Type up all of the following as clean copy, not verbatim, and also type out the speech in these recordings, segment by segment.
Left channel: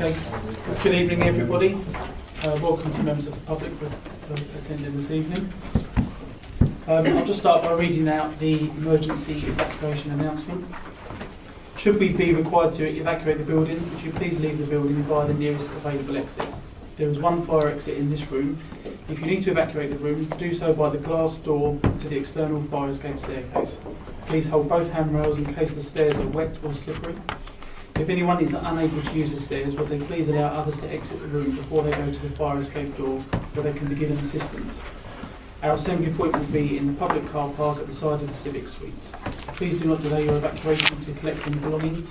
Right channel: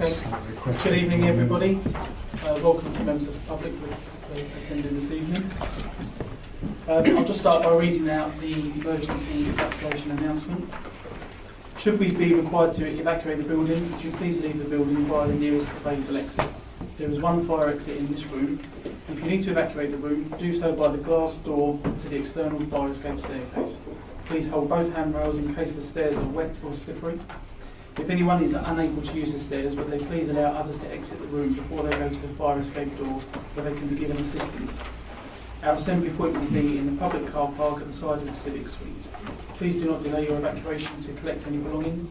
Okay. Good evening, everybody. Welcome to members of the public for attending this evening. I'll just start by reading out the emergency evacuation announcement. Should we be required to evacuate the building, would you please leave the building via the nearest available exit? There is one fire exit in this room. If you need to evacuate the room, do so by the glass door to the external fire escape staircase. Please hold both handrails in case the stairs are wet or slippery. If anyone is unable to use the stairs, would they please allow others to exit the room before they go to the fire escape door where they can be given assistance. Our assembly point will be in the public car park at the side of the Civic Suite. Please do not delay your evacuation to collect any belongings.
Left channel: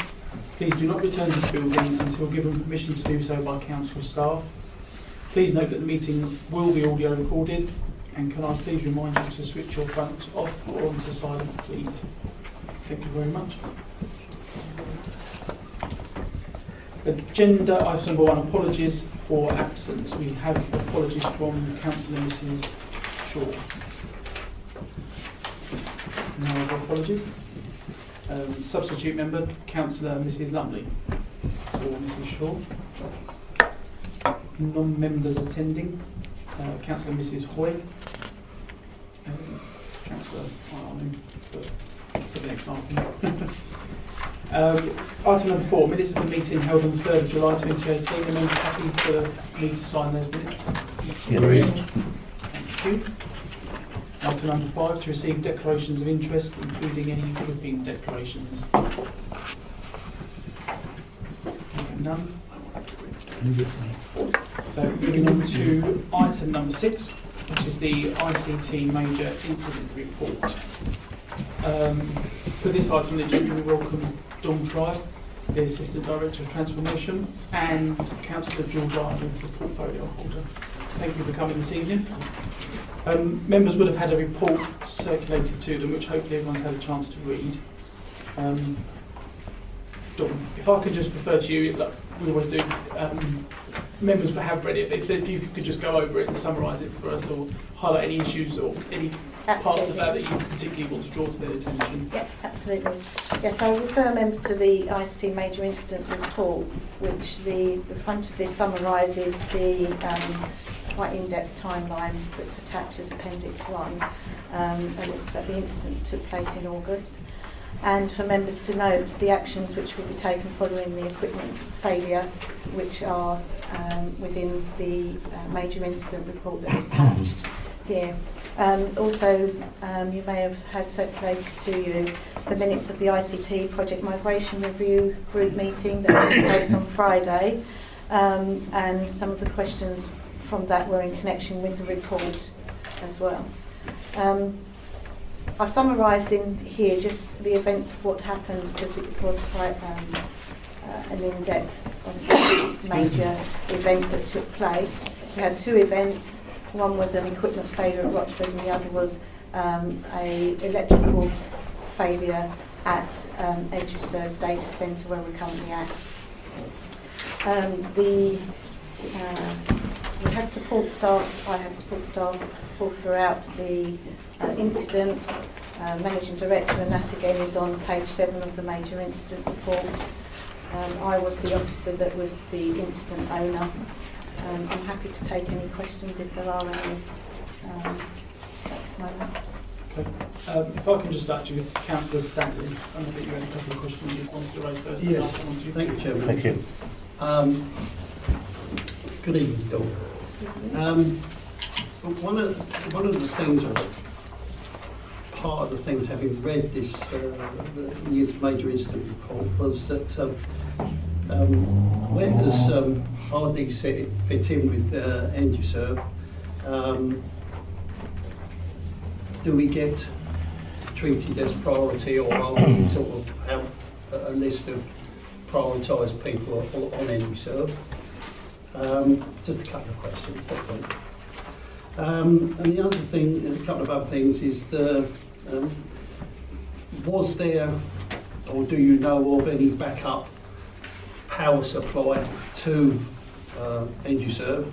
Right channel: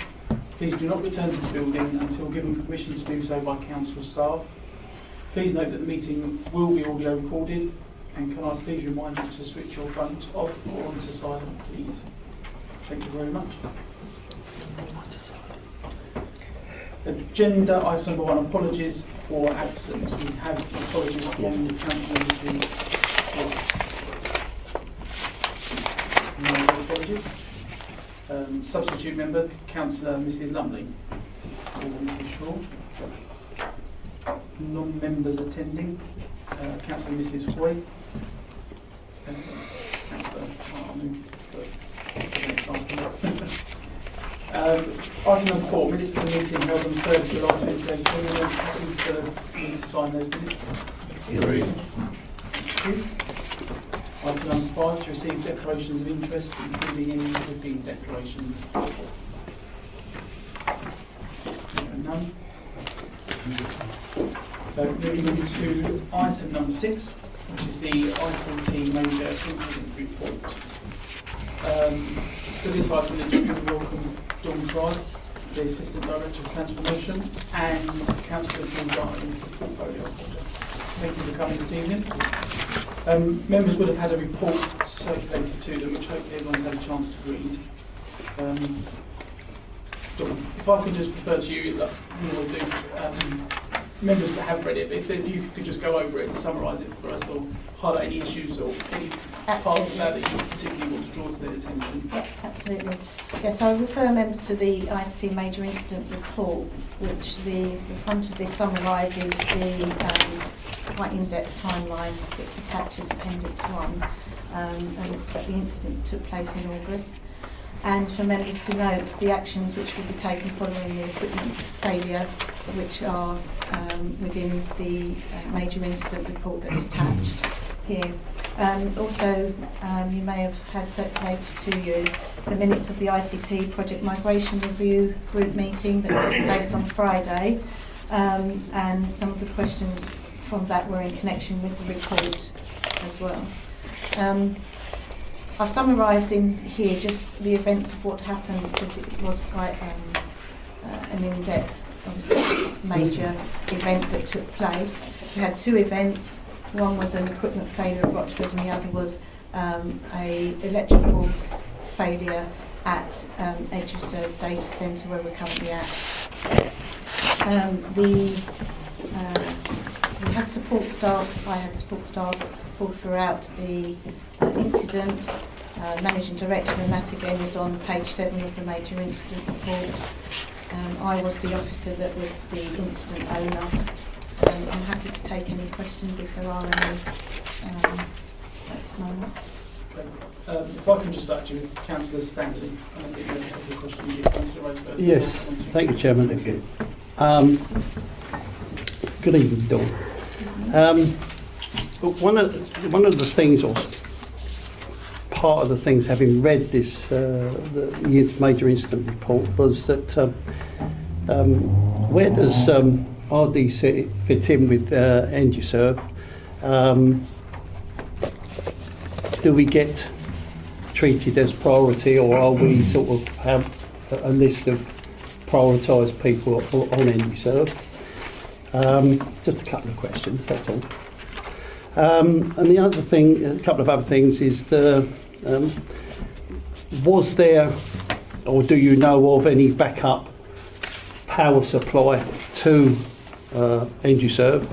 Please do not return to the building until given permission to do so by council staff. Please note that the meeting will be audio recorded, and can I please remind you to switch your phones off or onto silent, please. Thank you very much. Agenda item number 1, apologies for absence. We have apologies from Councillor Mrs. Shaw. No apologies. Substitute member, Councillor Mrs. Lumley or Mrs. Shaw. Non-members attending, Councillor Mrs. Hoy. Councillor item number 4, minutes of the meeting held on 3rd of July 2018. The members happy for me to sign those minutes? Agreed. Thank you. Item number 5, to receive declarations of interest, including any flipping declarations. None. So moving on to item number 6, which is the ICT Major Incident Report. For this item, the judge will welcome Dawn Tribe, the Assistant Director of Transformation, and Councillor George Ireland, the Portfolio Holder. Thank you for coming this evening. Members would have had a report circulated to them, which hopefully everyone's had a chance to read. Dawn, if I could just refer to you, like we always do, members have read it, but if you could just go over it and summarise it for us, or highlight any issues or any parts of that you particularly want to draw to their attention. Yep, absolutely. Yes, I'll refer members to the ICT Major Incident Report, which the front of this summarises the quite in-depth timeline that's attached as Appendix 1, and it's that the incident took place in August. And for members to note the actions which will be taken following the equipment failure, which are within the major incident report that's attached here. Also, you may have had circulated to you the minutes of the ICT Project Migration Review group meeting that took place on Friday, and some of the questions from that were in connection with the report as well. I've summarised in here just the events of what happened, because it was quite an in-depth, obviously, major event that took place. We had 2 events. One was an equipment failure at Rochford, and the other was a electrical failure at EduServe's data centre where we're currently at. We had support staff. I had support staff all throughout the incident. Managing Director, and that again is on page 7 of the major incident report. I was the officer that was the incident owner. I'm happy to take any questions if there are any at this moment. Okay. If I can just start you with Councillor Stanley, I think you had a couple of questions you wanted to raise first. Yes, thank you, Chairman. Thank you. Good evening, Dawn. One of the things, or part of the things, having read this the Youth Major Incident Report, was that where does RDC fit in with EduServe? Do we get treated as priority, or are we sort of have a list of prioritised people on EduServe? Just a couple of questions, that's all. And the other thing, a couple of other things, is was there, or do you know of any backup power supply to EduServe,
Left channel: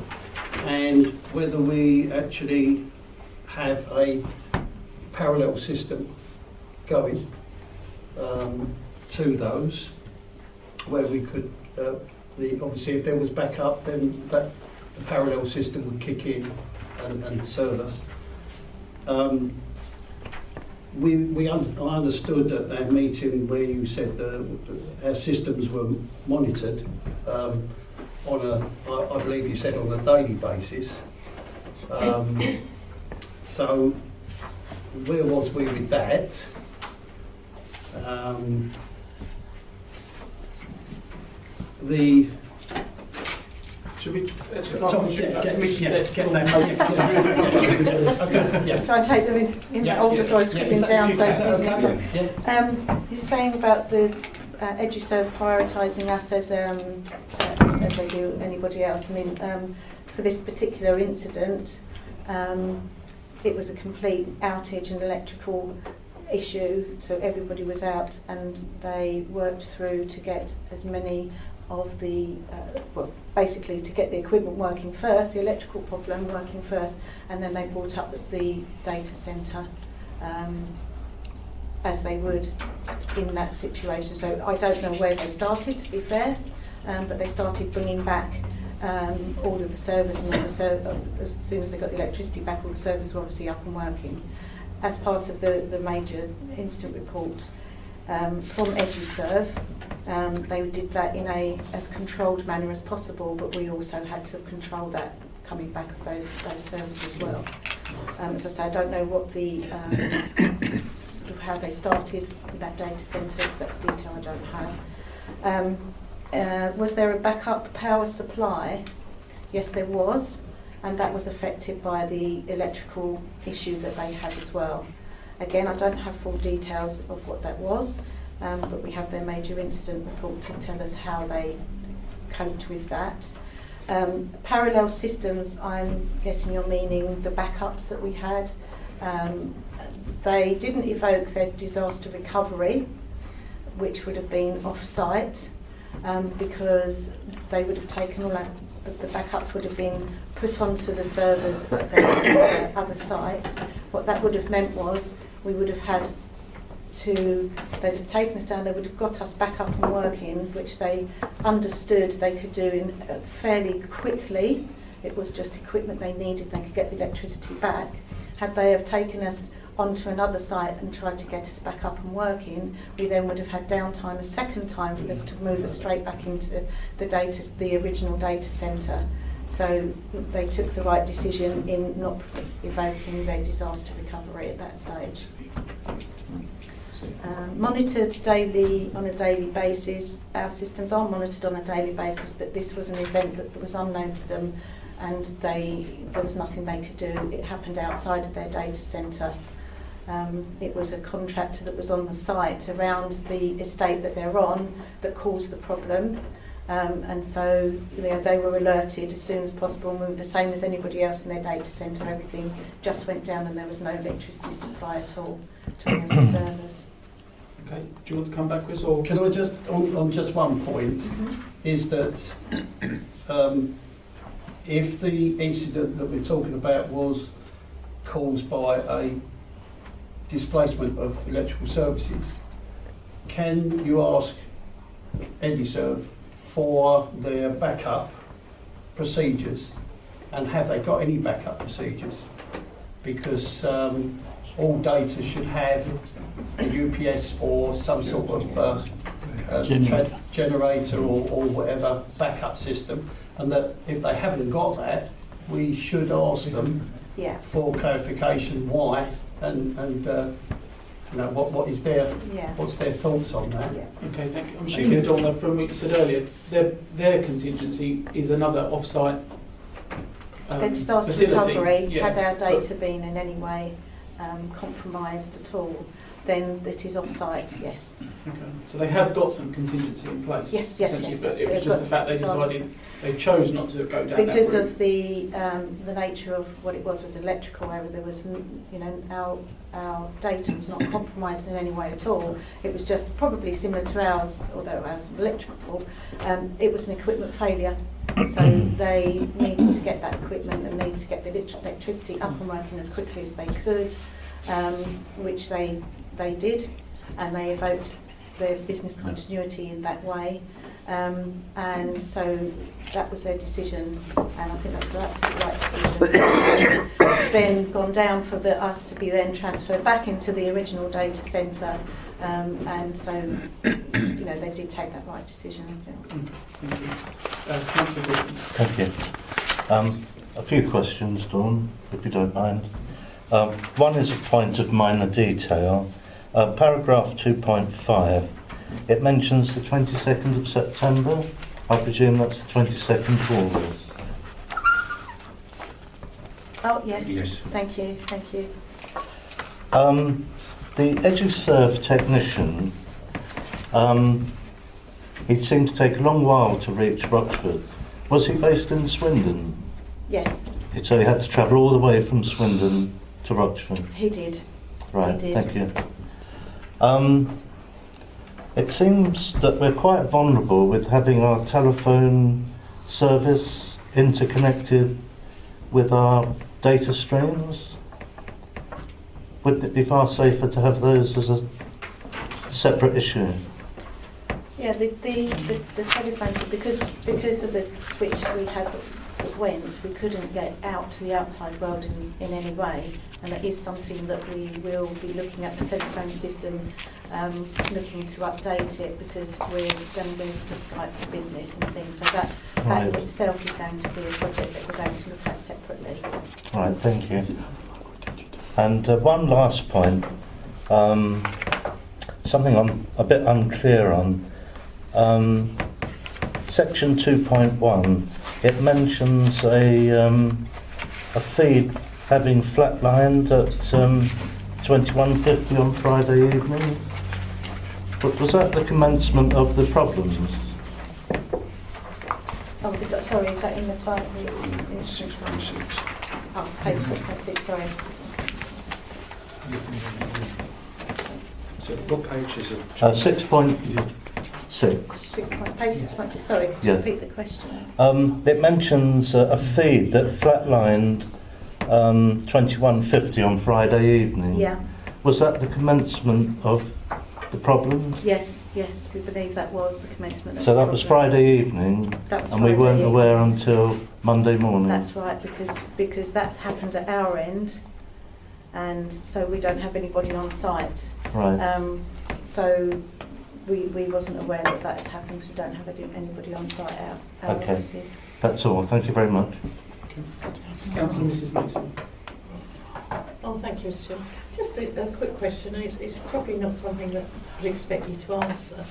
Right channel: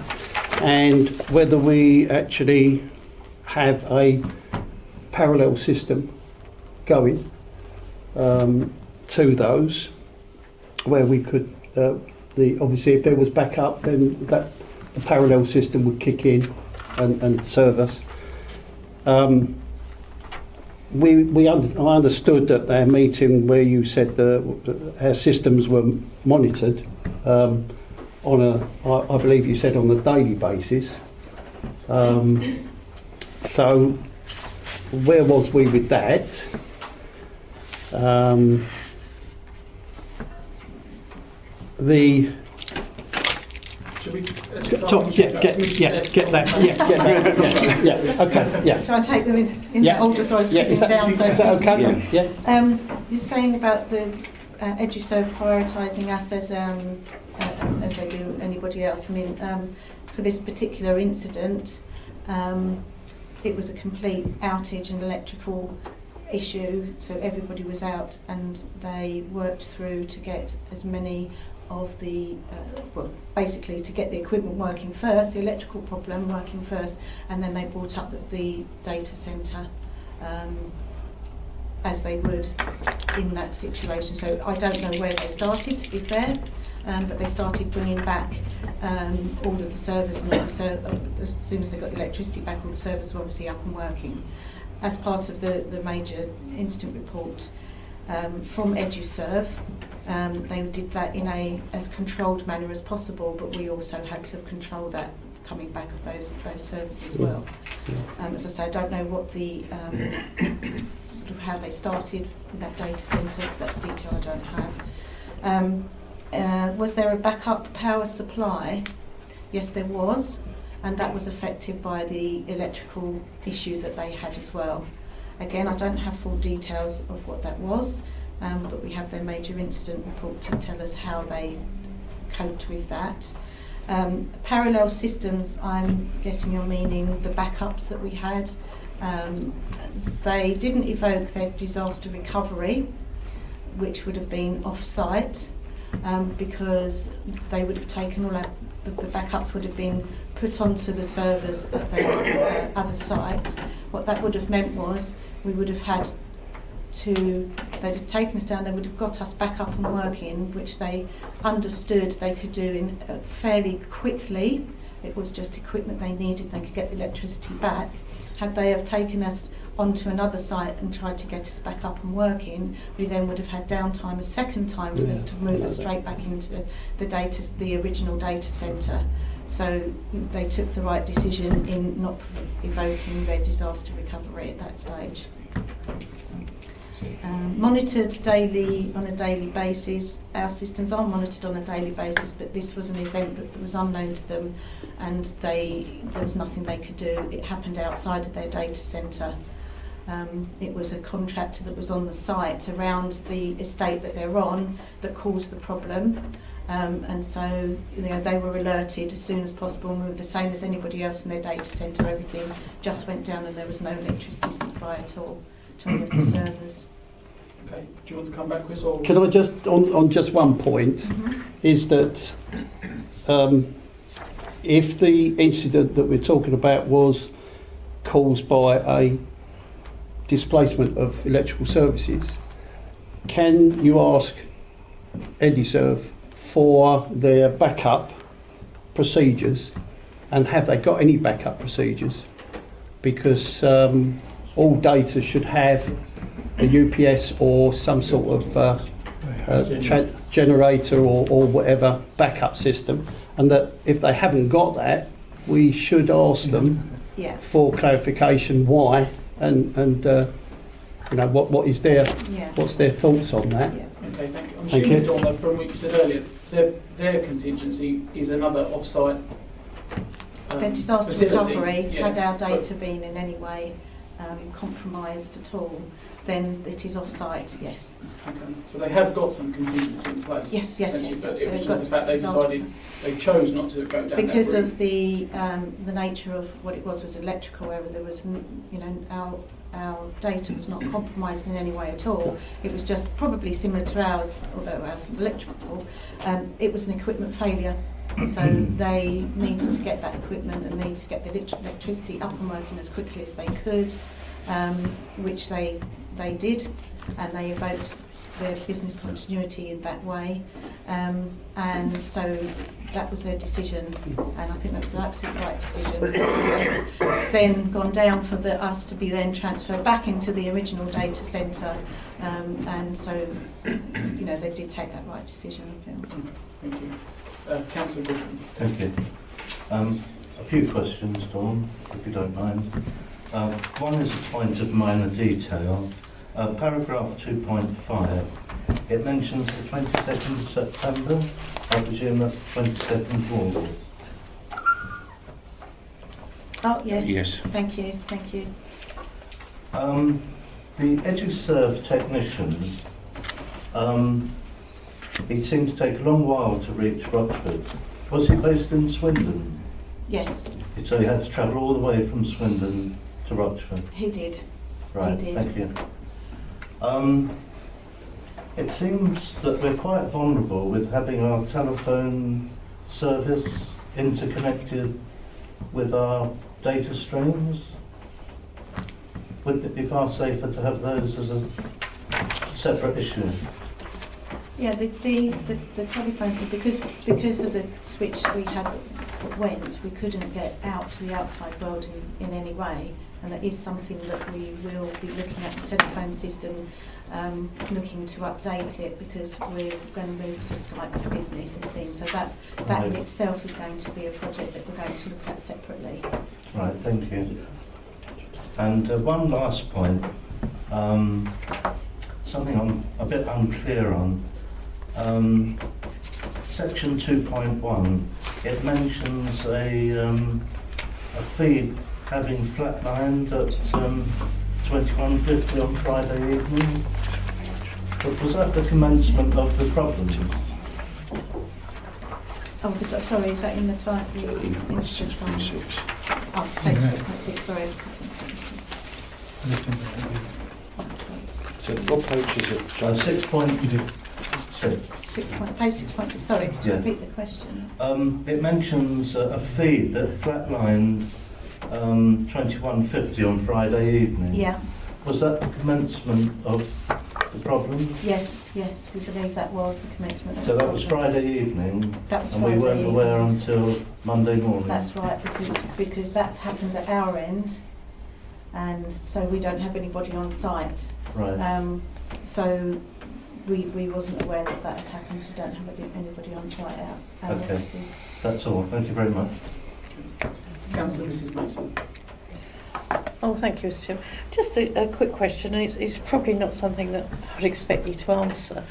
and whether we actually have a parallel system going to those where we could obviously if there was backup, then that the parallel system would kick in and serve us. I understood at our meeting where you said our systems were monitored I believe you said on a daily basis. So where was we with that? Should we? Get that. Okay. Yeah. Shall I take them in Yeah. order so I was scribbling down? Is that okay? Yeah. You're saying about the EduServe prioritising us as they do anybody else. I mean, for this particular incident, it was a complete outage and electrical issue, so everybody was out, and they worked through to get as many of the, basically to get the equipment working first, the electrical problem working first, and then they brought up the data centre as they would in that situation. So I don't know where they started, to be fair, but they started bringing back all of the servers, and as soon as they got the electricity back, all the servers were obviously up and working. As part of the major incident report from EduServe, they did that in as controlled manner as possible, but we also had to control that coming back of those servers as well. As I say, I don't know what the sort of how they started with that data centre, because that's detail I don't have. Was there a backup power supply? Yes, there was, and that was affected by the electrical issue that they had as well. Again, I don't have full details of what that was, but we have their major incident report to tell us how they coped with that. Parallel systems, I'm guessing you're meaning the backups that we had. They didn't evoke their disaster recovery, which would have been off-site, because they would have taken all the backups would have been put onto the servers at their other site. What that would have meant was we would have had to, they'd have taken us down, they would have got us back up and working, which they understood they could do in fairly quickly. It was just equipment they needed, they could get the electricity back. Had they have taken us onto another site and tried to get us back up and working, we then would have had downtime a second time for us to move us straight back into the original data centre. So they took the right decision in not evoking their disaster recovery at that stage. Monitored daily, on a daily basis. Our systems are monitored on a daily basis, but this was an event that was unknown to them, and there was nothing they could do. It happened outside of their data centre. It was a contractor that was on the site around the estate that they're on that caused the problem, and so they were alerted as soon as possible, moved the same as anybody else in their data centre. Everything just went down and there was no electricity supply at all to any of the servers. Okay, do you want to come back, Chris? Or Can I just, on just one point, is that if the incident that we're talking about was caused by a displacement of electrical services, can you ask EduServe for their backup procedures, and have they got any backup procedures? Because all data should have a UPS or some sort of generator or whatever backup system, and that if they haven't got that, we should ask them for clarification why, and what is what's their thoughts on that. okay, thank you. I'm assuming, Donna, from what you said earlier, their contingency is another off-site Their disaster facility. recovery, Yeah. had our data been in any way compromised at all, then it is off-site, yes. Okay. So they have got some contingency in place. Yes, essentially, but so it was they've just got the fact they disaster- decided they chose not to go down Because that route. of the nature of what it was electrical error. There was, our data was not compromised in any way at all. It was just probably similar to ours, although ours was electrical. It was an equipment failure, so they needed to get that equipment and needed to get the electricity up and working as quickly as they could, which they did, and they evoked their business continuity in that way. And so that was their decision, and I think that was the absolute right decision. Then gone down for us to be then transferred back into the original data centre, and so they did take that right decision, I feel. Thank you. Councillor Gordon. Thank you. A few questions, Dawn, if you don't mind. One is a point of minor detail. Paragraph 2.5, it mentions the 22nd of September. I presume that's the 22nd of August. Oh, yes. Yes. Thank you. The EduServe technician, he seemed to take a long while to reach Rochford. Was he based in Swindon? Yes, So he had to travel all the way from Swindon to Rochford? he did. Right, He did. thank you. It seems that we're quite vulnerable with having our telephone service interconnected with our data streams. Wouldn't it be far safer to have those as a separate issue? Yeah, the telephone, so because of the switch we had that went, we couldn't get out to the outside world in any way, and that is something that we will be looking at, the telephone system, looking to update it, because we're going to move to Skype for business and things, so that Right. in itself is going to be a project that we're going to look at separately. Right, thank you. And one last point, something I'm a bit unclear on. Section 2.1, it mentions a feed having flatlined at 21:50 on Friday evening. But was that the commencement of the problems? Oh, sorry, is that in the title? 6.6. Oh, page 6.6, sorry. So what page is it? 6.6. Page 6.6, sorry, could Yeah. you repeat the question? It mentions a feed that flatlined 21:50 on Friday evening. Yeah. Was that the commencement of the problem? Yes, we believe that was the commencement of So the that was problems. Friday evening, That was and we Friday weren't evening. aware until Monday morning. That's right, because that's happened at our end, and so we don't have anybody on site. Right. So we wasn't aware that had happened. We don't have anybody on site our Okay. offices. That's all. Thank you very much. Councillor Mrs Mason. Oh, thank you, Mr. Chairman. Just a quick question, and it's probably not something that I would expect you to answer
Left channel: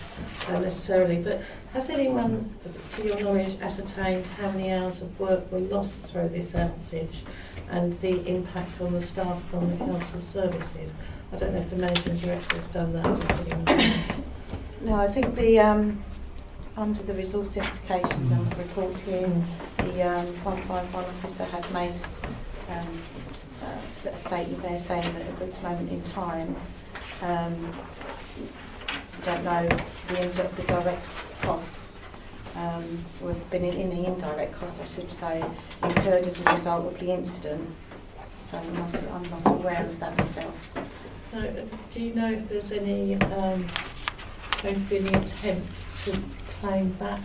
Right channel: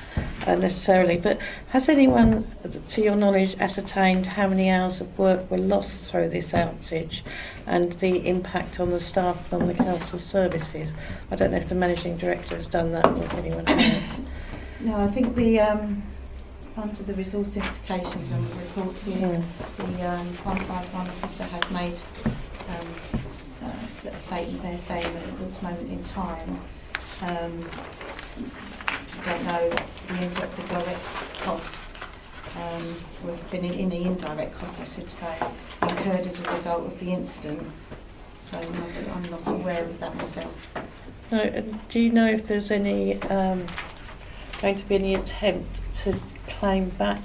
necessarily, but has anyone, to your knowledge, ascertained how many hours of work were lost through this outage and the impact on the staff and on the council services? I don't know if the Managing Director has done that or if anyone has. No, I think under the resource implications and the report here, the 151 officer has made a statement there saying that at this moment in time, don't know the direct costs, or been in the indirect costs, I should say, incurred as a result of the incident. So I'm not aware of that myself. No, do you know if there's any going to be any attempt to claim back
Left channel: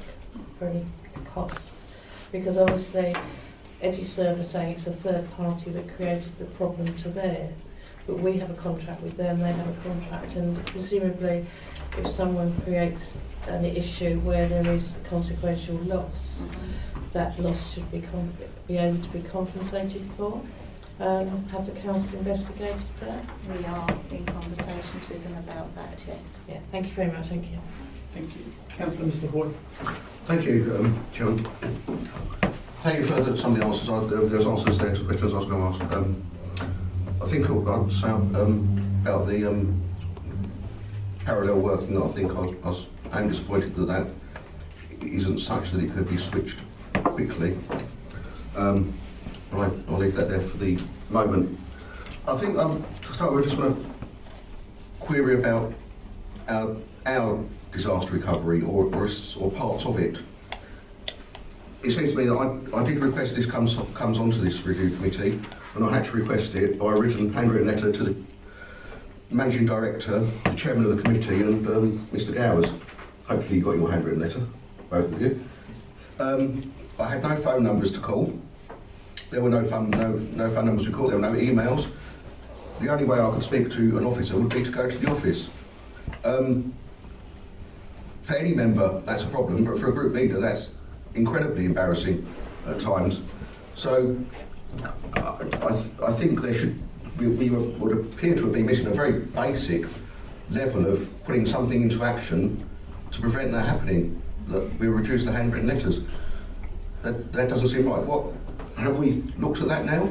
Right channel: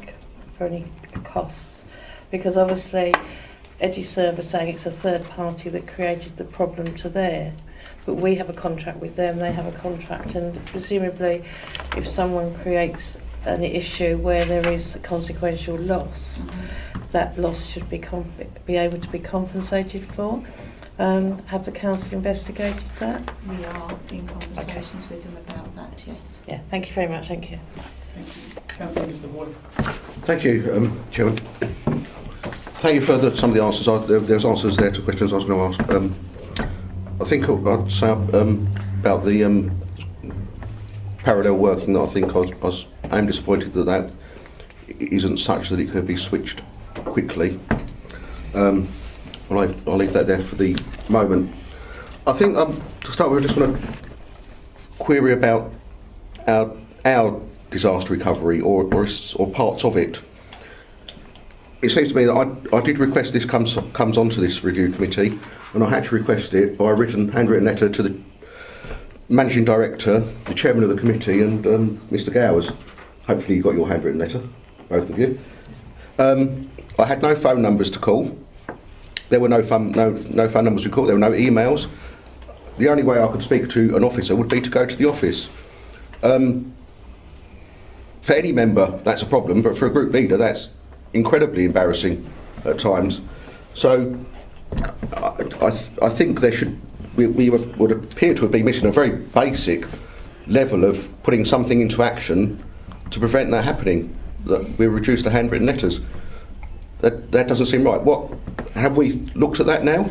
for any costs? Because obviously EduServe are saying it's a third party that created the problem to there, but we have a contract with them, they have a contract, and presumably if someone creates an issue where there is consequential loss, that loss should be able to be compensated for. Have the council investigated that? We are in conversations with them about that, yes. Yeah, thank you very much, thank you. Thank you. Councillor Mr Boyd. Thank you, Chairman. Thank you for some of the answers. There's answers there to questions I was going to ask. I think I'd say about the parallel working that I think I am disappointed that isn't such that it could be switched quickly. I'll leave that there for the moment. I think to start with, I just want to query about our disaster recovery or parts of it. It seems to me that I did request this comes onto this review committee, and I had to request it by a handwritten letter to the Managing Director, the Chairman of the committee, and Mr Gowers. Hopefully you got your handwritten letter. both of you. I had no phone numbers to call. There were no phone numbers to call. There were no emails. The only way I could speak to an officer would be to go to the office. For any member, that's a problem, but for a group leader, that's incredibly embarrassing at times. So I think we would appear to have been missing a very basic level of putting something into action to prevent that happening, that we reduce the handwritten letters. That doesn't seem right. What, have we looked at that now?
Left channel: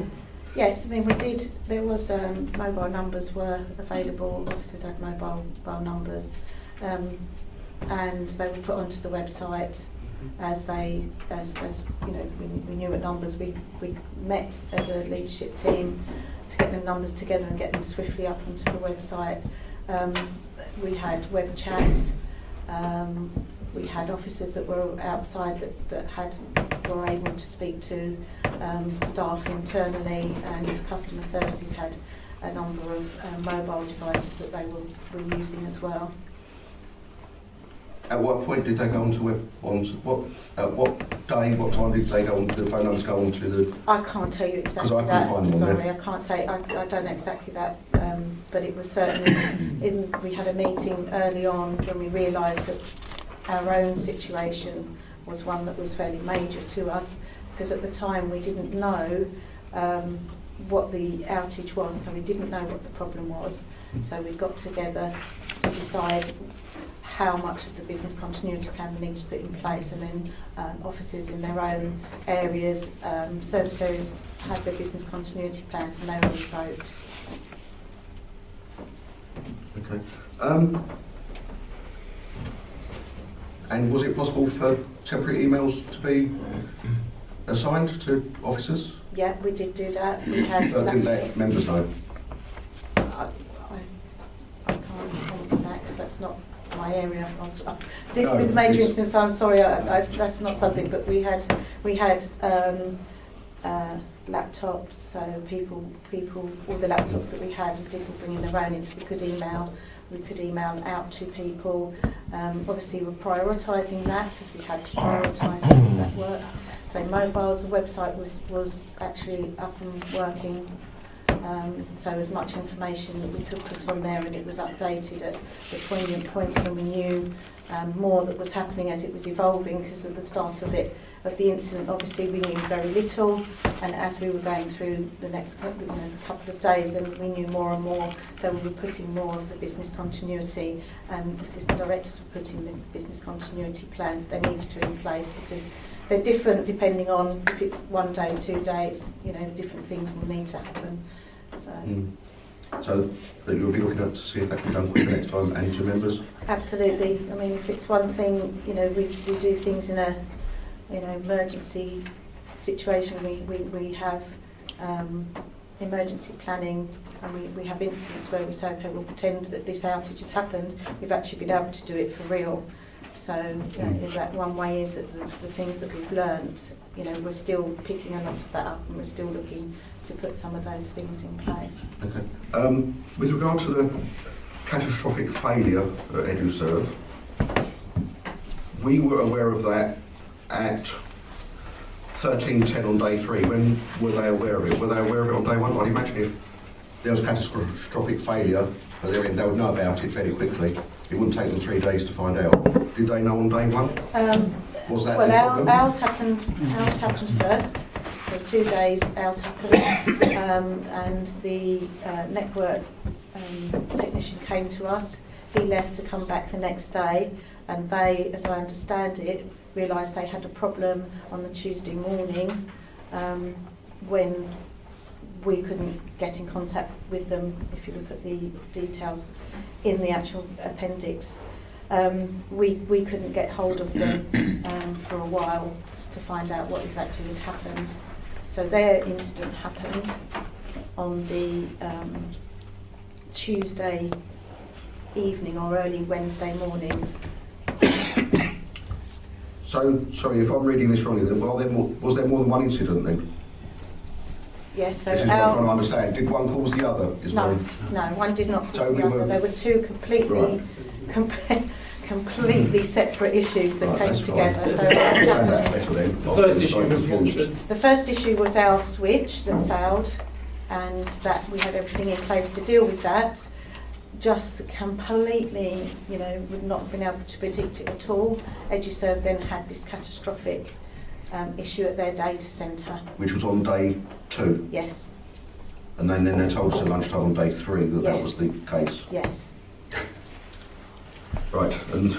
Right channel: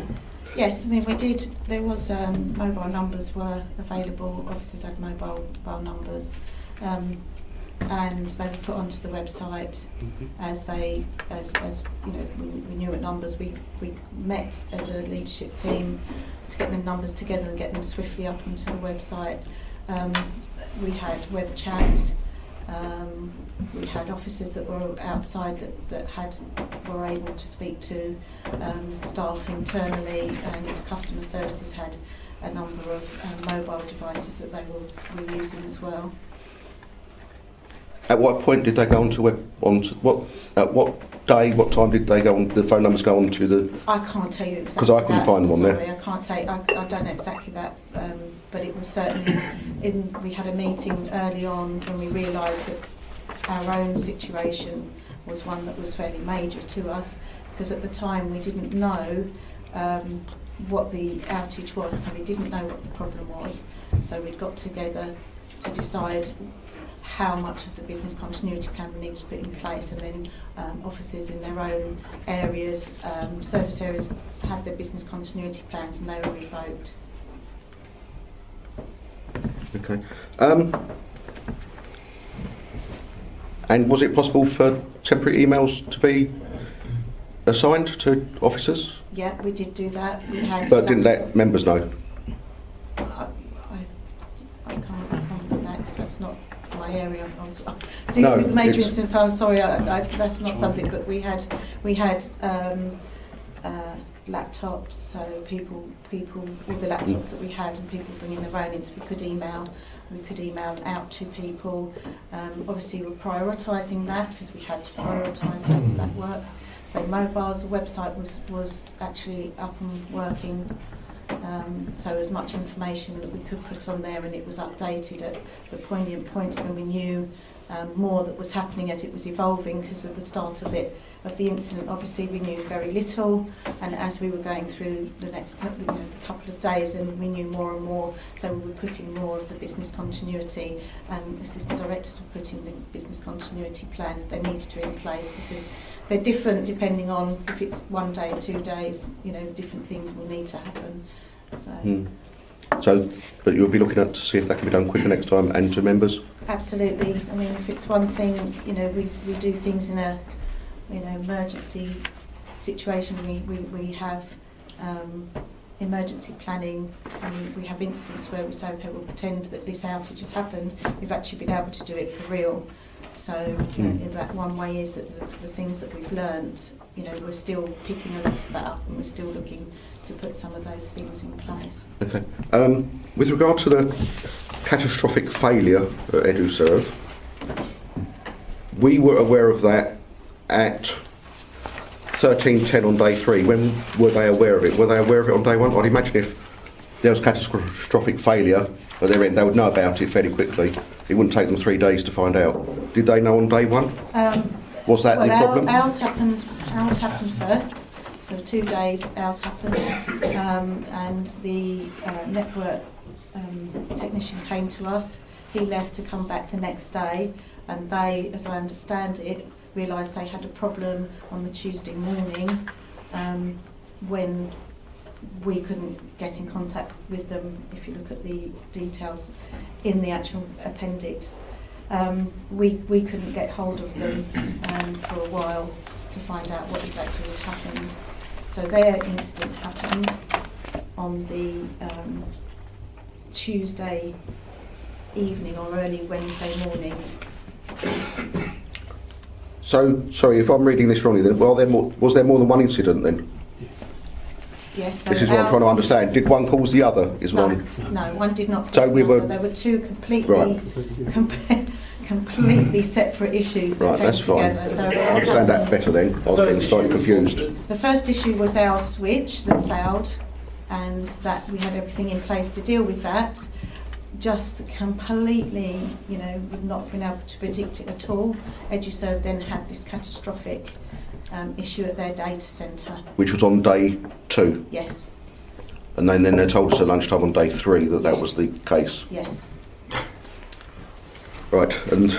Yes, I mean, we did. There was mobile numbers were available. Officers had mobile numbers, and they were put onto the website as you know. We knew at numbers. We met as a leadership team to get them numbers together and get them swiftly up onto the website. We had web chat. We had officers that were outside that were able to speak to staff internally, and customer services had a number of mobile devices that they were using as well. At what point did they go at what day, what time did they go on? The phone numbers go on to the? I can't tell you exactly. Because I couldn't find one there. Sorry, I can't say. I don't know exactly that. But it was certainly. We had a meeting early on when we realised that our own situation was one that was fairly major to us, because at the time we didn't know what the outage was, so we didn't know what the problem was. So we got together to decide how much of the business continuity plan we need to put in place, and then officers in their own areas, service areas, have their business continuity plans, and they all vote. Okay. And was it possible for temporary emails to be assigned to officers? Yeah, we did do that. We had. But didn't let members know? I can't comment on that because that's not my area. Dealing with major incidents, I'm sorry, that's not something. But we had laptops, so people, all the laptops that we had, and people bringing their own in, so we could email out to people. Obviously, we're prioritising that because we had to prioritise that work. So mobiles, the website was actually up and working. So as much information that we could put on there, and it was updated at the poignant points when we knew more that was happening as it was evolving, because at the start of the incident, obviously we knew very little, and as we were going through the next couple of days, then we knew more and more, so we were putting more of the business continuity, assistant directors were putting the business continuity plans they needed to in place, because they're different depending on if it's 1 day, 2 days, different things will need to happen. So, but you'll be looking at to see if that can be done quicker next time, and to members? Absolutely. I mean, if it's one thing, we do things in a, emergency situation. We have emergency planning, and we have instances where we say, okay, we'll pretend that this outage has happened. We've actually been able to do it for real. So that one way is that the things that we've learnt, we're still picking a lot of that up, and we're still looking to put some of those things in place. Okay. With regard to the catastrophic failure at EduServe, we were aware of that at 13:10 on day 3. When were they aware of it? Were they aware of it on day 1? I'd imagine if there was catastrophic failure at their end, they would know about it fairly quickly. It wouldn't take them 3 days to find out. Did they know on day 1? Was that the problem? Ours happened first. So 2 days ours happened, and the network technician came to us. He left to come back the next day, and they, as I understand it, realised they had a problem on the Tuesday morning when we couldn't get in contact with them. If you look at the details in the actual appendix, we couldn't get hold of them for a while to find out what exactly had happened. So their incident happened on the Tuesday evening or early Wednesday morning. So, sorry, if I'm reading this wrongly, then was there more than one incident then? Yes. So this is what I'm trying to understand. Did one cause the other? No, one did not. So we were. There were two completely. completely separate issues that Right, came that's fine. together. So I understand that better then. I The first was issue slightly was confused. fraudulent. the first issue was our switch that failed, and that we had everything in place to deal with that. Just completely, you know, would not have been able to predict it at all. EduServe then had this catastrophic issue at their data centre. Which was on day 2. Yes, And then they told us at lunchtime on day 3 that that Yes. was the case. yes. Right, and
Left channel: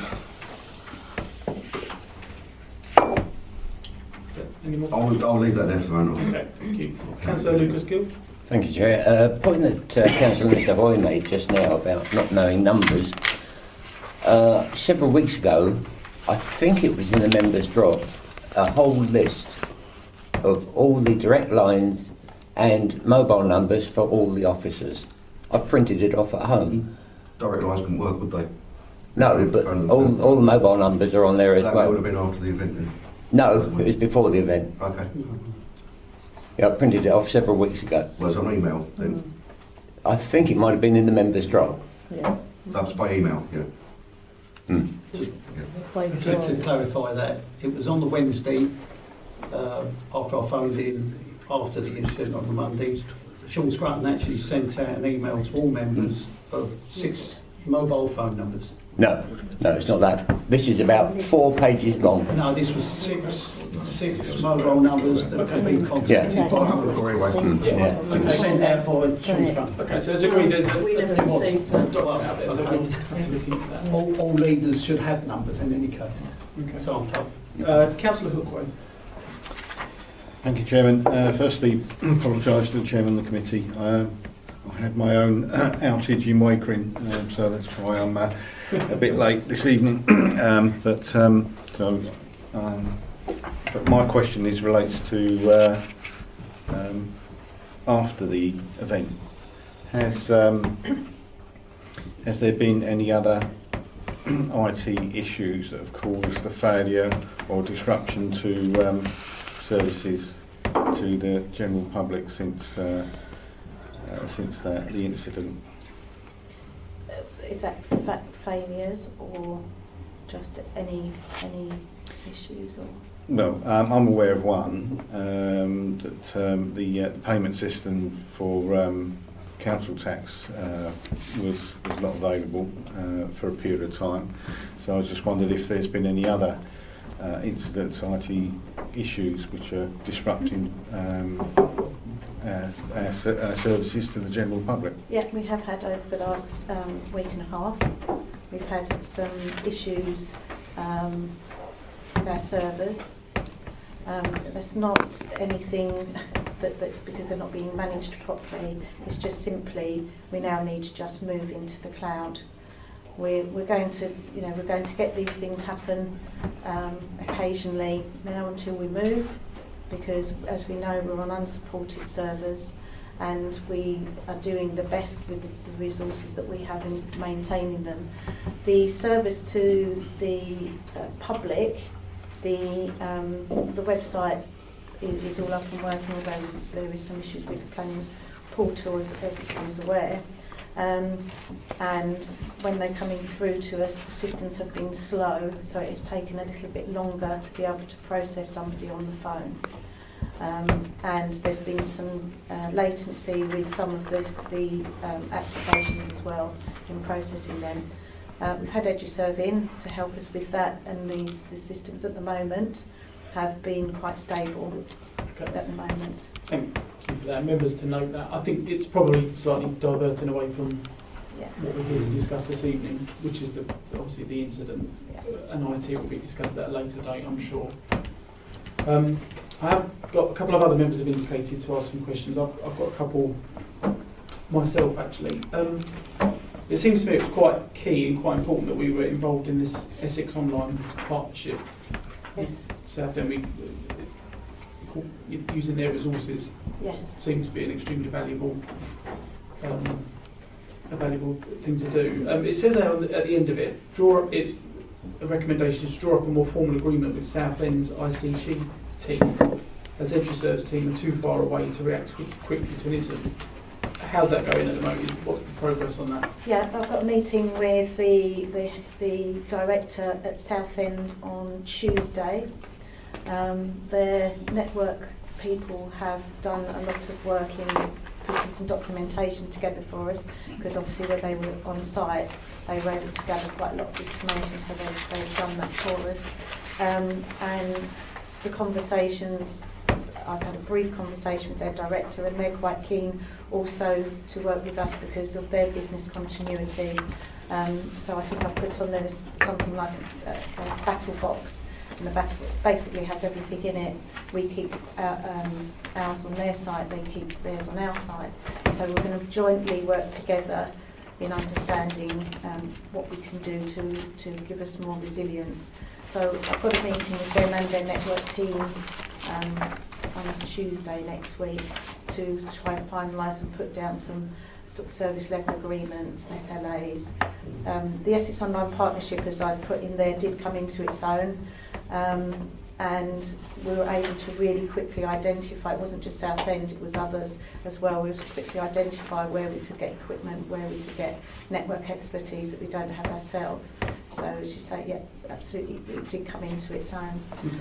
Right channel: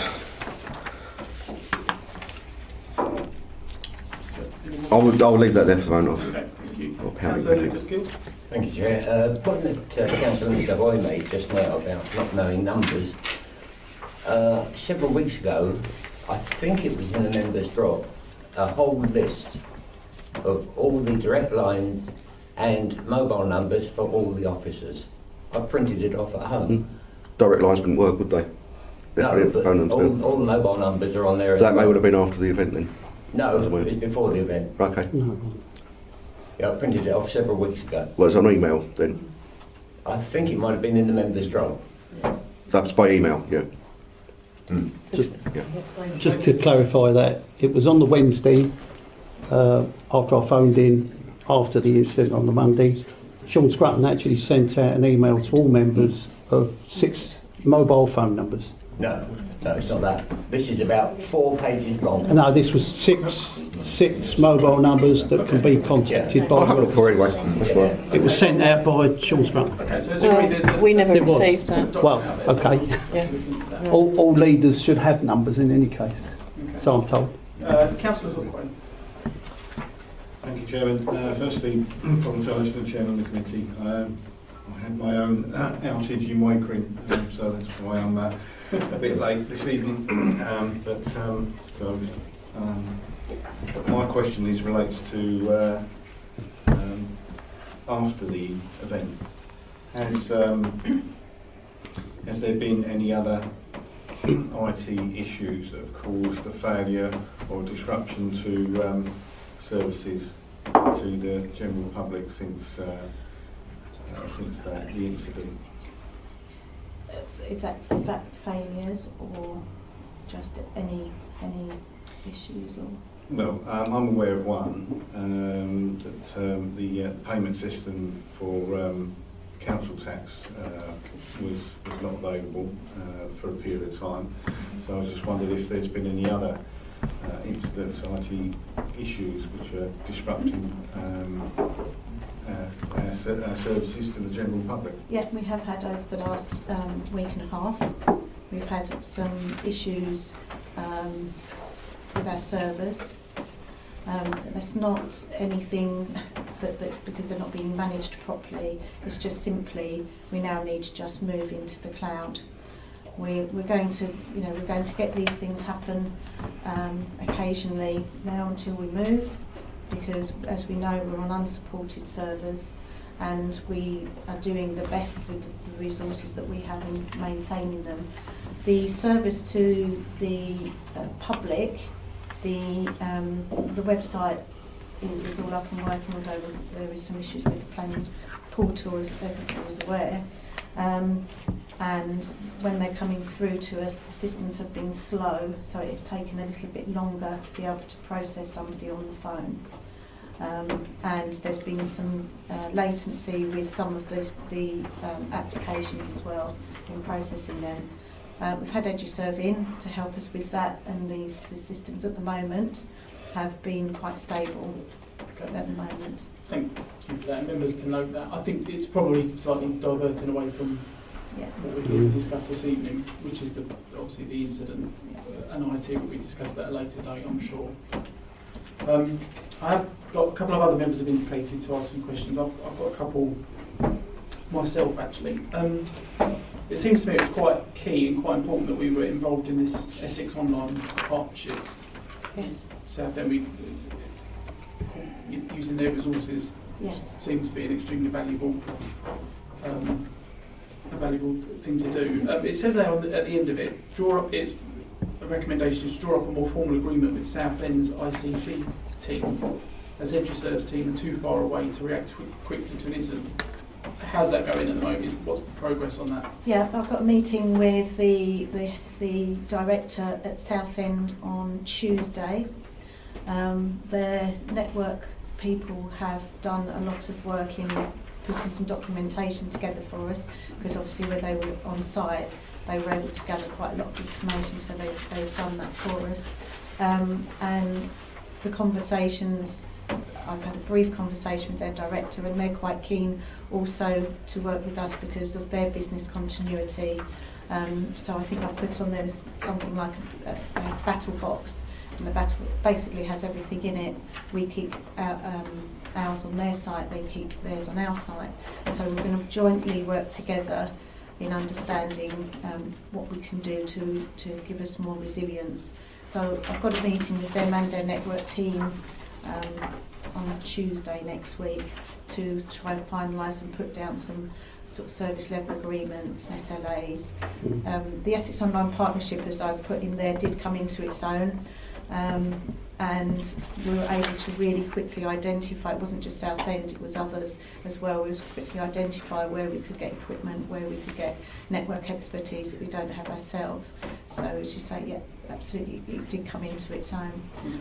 Any more? I'll leave that there for the moment. Okay, thank you. Okay. Councillor Lucas Gill. Thank you, Chair. Point that Councillor Mr Hoy made just now about not knowing numbers. Several weeks ago, I think it was in the members' drop, a whole list of all the direct lines and mobile numbers for all the officers. I printed it off at home. Direct lines couldn't work, would they? No, but Phone all them. the mobile numbers are on there as That may well. would have been after the event then. No, it was before the event. Okay. No. Yeah, I printed it off several weeks ago. Well, it's on email then. I think it might have been in the members' drop. That's by email, yeah. Just to clarify that, it was on the Wednesday, after I phoned in, after the incident on the Monday. Sean Scrutton actually sent out an email to all members of 6 mobile phone numbers. No, it's not that. This is about 4 pages long. No, this was six mobile numbers that can be contacted I'll have a by. look for it anyway. Yeah. It was sent out by Sean Scrutton. Okay, so it's agreed there's a We never There was. received that. document Well, out there, so okay. we'll have to look into that. All leaders should have numbers in any case, Okay. so I'm told. Councillor Hookway. Thank you, Chairman. Firstly, apologise to the Chairman of the committee. I had my own outage in Wakering, so that's why I'm a bit late this evening. But my question relates to after the event. Has there been any other IT issues that have caused the failure or disruption to services to the general public since the incident? Is that failures or just any issues or? Well, I'm aware of one, that the payment system for council tax was not available for a period of time. So I just wondered if there's been any other incidents, IT issues which are disrupting our services to the general public. Yeah, we have had over the last week and a half. We've had some issues with our servers. There's not anything that because they're not being managed properly. It's just simply we now need to just move into the cloud. We're going to get these things happen occasionally now until we move, because as we know we're on unsupported servers and we are doing the best with the resources that we have in maintaining them. The service to the public, the website is all up and working, although there is some issues with the planning portal, as everyone is aware. And when they're coming through to us, the systems have been slow, so it's taken a little bit longer to be able to process somebody on the phone. And there's been some latency with some of the applications as well in processing them. We've had EduServe in to help us with that, and the systems at the moment have been quite stable at the moment. Thank you for that. Members to note that. I think it's probably slightly diverting away from Yeah. what we're here to discuss this evening, which is obviously the incident. And IT will be discussed at a later date, I'm sure. I have got a couple of other members have indicated to ask some questions. I've got a couple myself actually. It seems to me it was quite key and quite important that we were involved in this Essex Online partnership. Yes. Southend, using their resources Yes. seems to be an extremely valuable thing to do. It says there at the end of it, it's a recommendation is to draw up a more formal agreement with Southend's ICT team, as EduServe's team are too far away to react quickly to an incident. how's that going at the moment? What's the progress on that? Yeah, I've got a meeting with the director at Southend on Tuesday. Their network people have done a lot of work in putting some documentation together for us, because obviously when they were on site they were able to gather quite a lot of information, so they've done that for us. And the conversations, I've had a brief conversation with their director, and they're quite keen also to work with us because of their business continuity. So I think I've put on there something like a battle box, and the battle box basically has everything in it. We keep ours on their site, they keep theirs on our site. So we're going to jointly work together in understanding what we can do to give us more resilience. So I've got a meeting with them and their network team on Tuesday next week to try and finalise and put down some sort of service level agreements, SLAs. The Essex Online Partnership, as I put in there, did come into its own, and we were able to really quickly identify, it wasn't just Southend, it was others as well, we were able to quickly identify where we could get equipment, where we could get network expertise that we don't have ourselves. So as you say, yeah, absolutely, it did come into its own.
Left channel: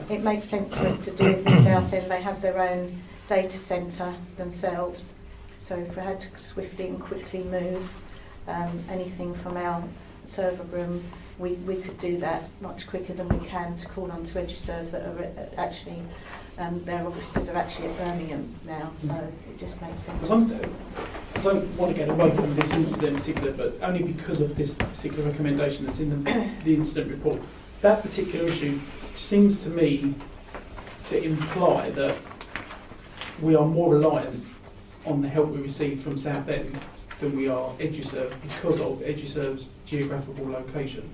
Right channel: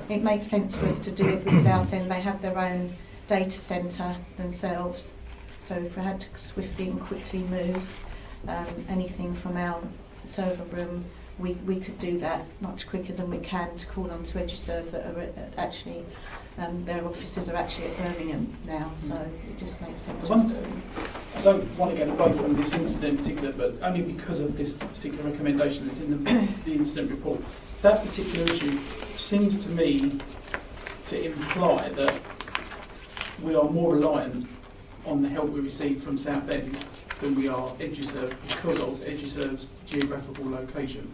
It makes sense for us to do it in Southend. They have their own data centre themselves, so if we had to swiftly and quickly move anything from our server room, we could do that much quicker than we can to call on to EduServe that are actually, their offices are actually at Birmingham now, so it just makes sense. I don't want to get away from this incident in particular, but only because of this particular recommendation that's in the incident report. That particular issue seems to me to imply that we are more reliant on the help we receive from Southend than we are EduServe because of EduServe's geographical location.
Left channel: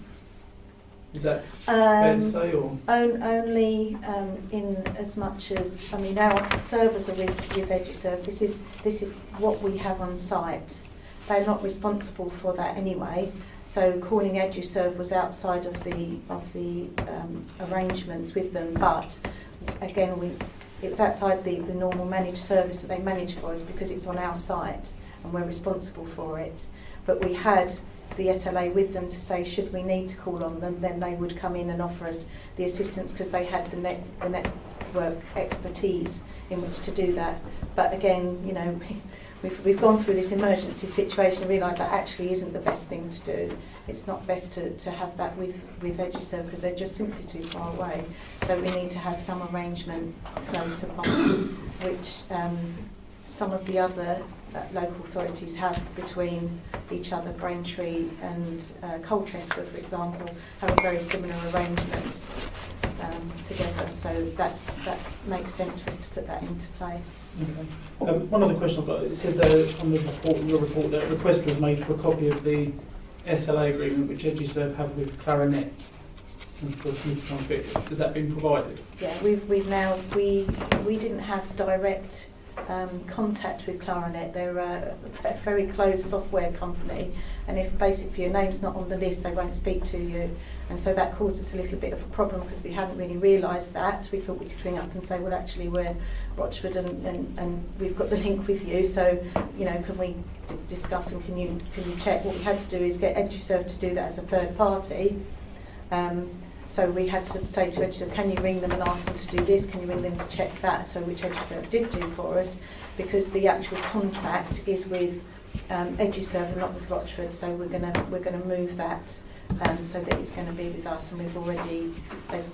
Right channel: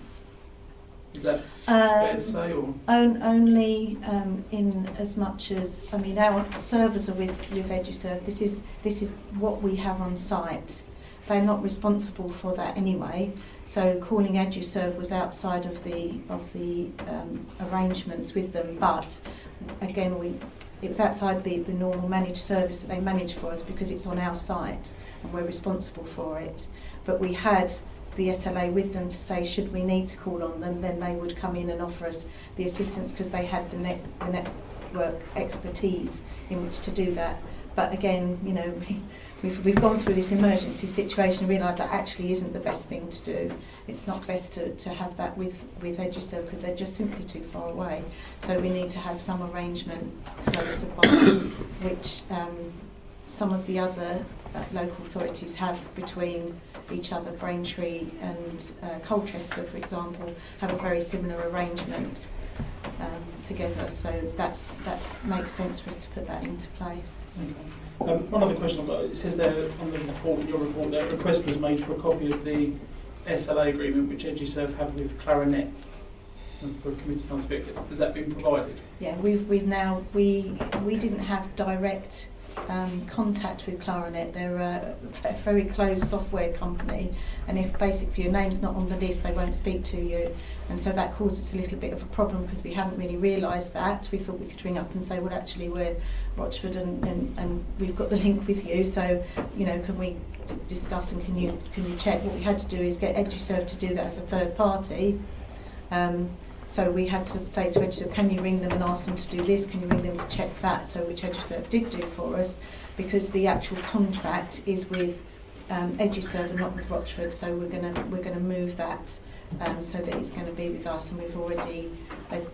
Is that fair to say, or? Only in as much as, I mean, our servers are with EduServe. This is what we have on site. They're not responsible for that anyway. So calling EduServe was outside of the arrangements with them. But again, it was outside the normal managed service that they manage for us because it's on our site and we're responsible for it. But we had the SLA with them to say should we need to call on them, then they would come in and offer us the assistance because they had the network expertise in which to do that. But again, you know, we've gone through this emergency situation and realised that actually isn't the best thing to do. It's not best to have that with EduServe because they're just simply too far away. So we need to have some arrangement close upon, which some of the other local authorities have between each other. Braintree and Colchester, for example, have a very similar arrangement together. So that makes sense for us to put that into place. Okay. One other question I've got. It says there on the report, your report, that a request was made for a copy of the SLA agreement which EduServe have with Clarinet. Has that been provided? Yeah, we've now we didn't have direct contact with Clarinet. They're a very closed software company, and if basically your name's not on the list, they won't speak to you. And so that caused us a little bit of a problem because we hadn't really realised that. We thought we could ring up and say, well, actually, we're Rochford and we've got the link with you. So, you know, can we discuss and can you check? What we had to do is get EduServe to do that as a third party. So we had to say to EduServe, can you ring them and ask them to do this? Can you ring them to check that? So which EduServe did do for us, because the actual contract is with EduServe and not with Rochford. So we're gonna move that so that it's going to be with us, and we've already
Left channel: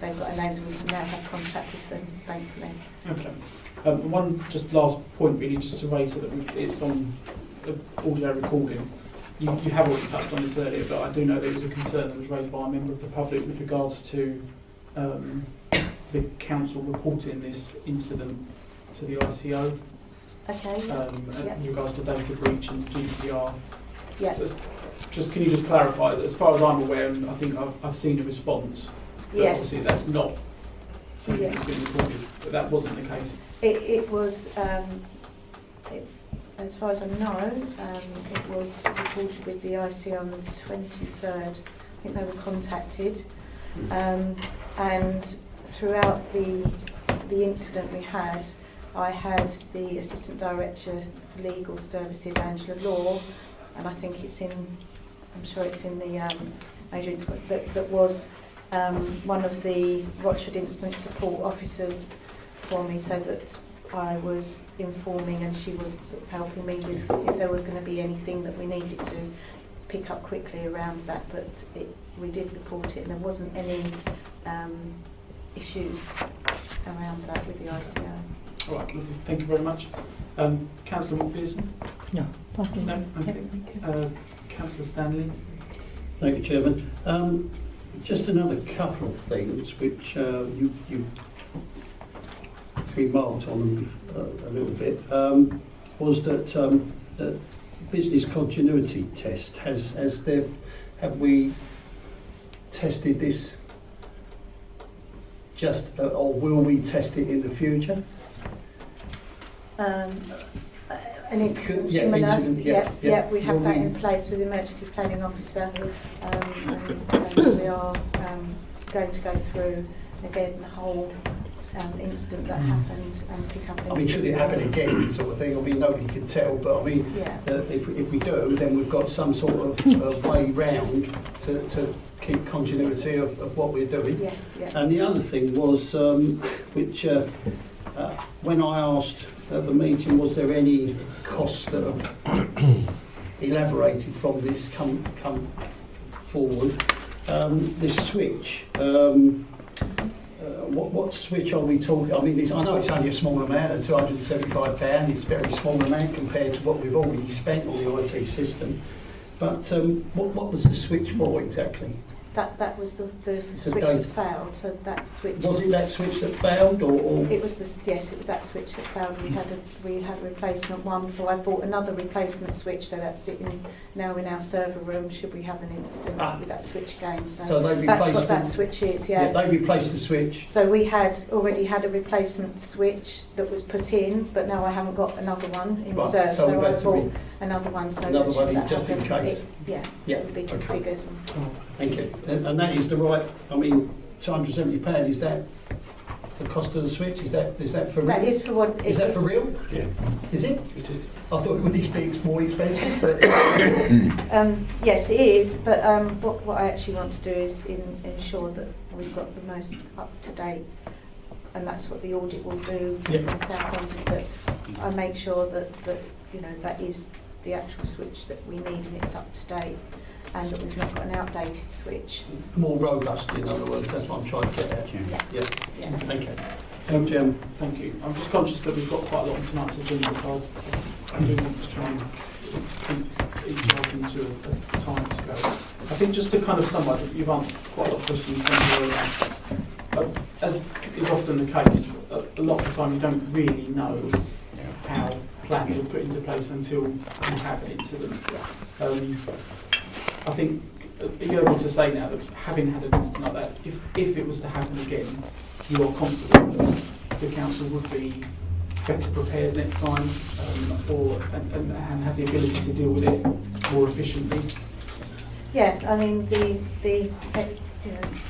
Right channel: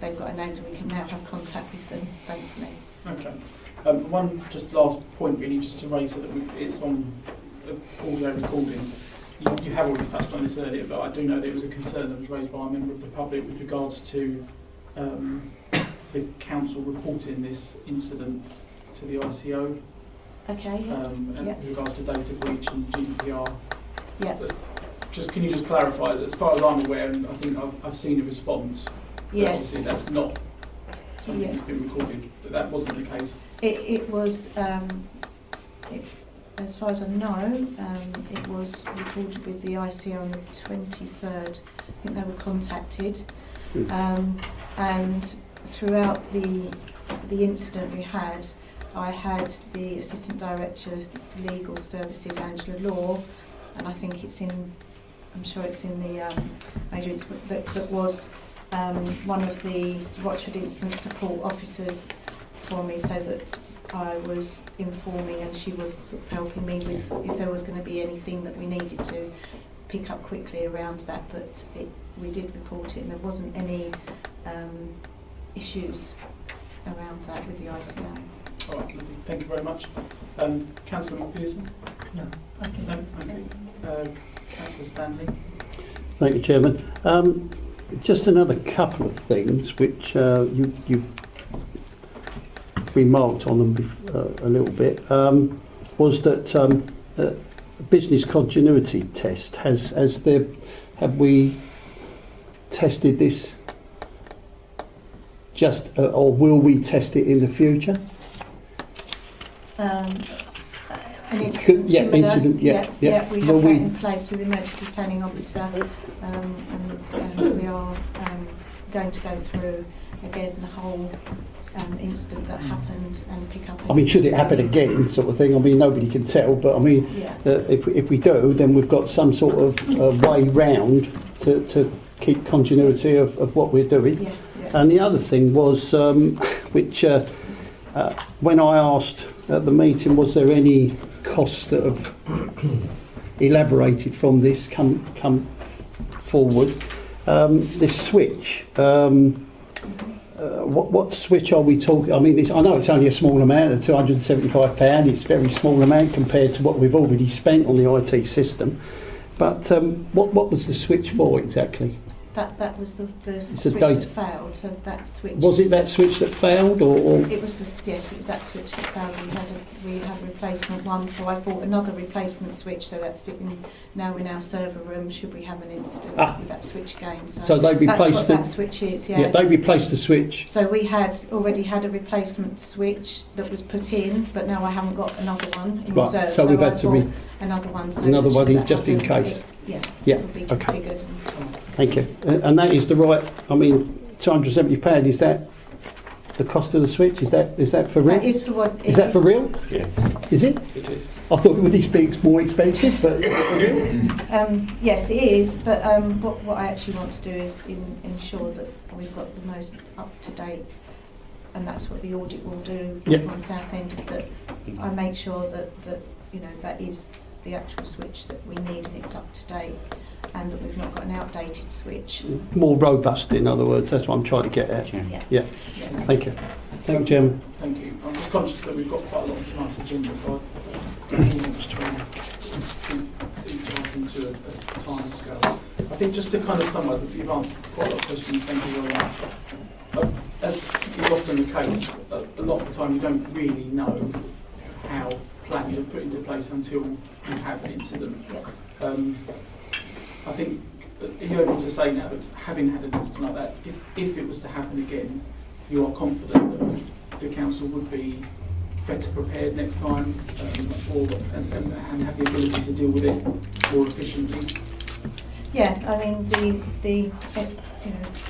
they've got a names and we can now have contact with them, thankfully. Okay. One just last point really, just to raise so that it's on the audio recording. You have already touched on this earlier, but I do know there was a concern that was raised by a member of the public with regards to the council reporting this incident to the ICO. Okay. Yep. With regards to data breach and GDPR. Yeah. Can you just clarify that, as far as I'm aware, and I think I've seen a response, but yes. Obviously that's not something that's been recorded, but that wasn't the case. It was, as far as I know, it was recorded with the ICO on the 23rd. I think they were contacted, and throughout the incident we had, I had the Assistant Director for Legal Services, Angela Law, and I think it's in, I'm sure it's in the major incident, that was one of the Watchford Incident Support Officers for me, so that I was informing and she was sort of helping me with if there was going to be anything that we needed to pick up quickly around that, but we did report it and there wasn't any issues around that with the ICO. All right, lovely. Thank you very much. Councillor Macpherson? No, thank you. No? Okay. Councillor Stanley? Thank you, Chairman. Just another couple of things which you've remarked on them a little bit, was that business continuity test, have we tested this just, or will we test it in the future? An incident Yeah, similar, incident, yeah. we Will have we- that in place with the emergency planning officer, and we are going to go through again the whole incident that happened and pick up. I mean, should it happen again, sort of thing? I mean, nobody can tell, but I mean, Yeah. if we do, then we've got some sort of way round to keep continuity of what we're doing. Yeah, yeah. And the other thing was, which when I asked at the meeting, was there any costs that have elaborated from this come forward? This switch. What switch are we talking? I mean, I know it's only a small amount of £275. It's a very small amount compared to what we've already spent on the IT system. But what was the switch for exactly? That was the It's a switch data- that failed. So that switch. Was it that switch that failed, or? It was yes, it was that switch that failed. We had a replacement one, so I bought another replacement switch. So that's sitting now in our server room. Should we have an incident with that switch again? So they replaced that's what that switch is. Yeah. They replaced the switch. So we had already had a replacement switch that was put in, but now I haven't got another one in Right, reserve. so we've I had to bought another one. So another that one should in just in happen, case. Yeah. Yeah, It would be okay. configured. Thank you. And that is the right. I mean, £270. Is that the cost of the switch? Is that for real? That is for what. Is that for real? Yeah. Is it? It is. I thought it would be more expensive, but Yes, it is, but what I actually want to do is ensure that we've got the most up-to-date, and that's what the audit will do Yep. from Southend, is that I make sure that that is the actual switch that we need and it's up to date, and that we've not got an outdated switch. more robust. In other words, that's what I'm trying to get at. Yeah. Yeah. Yeah. Thank you. Thank you, Chairman. Thank you. I'm just conscious that we've got quite a lot on tonight's agenda, so I do want to try and keep each item to a time scale. I think just to kind of summarise, you've answered quite a lot of questions, thank you very much. As is often the case, a lot of the time you don't really know how plans are put into place until you have an incident. I think, are you able to say now that having had an incident like that, if it was to happen again, you are confident that the council would be better prepared next time, and have the ability to deal with it more efficiently? Yeah, I mean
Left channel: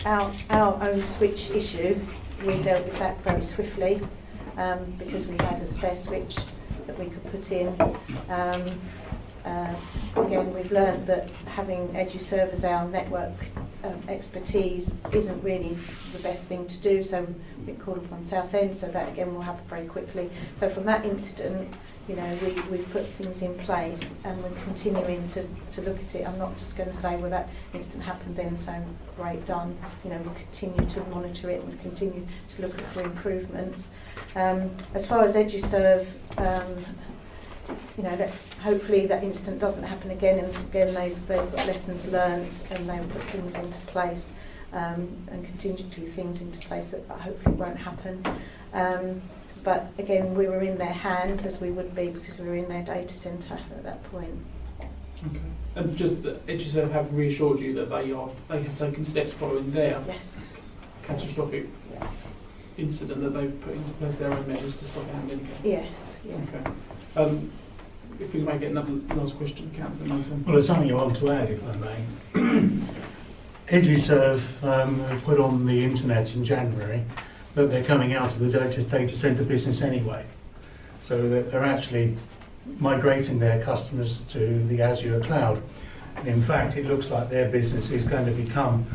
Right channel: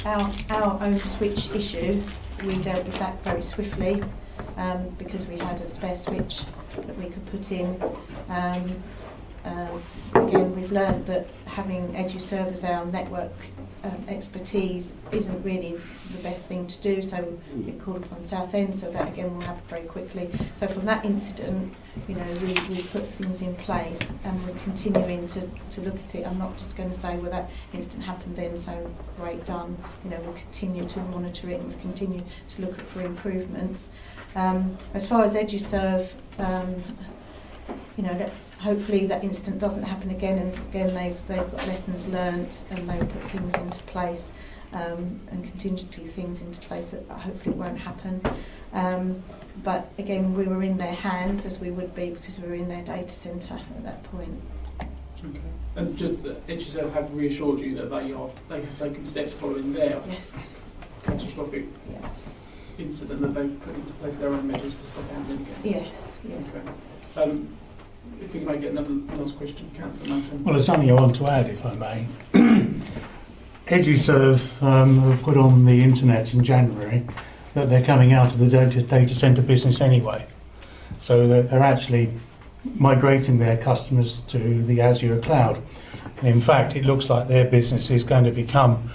our own switch issue, we dealt with that very swiftly because we had a spare switch that we could put in. Again, we've learned that having EduServe as our network expertise isn't really the best thing to do, so we called upon Southend, so that again will happen very quickly. So from that incident, we put things in place, and we're continuing to look at it. I'm not just going to say, well, that incident happened then, so great, done. We'll continue to monitor it and continue to look for improvements. As far as EduServe, hopefully that incident doesn't happen again, and again they've got lessons learnt, and they've put things into place and contingency things into place that hopefully won't happen. But again, we were in their hands, as we would be, because we were in their data centre at that point. Okay. And just EduServe have reassured you that they have taken steps following their Yes. catastrophic incident, that they've put into place their own measures to stop it happening again? Yes. Yeah. Okay. If we may get another last question, Councillor Mason. Well, there's something I want to add, if I may. EduServe have put on the internet in January that they're coming out of the data centre business anyway. So that they're actually migrating their customers to the Azure cloud. And in fact, it looks like their business is going to become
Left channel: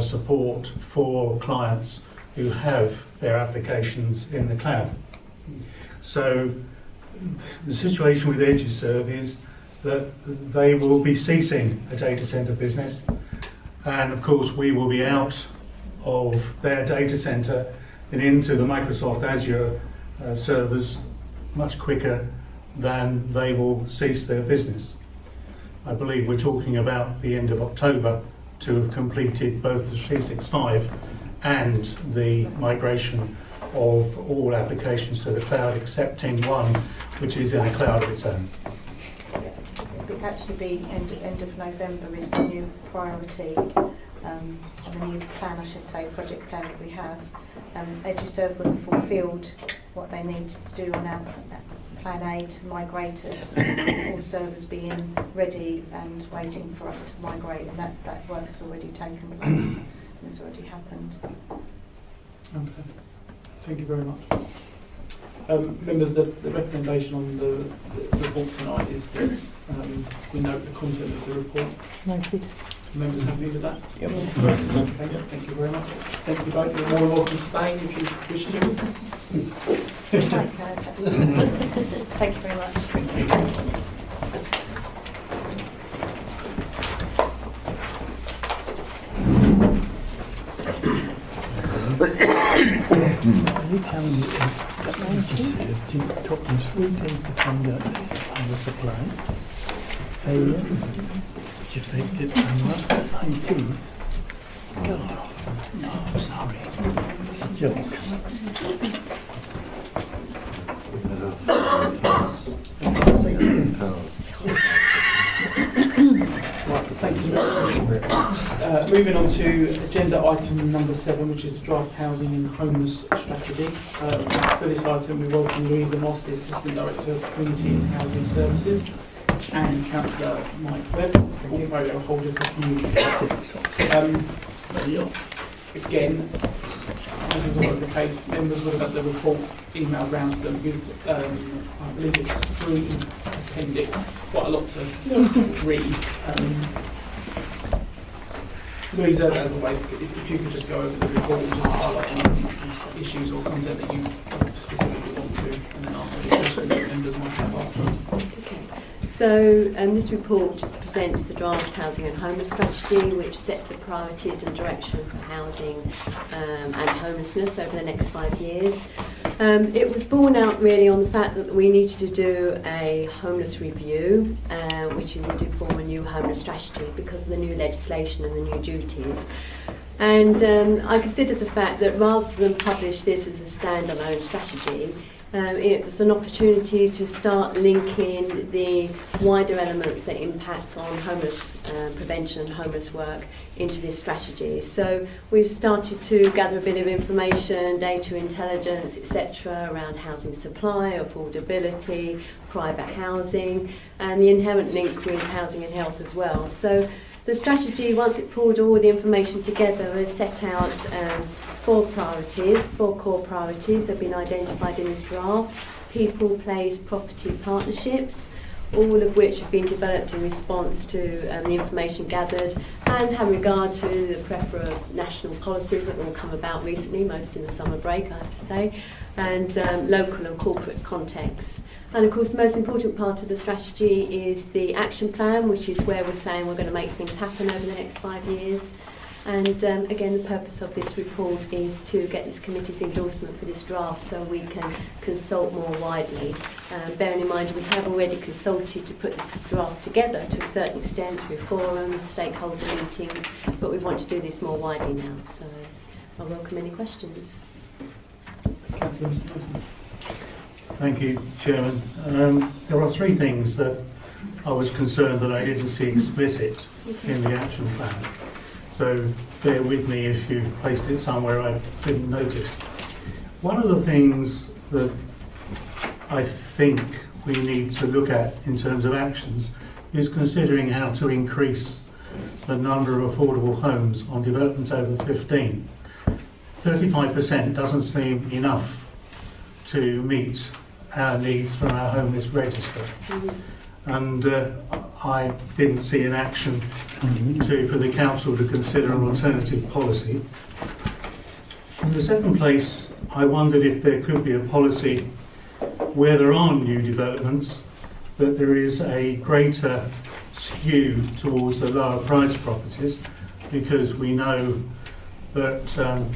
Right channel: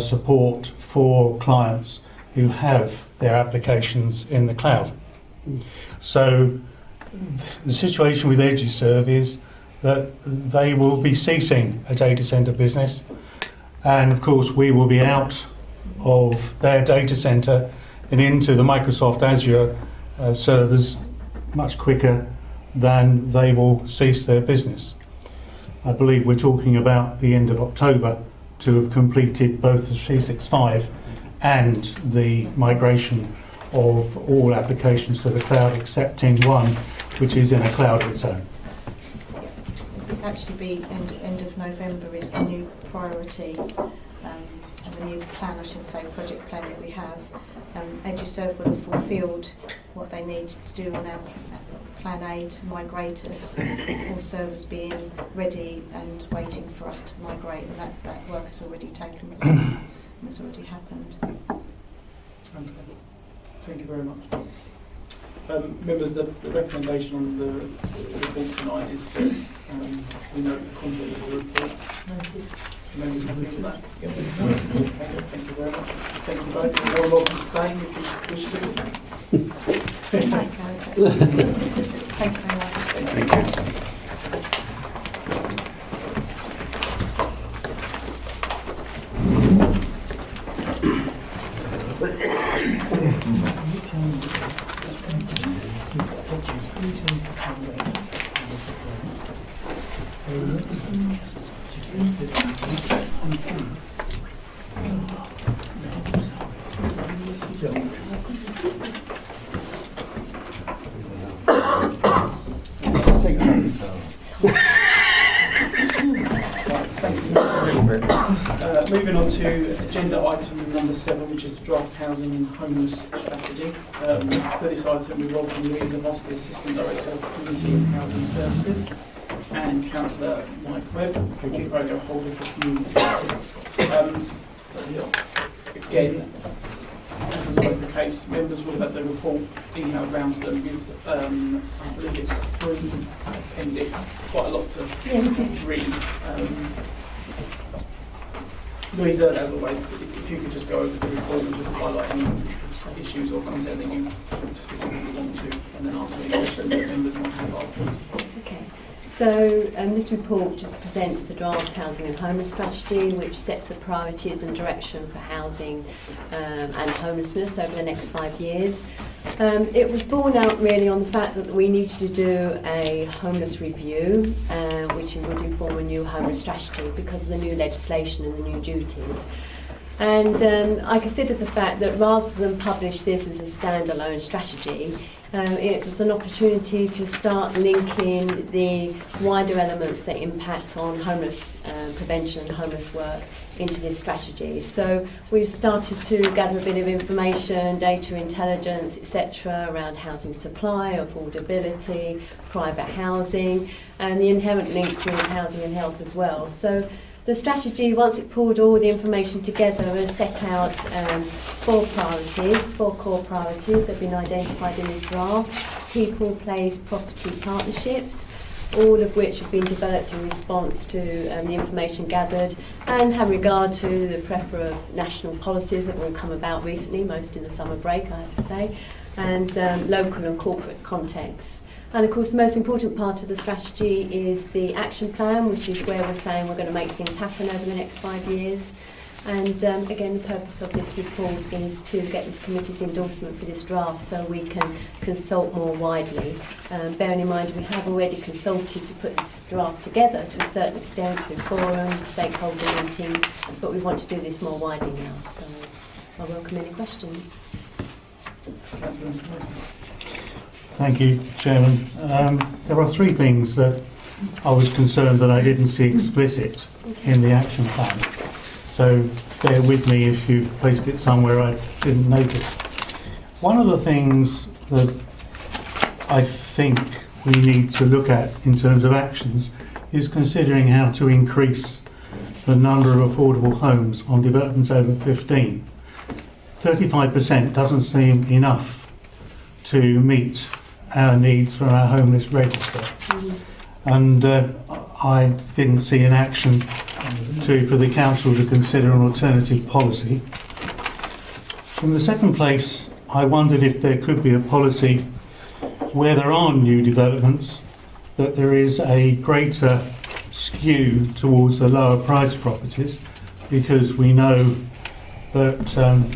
support for clients who have their applications in the cloud. So the situation with EduServe is that they will be ceasing a data center business, and of course we will be out of their data center and into the Microsoft Azure servers much quicker than they will cease their business. I believe we're talking about the end of October to have completed both the 365 and the migration of all applications to the cloud, excepting one which is in a cloud of its own. It'll actually be end of November is the new priority, the new plan, I should say, project plan that we have. EduServe will have fulfilled what they need to do on our Plan A to migrate us, all servers being ready and waiting for us to migrate. That work has already taken place and has already happened. Okay, thank you very much. Members, the recommendation on the report tonight is that we note the content of the report. Noted. Members happy with that? Yep. Okay, thank you very much. Thank you both. You're more than welcome to stay if you wish to. Okay, that's good. Thank you very much. Thank you. Moving on to agenda item number 7, which is the draft housing and homeless strategy. For this item, we welcome Louisa Moss, the Assistant Director of Community and Housing Services, and Councillor Mike Webb, the portfolio holder for community. Again, as is always the case, members would have had the report emailed round to them with, I believe it's 3 appendix, quite a lot to read. Louisa, as always, if you could just go over the report and just highlight any issues or content that you specifically want to, and then answer any questions that members want to ask. Okay. So this report just presents the draft housing and homeless strategy, which sets the priorities and direction for housing and homelessness over the next 5 years. It was born out really on the fact that we needed to do a homeless review, which will do form a new homeless strategy because of the new legislation and the new duties. And I considered the fact that rather than publish this as a standalone strategy, it was an opportunity to start linking the wider elements that impact on homeless prevention and homeless work into this strategy. So we've started to gather a bit of information, data intelligence, etc. around housing supply, affordability, private housing, and the inherent link with housing and health as well. So the strategy, once it pulled all the information together, has set out 4 priorities, 4 core priorities that have been identified in this draft: people, place, property, partnerships, all of which have been developed in response to the information gathered and have regard to the plethora of national policies that have all come about recently, most in the summer break, I have to say, and local and corporate contexts. And of course, the most important part of the strategy is the action plan, which is where we're saying we're going to make things happen over the next 5 years. And again, the purpose of this report is to get this committee's endorsement for this draft so we can consult more widely. Bearing in mind we have already consulted to put this draft together to a certain extent through forums, stakeholder meetings, but we want to do this more widely now. So I welcome any questions. Councillor Mr. Wilson. Thank you, Chairman. There are 3 things that I was concerned that I didn't see explicit in the action plan. So bear with me if you've placed it somewhere I didn't notice. One of the things that I think we need to look at in terms of actions is considering how to increase the number of affordable homes on developments over 15. 35% doesn't seem enough to meet our needs from our homeless register. And I didn't see an action for the council to consider an alternative policy. In the second place, I wondered if there could be a policy where there are new developments, that there is a greater skew towards the lower price properties, because we know that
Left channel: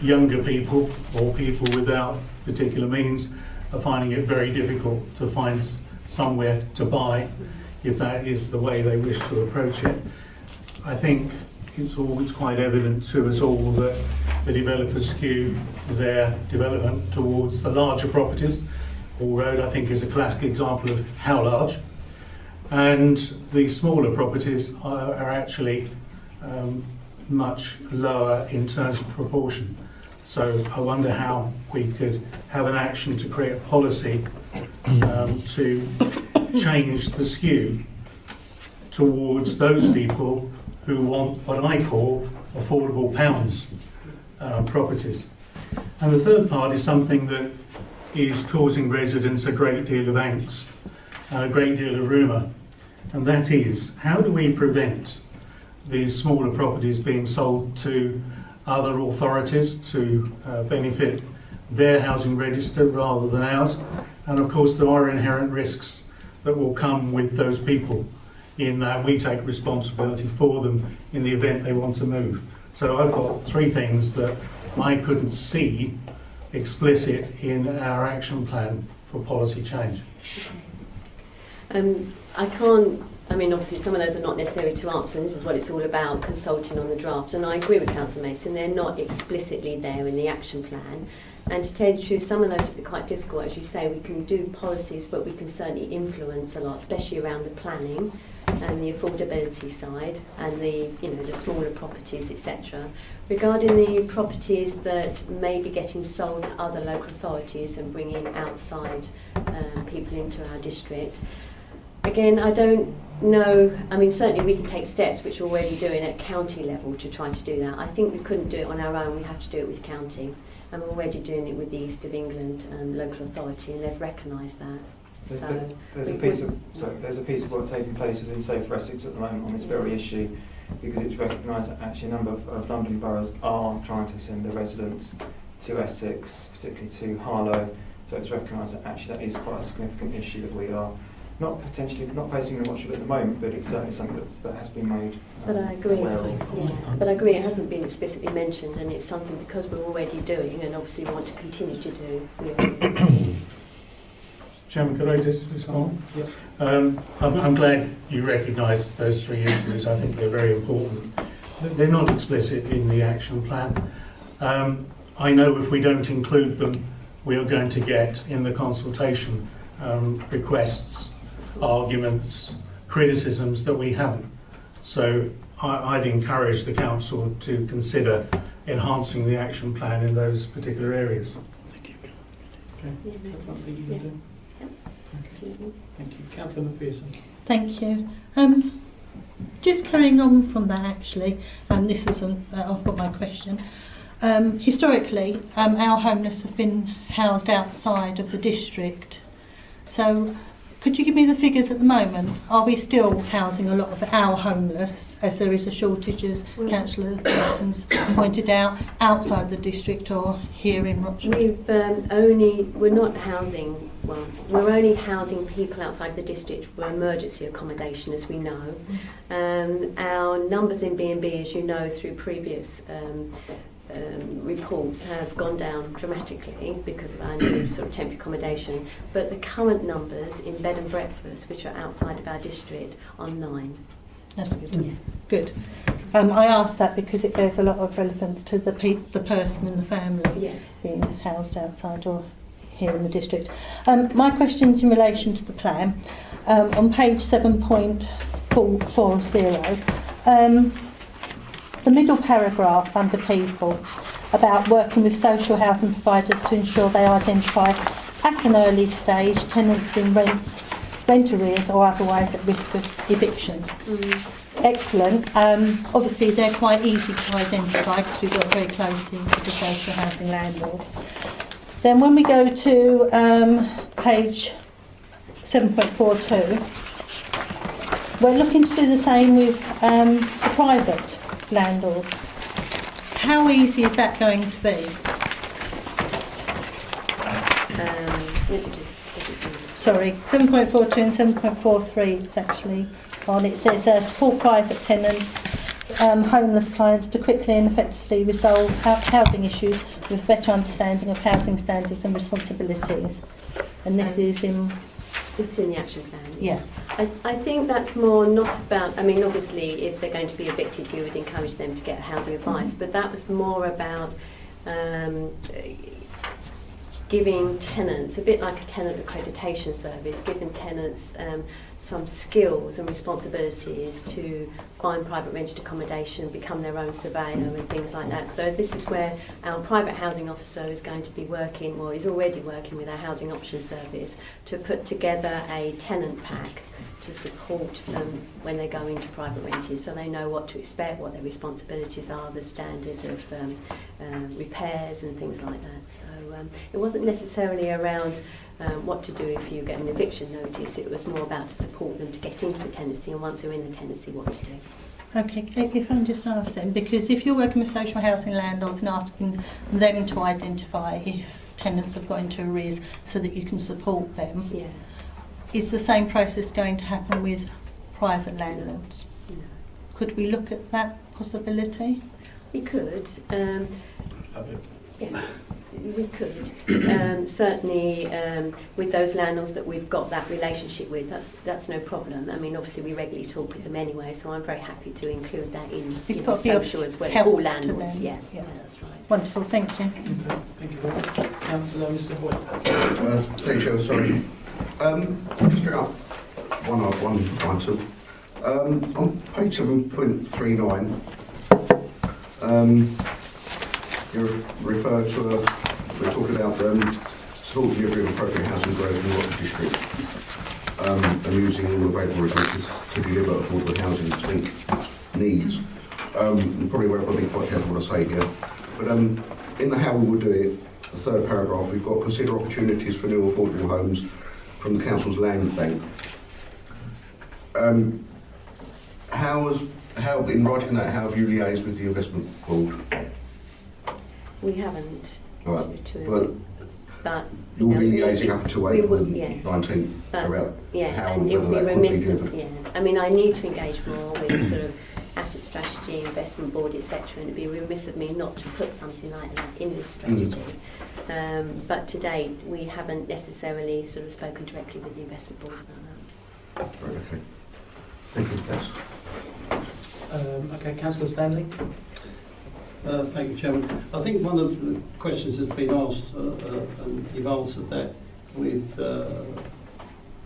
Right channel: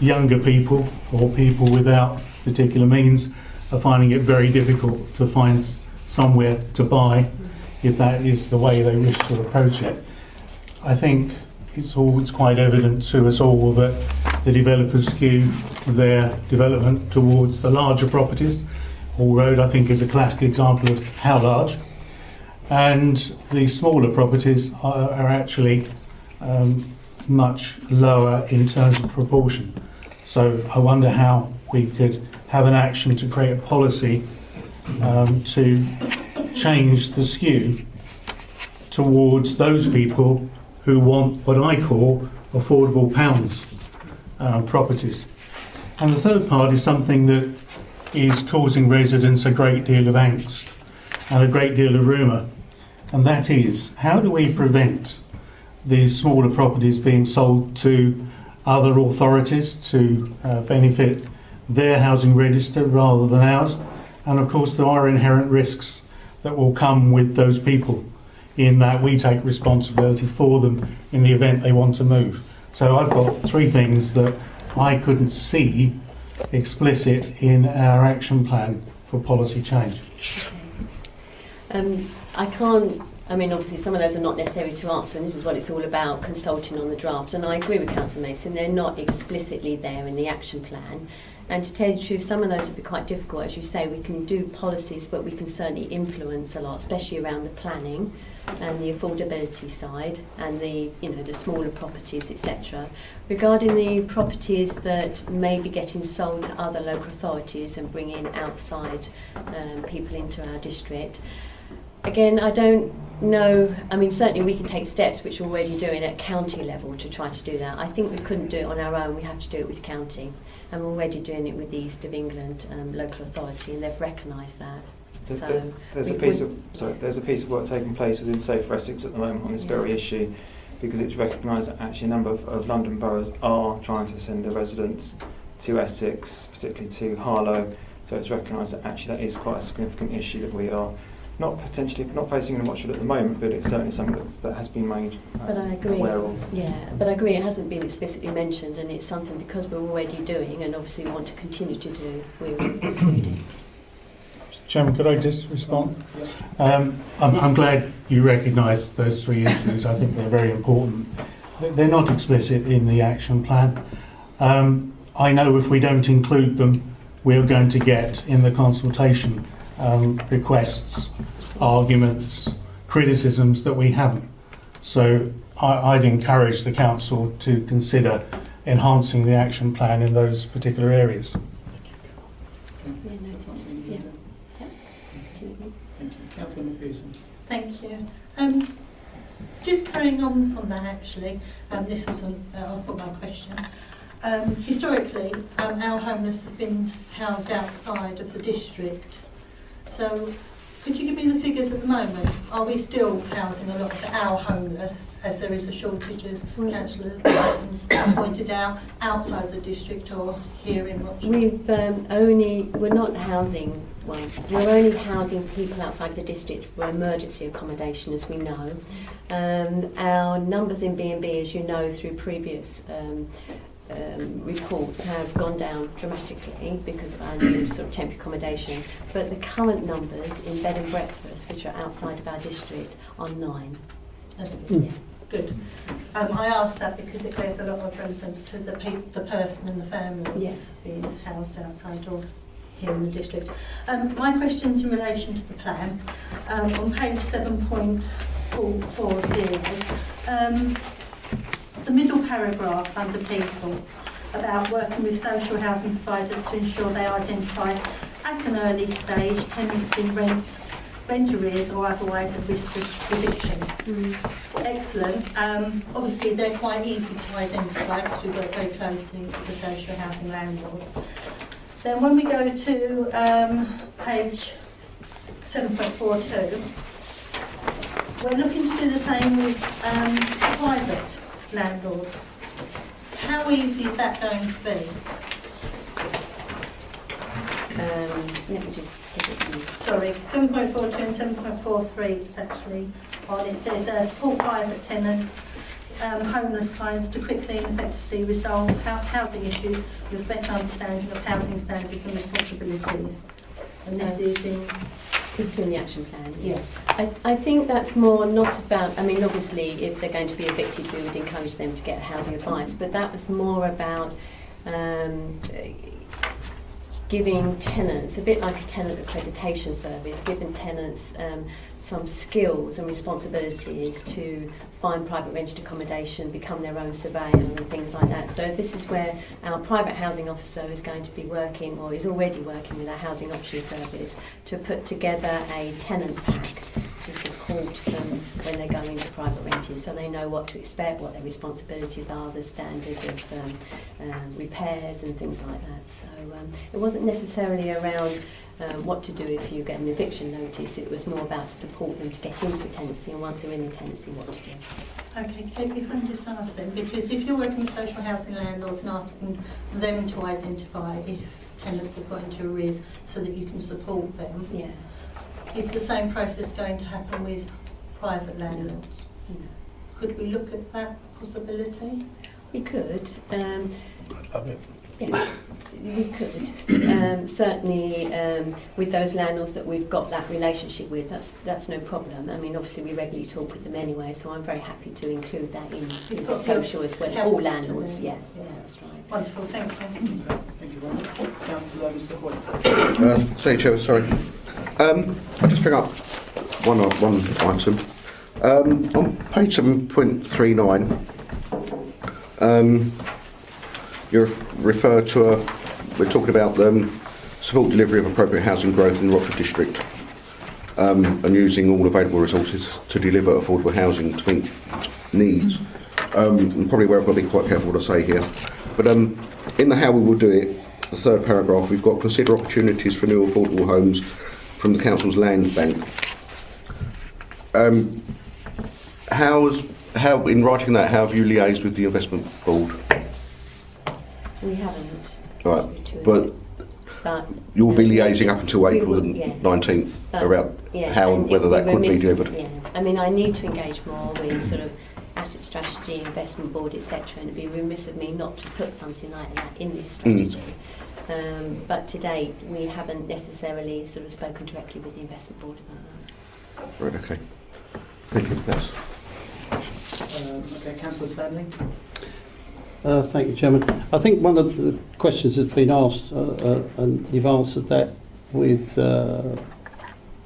younger people or people without particular means are finding it very difficult to find somewhere to buy if that is the way they wish to approach it. I think it's always quite evident to us all that the developers skew their development towards the larger properties. Hall Road, I think, is a classic example of how large. And the smaller properties are actually much lower in terms of proportion. So I wonder how we could have an action to create a policy to change the skew towards those people who want what I call affordable pounds properties. And the third part is something that is causing residents a great deal of angst and a great deal of rumour, and that is, how do we prevent these smaller properties being sold to other authorities to benefit their housing register rather than ours? And of course there are inherent risks that will come with those people, in that we take responsibility for them in the event they want to move. So I've got three things that I couldn't see explicit in our action plan for policy change. Obviously some of those are not necessary to answer, and this is what it's all about, consulting on the draft. And I agree with Councillor Mason, they're not explicitly there in the action plan. And to tell you the truth, some of those would be quite difficult. As you say, we can do policies, but we can certainly influence a lot, especially around the planning and the affordability side and the smaller properties, etc. Regarding the properties that may be getting sold to other local authorities and bringing outside people into our district, again, I don't know. Certainly we can take steps, which we're already doing at county level, to try to do that. I think we couldn't do it on our own. We have to do it with county, and we're already doing it with the East of England local authority, and they've recognised that. There's a piece of work taking place within Safer Essex at the moment on this very issue, because it's recognised that actually a number of London boroughs are trying to send their residents to Essex, particularly to Harlow. So it's recognised that actually that is quite a significant issue that we are not facing in Watford at the moment, but it's certainly something that has been made But I agree. aware of. Yeah, but I agree it hasn't been explicitly mentioned, and it's something because we're already doing, and obviously we want to continue to do. Chairman, could I just respond? I'm glad you recognise those three issues. I think they're very important. They're not explicit in the action plan. I know if we don't include them, we're going to get in the consultation requests, arguments, criticisms that we haven't. So I'd encourage the council to consider enhancing the action plan in those particular areas. Thank you. Councillor McPherson. Thank you. Just carrying on from that, actually, this is I've got my question. Historically, our homeless have been housed outside of the district. So, could you give me the figures at the moment? Are we still housing a lot of our homeless, as there is a shortage, as Councillor Parsons pointed out, outside the district or here in Rochester? We're not housing. Well, we're only housing people outside the district for emergency accommodation, as we know. Our numbers in B&B, as you know, through previous reports, have gone down dramatically because of our sort of temporary accommodation. But the current numbers in bed and breakfast, which are outside of our district, are 9. That's good. Good. I asked that because it bears a lot of relevance to the person and the family being housed outside or here in the district. My question's in relation to the plan. On page 7.40, the middle paragraph under people about working with social housing providers to ensure they identify at an early stage tenants in rent arrears or otherwise at risk of eviction. Excellent. Obviously they're quite easy to identify because we work very closely with the social housing landlords. Then when we go to page 7.42, we're looking to do the same with the private landlords. How easy is that going to be? Let me just put it in. Sorry, 7.42 and 7.43 it's actually on. It says support private tenants, homeless clients to quickly and effectively resolve housing issues with better understanding of housing standards and responsibilities. And this is in... This is in the action plan. Yeah. I think that's more not about, I mean, obviously, if they're going to be evicted, we would encourage them to get housing advice, but that was more about giving tenants, a bit like a tenant accreditation service, giving tenants some skills and responsibilities to find private rented accommodation, become their own surveyor and things like that. So this is where our private housing officer is going to be working, or is already working with our housing option service, to put together a tenant pack to support them when they're going into private renting, so they know what to expect, what their responsibilities are, the standard of repairs and things like that. So it wasn't necessarily around what to do if you get an eviction notice. It was more about to support them to get into the tenancy, and once they're in the tenancy, what to do. Okay, if I can just ask them, because if you're working with social housing landlords and asking them to identify if tenants have got into arrears so that you can support them, Yeah. is the same process going to happen with private landlords? No. Could we look at that possibility? We could. Yeah, we could. Certainly, with those landlords that we've got that relationship with, that's no problem. I mean, obviously we regularly talk with them anyway, so I'm very happy to include that in It's got the social as well. help All to landlords, them. yeah, Yeah. that's right. Wonderful, thank you. Okay, thank you very much. Councillor Mr Hoyt. Thank you, Chair, sorry. I'll just pick up one item. On page 7.39, you refer to we're talking about support delivery of appropriate housing growth in Watford District, and using all available resources to deliver affordable housing to meet needs. Probably where I've got to be quite careful what I say here. But in the how we will do it, the third paragraph, we've got consider opportunities for new affordable homes from the council's land bank. How in writing that, how have you liaised with the investment board? We haven't. Right, But you'll be liaising up until we April will, the yeah. 19th But, about yeah, how and and whether it that would could be remiss- delivered. Yeah, I mean, I need to engage more with sort of asset strategy, investment board, etc. And it'd be remiss of me not to put something like that in this strategy. But to date, we haven't necessarily sort of spoken directly with the investment board about that. Right, okay. Thank you, yes. Okay, Councillor Stanley. Thank you, Chairman. I think one of the questions that's been asked, and you've answered that with the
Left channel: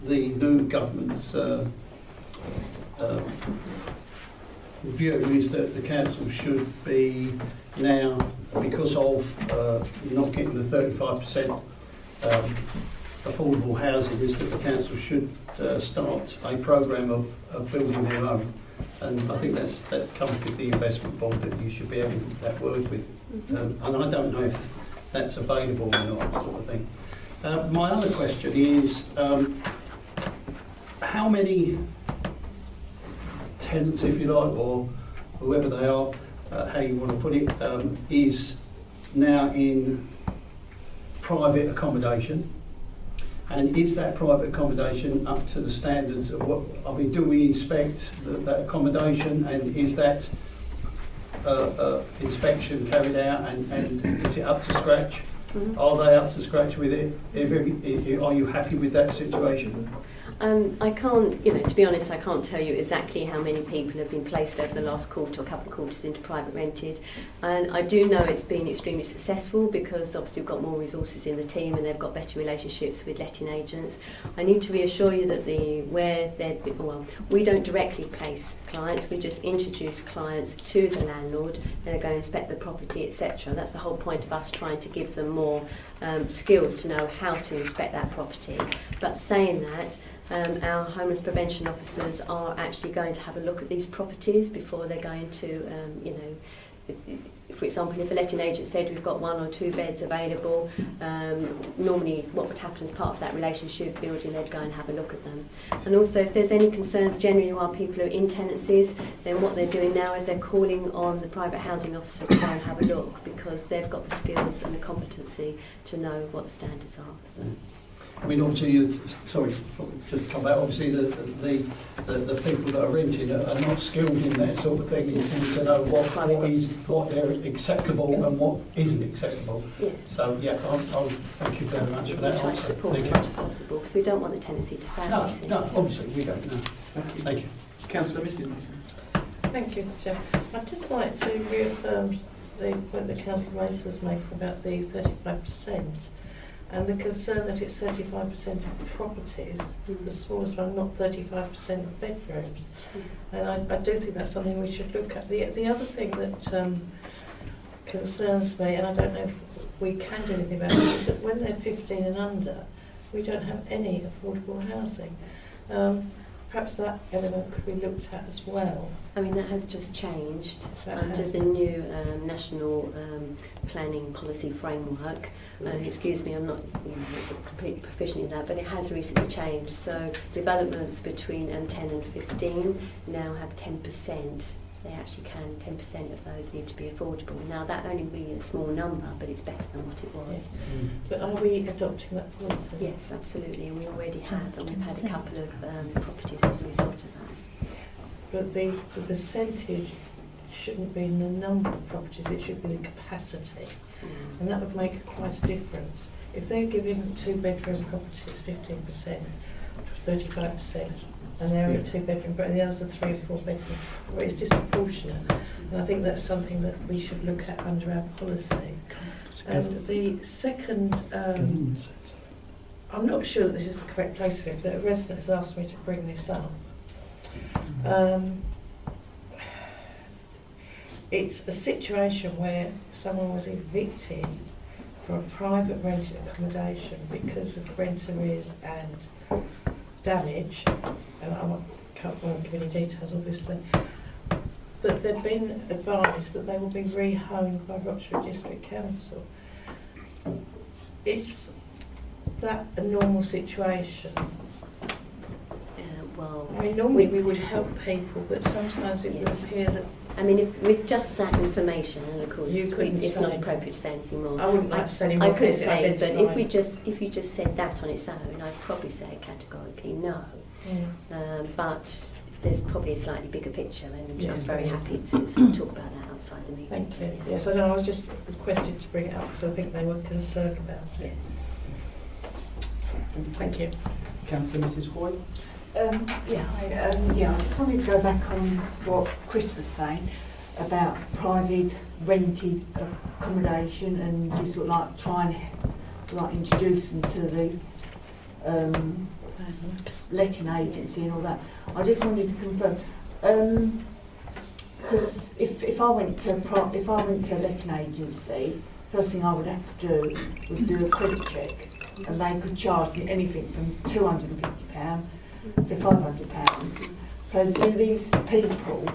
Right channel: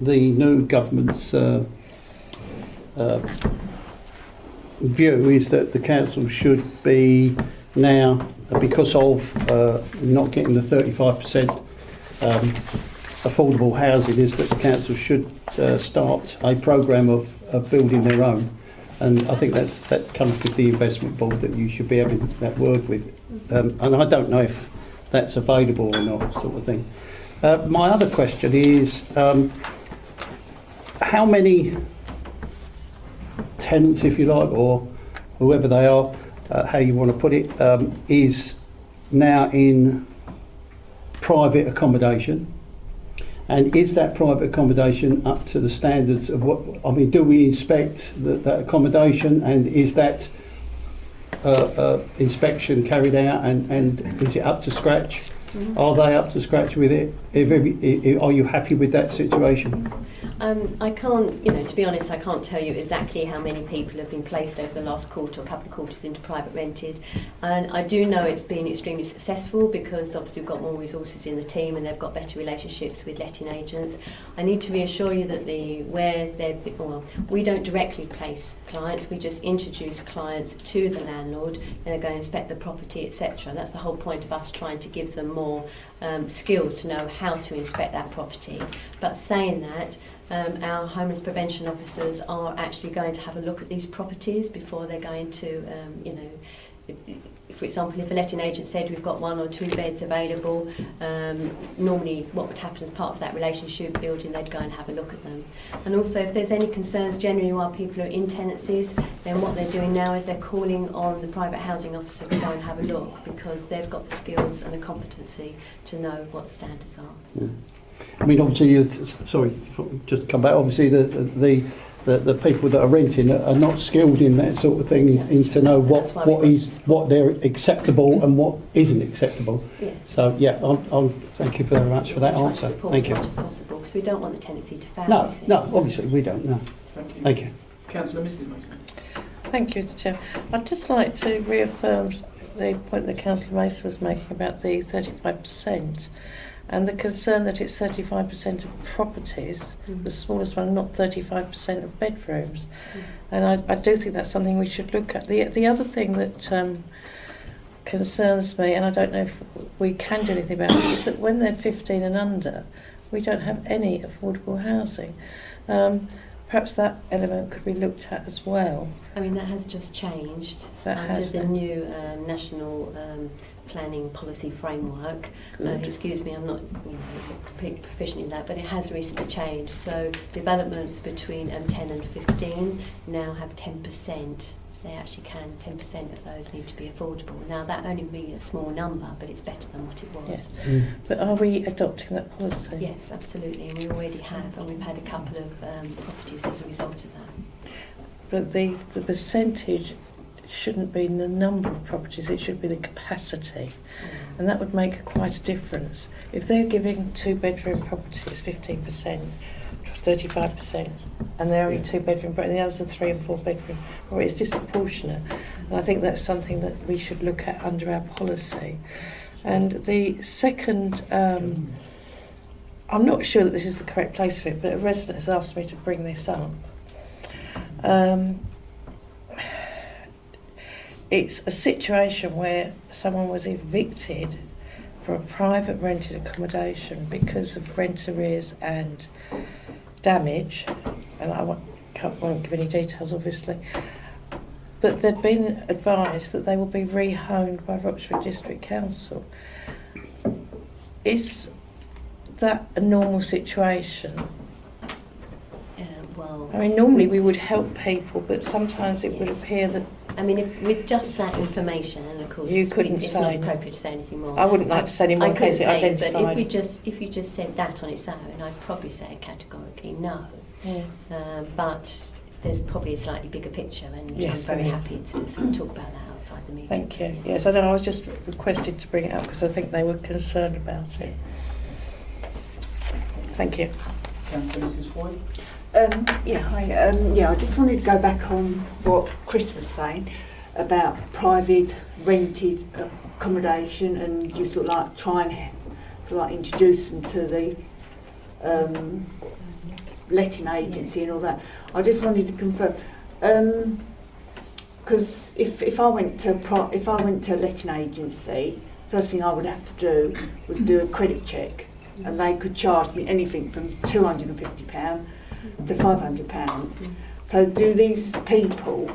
new government's view, is that the council should be now, because of not getting the 35% affordable housing, is that the council should start a programme of building their own. And I think that comes with the investment board, that you should be having that word with. And I don't know if that's available or not, sort of thing. My other question is, how many tenants, if you like, or whoever they are, how you want to put it, is now in private accommodation? And is that private accommodation up to the standards of what, I mean, do we inspect that accommodation, and is that inspection carried out, and is it up to scratch? Mm-hmm. Are they up to scratch with it? Are you happy with that situation? I can't, to be honest, I can't tell you exactly how many people have been placed over the last quarter or couple of quarters into private rented. And I do know it's been extremely successful, because obviously we've got more resources in the team and they've got better relationships with letting agents. I need to reassure you that we don't directly place clients, we just introduce clients to the landlord, and they're going to inspect the property, etc. That's the whole point of us trying to give them more skills to know how to inspect that property. But saying that, our homeless prevention officers are actually going to have a look at these properties before they're going to, for example, if a letting agent said we've got 1 or 2 beds available, normally what would happen as part of that relationship building, they'd go and have a look at them. And also, if there's any concerns generally while people are in tenancies, then what they're doing now is they're calling on the private housing officer to go and have a look, because they've got the skills and the competency to know what the standards are. So. I mean, obviously, sorry, just come back. Obviously, the people that are renting are not skilled in that sort of thing, in to know what they're acceptable and what isn't acceptable. Yeah. So yeah, I'll thank you very much for that answer. Thank you. As much as possible, because we don't want the tenancy to fail. No, obviously we don't. No. Thank you. Councillor Mrs Mason. Thank you, Chair. I'd just like to reaffirm the point that Councillor Mason was making about the 35%. And the concern that it's 35% of properties, the smallest one, not 35% of bedrooms. And I do think that's something we should look at. The other thing that concerns me, and I don't know if we can do anything about it, is that when they're 15 and under, we don't have any affordable housing. Perhaps that element could be looked at as well. I mean, that has just changed under the new national planning policy framework. Excuse me, I'm not completely proficient in that, but it has recently changed. So developments between 10 and 15 now have 10%. They actually can, 10% of those need to be affordable. Now, that only be a small number, but it's better than what it was. Yes. But are we adopting that policy? Yes, absolutely, and we already have, and we've had a couple of properties as a result of that. But the percentage shouldn't be in the number of properties, it should be the capacity. And that would make quite a difference. If they're giving 2-bedroom properties 15%, 35%, and they're only 2-bedroom, and the others are 3 and 4-bedroom, or it's disproportionate. And I think that's something that we should look at under our policy. And the second, I'm not sure that this is the correct place for it, but a resident has asked me to bring this up. It's a situation where someone was evicted from a private rented accommodation because of rent arrears and damage, and I won't give any details obviously, but they've been advised that they will be rehomed by Roxburgh District Council. Is that a normal situation? Well, I mean, normally we would help people, but sometimes it would appear that... I mean, if with just that information, and of course, it's not appropriate to say anything more. I wouldn't like to say any more in case it identified. But if you just said that on its own, I'd probably say categorically no. Yeah. But there's probably a slightly bigger picture, and yes, I'm very happy to sort of talk about that outside the meeting. Thank you. Yes, I know. I was just requested to bring it up because I think they were concerned about it. Thank you. Councillor Mrs Hoy. I just wanted to go back on what Chris was saying about private rented accommodation, and you sort of like trying to like introduce them to the letting agency and all that. I just wanted to confirm, because if I went to a letting agency, first thing I would have to do was do a credit check, and they could charge me anything from £250 to £500. So do these people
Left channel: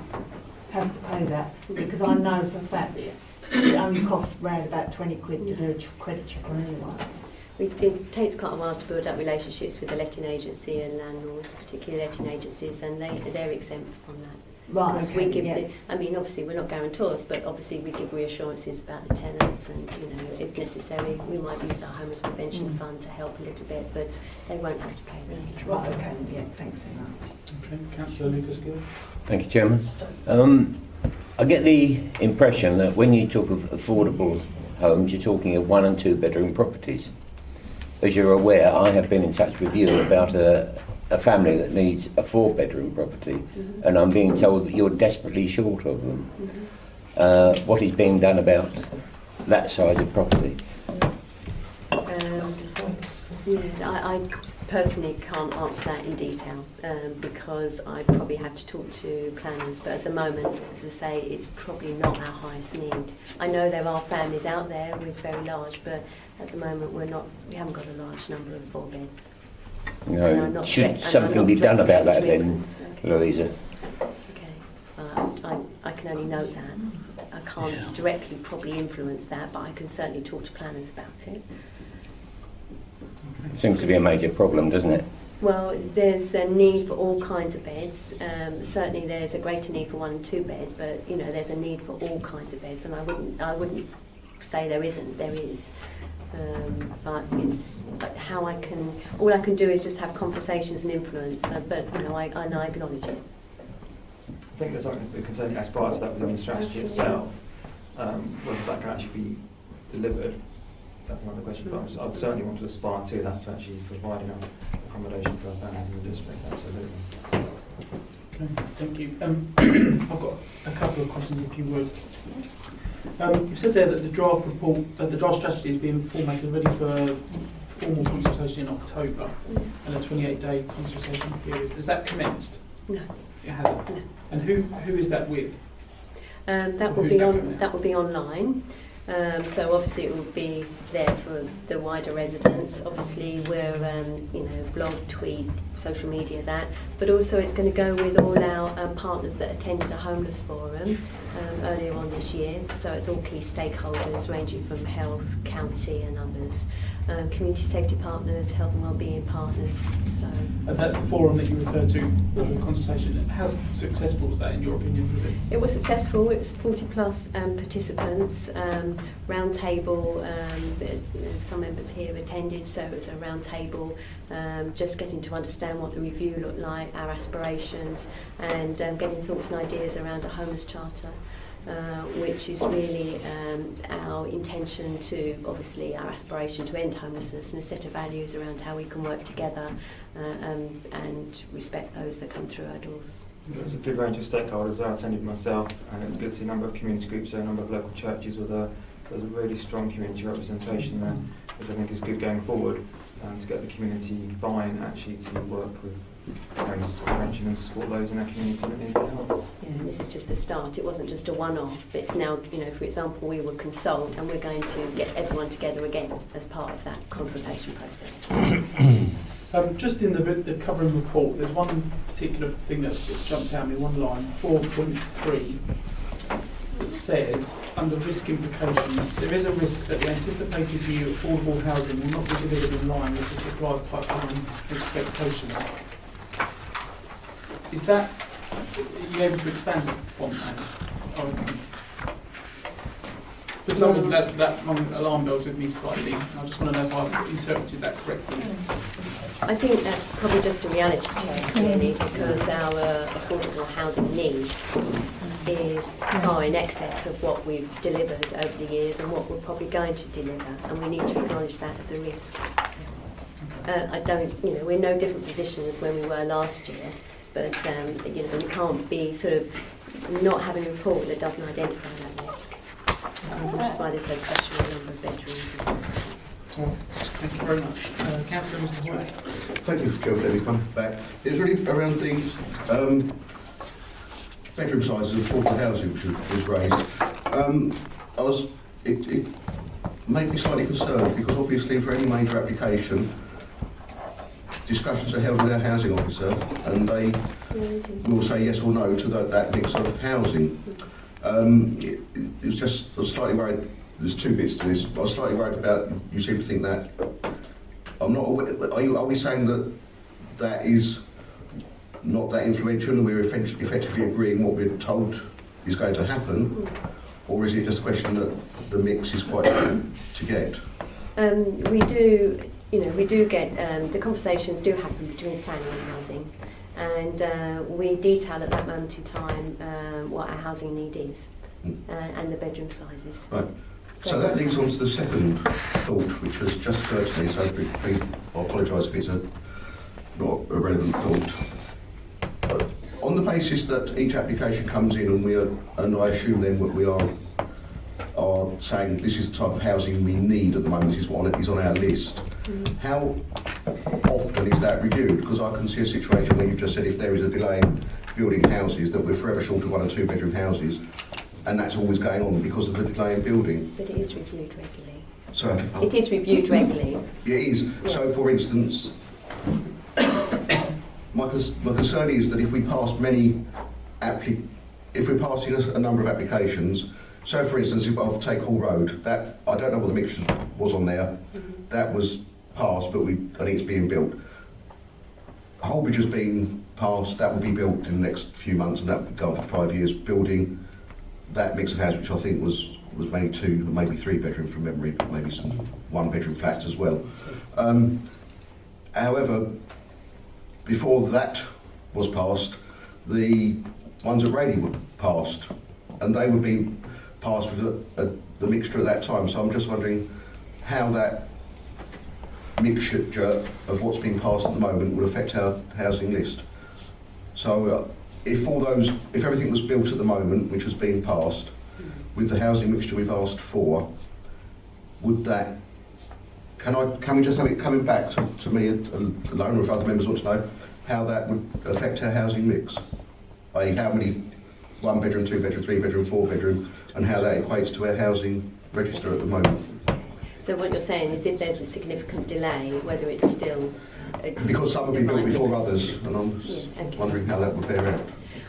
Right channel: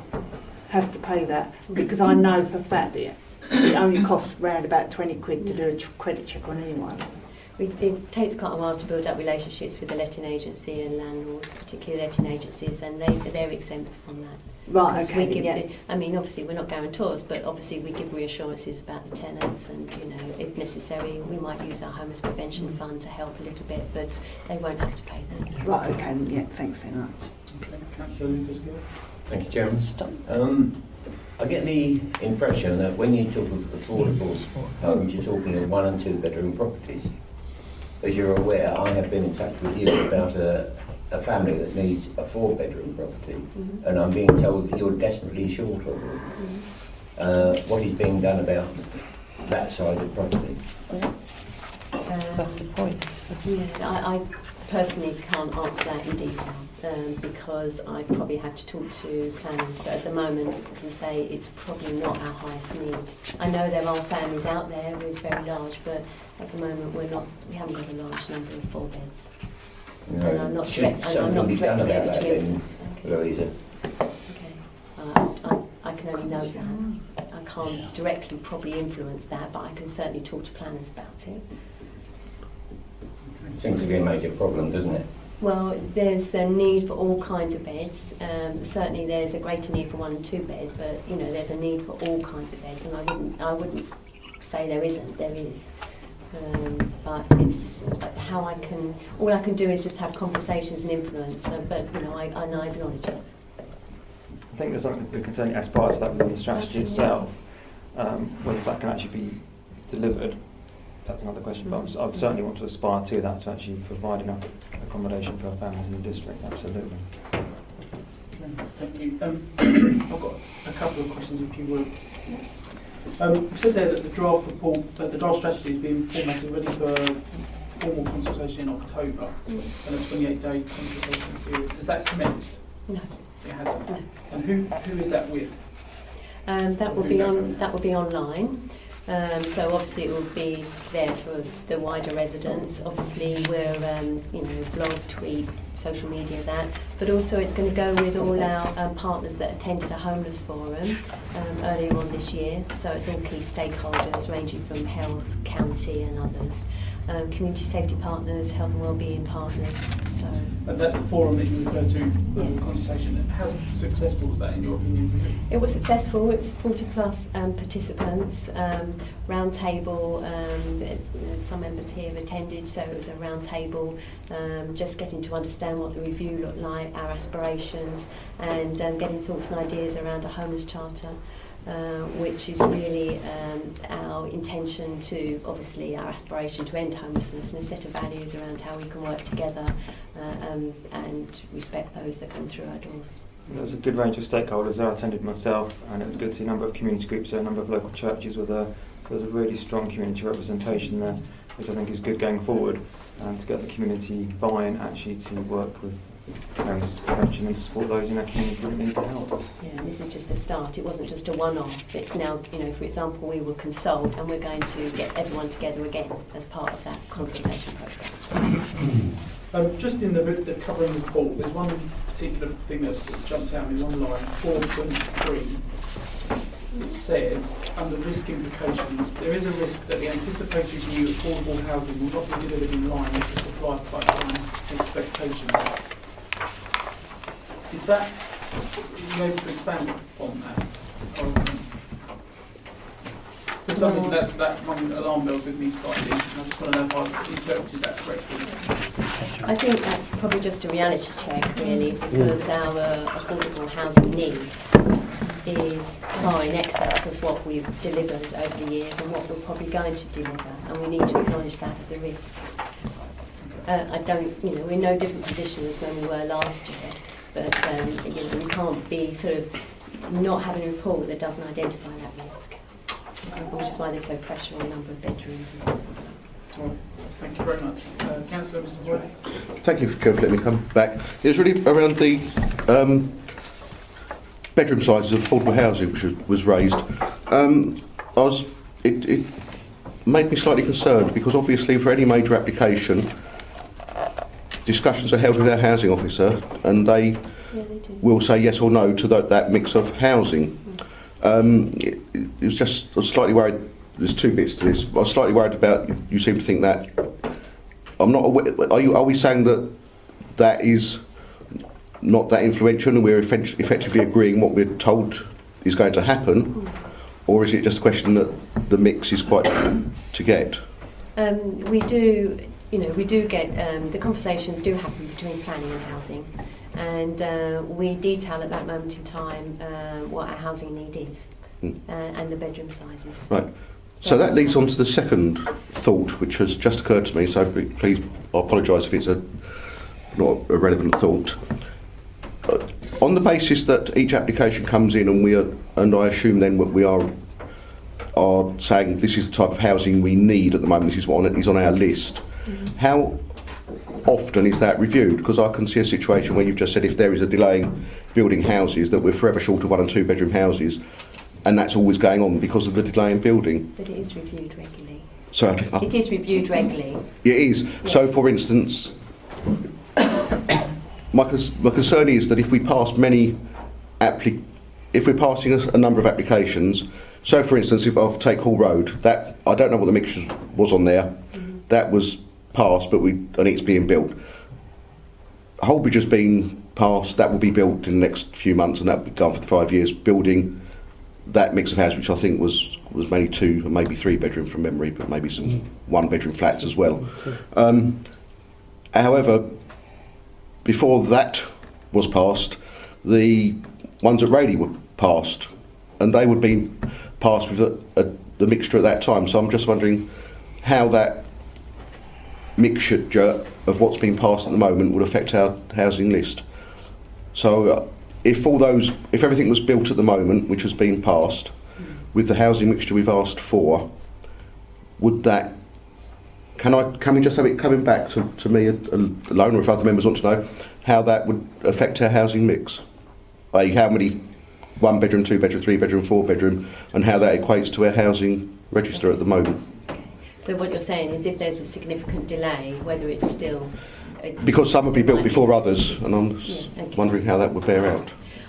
have to pay that? Because I know for a fact that it only costs around about 20 quid to do a credit check on anyone. It takes quite a while to build up relationships with the letting agency and landlords, particularly letting agencies, and they're exempt from that. Right, okay, we give I mean, obviously we're not guarantors, but obviously we give reassurances about the tenants, and if necessary, we might use our homeless prevention fund to help a little bit, but they won't have to pay that. Right, okay, yeah, thanks very much. Okay, Councillor Lucas Gill. Thank you, Chairman. I get the impression that when you talk of affordable homes, you're talking of 1 and 2 bedroom properties. As you're aware, I have been in touch with you about a family that needs a 4-bedroom property, and I'm being told that you're desperately short of them. What is being done about that size of property? That's the point. Yeah, I personally can't answer that in detail because I probably have to talk to planners, but at the moment, as I say, it's probably not our highest need. I know there are families out there with very large, but at the moment we haven't got a large number of 4 beds. No. Should something be done about that then, Louisa? Okay, I can only note that. I can't directly probably influence that, but I can certainly talk to planners about it. Seems to be a major problem, doesn't it? Well, there's a need for all kinds of beds. Certainly, there's a greater need for 1 and 2 beds, but you know, there's a need for all kinds of beds, and I wouldn't say there isn't. There is, but it's how I can. All I can do is just have conversations and influence. But you know, I acknowledge it. I think there's something that can certainly aspire to that within the strategy itself. Whether that can actually be delivered, that's another question. But I'd certainly want to aspire to that, to actually provide enough accommodation for our families in the district. Absolutely. Okay, thank you. I've got a couple of questions, if you would. You said there that the draft report, the draft strategy is being formatted ready for formal consultation in October and a 28-day consultation period. Has that commenced? No. It hasn't. No. And who is that with? That will be online. So obviously it will be there for the wider residents. Obviously we're blog, tweet, social media, that, but also it's going to go with all our partners that attended a homeless forum earlier on this year. So it's all key stakeholders ranging from health, county and others, community safety partners, health and wellbeing partners. So. And that's the forum that you referred to in the consultation. How successful was that in your opinion? Was it? It was successful. It was 40 plus participants, round table, some members here attended, so it was a round table, just getting to understand what the review looked like, our aspirations, and getting thoughts and ideas around a homeless charter. Which is really our intention to, obviously our aspiration to end homelessness, and a set of values around how we can work together and respect those that come through our doors. There's a good range of stakeholders there. I attended myself, and it was good to see a number of community groups there, a number of local churches were there. So there's a really strong community representation there, which I think is good going forward, and to get the community buy-in actually to work with homeless prevention and support those in our community that need the help. Yeah, and this is just the start. It wasn't just a one-off. It's now, for example, we will consult, and we're going to get everyone together again as part of that consultation process. Just in the covering report, there's one particular thing that jumped out at me, one line, 4.3. It says, under risk implications, there is a risk that the anticipated new affordable housing will not be delivered in line with the supply pipeline expectations. Is that, are you able to expand on that? For some reason that alarm bells with me slightly. I just want to know if I've interpreted that correctly. I think that's probably just a reality check, really, because our affordable housing need is far in excess of what we've delivered over the years and what we're probably going to deliver, and we need to acknowledge that as a risk. We're in no different position as when we were last year, but we can't be sort of not having a report that doesn't identify that risk, which is why there's so pressure on the number of bedrooms and things like that. Thank you very much. Councillor Mr. Hoy. Thank you, Chair, for letting me come back. It's really around the bedroom sizes of affordable housing which was raised. It made me slightly concerned because obviously for any major application, discussions are held with our housing officer and they will say yes or no to that mix of housing. It was just, I was slightly worried, there's two bits to this. I was slightly worried about, you seem to think that, I'm not aware, are we saying that is not that influential and we're effectively agreeing what we're told is going to happen, or is it just a question that the mix is quite difficult to get? We do get, the conversations do happen between planning and housing, and we detail at that moment in time what our housing need is and the bedroom sizes. Right. So that leads on to the second thought, which has just occurred to me, so please, I apologise if it's not a relevant thought. On the basis that each application comes in and I assume then we are saying this is the type of housing we need at the moment, this is what is on our list, how often is that reviewed? Because I can see a situation where you've just said if there is a delay in building houses that we're forever short of 1 and 2 bedroom houses, and that's always going on because of the delay in building. But it is reviewed regularly. Sorry? It is reviewed regularly. It is. Yeah. So for instance, my concern is that if we pass if we're passing a number of applications, So, for instance, if I take Hall Road, that I don't know what the mixture was on there. That was passed, and it's being built. Holbridge has been passed. That will be built in the next few months, and that will be gone for 5 years. Building that mix of houses, which I think was maybe 2, maybe 3 bedroom from memory, but maybe some 1 bedroom flats as well. However, before that was passed, the ones at Rayleigh were passed, and they would be passed with the mixture at that time. So I'm just wondering how that mixture of what's being passed at the moment would affect our housing list. So if everything was built at the moment, which has been passed, with the housing mixture we've asked for, would that? Can we just have it coming back to me alone, or if other members want to know how that would affect our housing mix? Like how many 1 bedroom, 2 bedroom, 3 bedroom, 4 bedroom, and how that equates to our housing register at the moment. So what you're saying is if there's a significant delay, whether it's still... Because some would be built before others, and I'm wondering how that would bear out.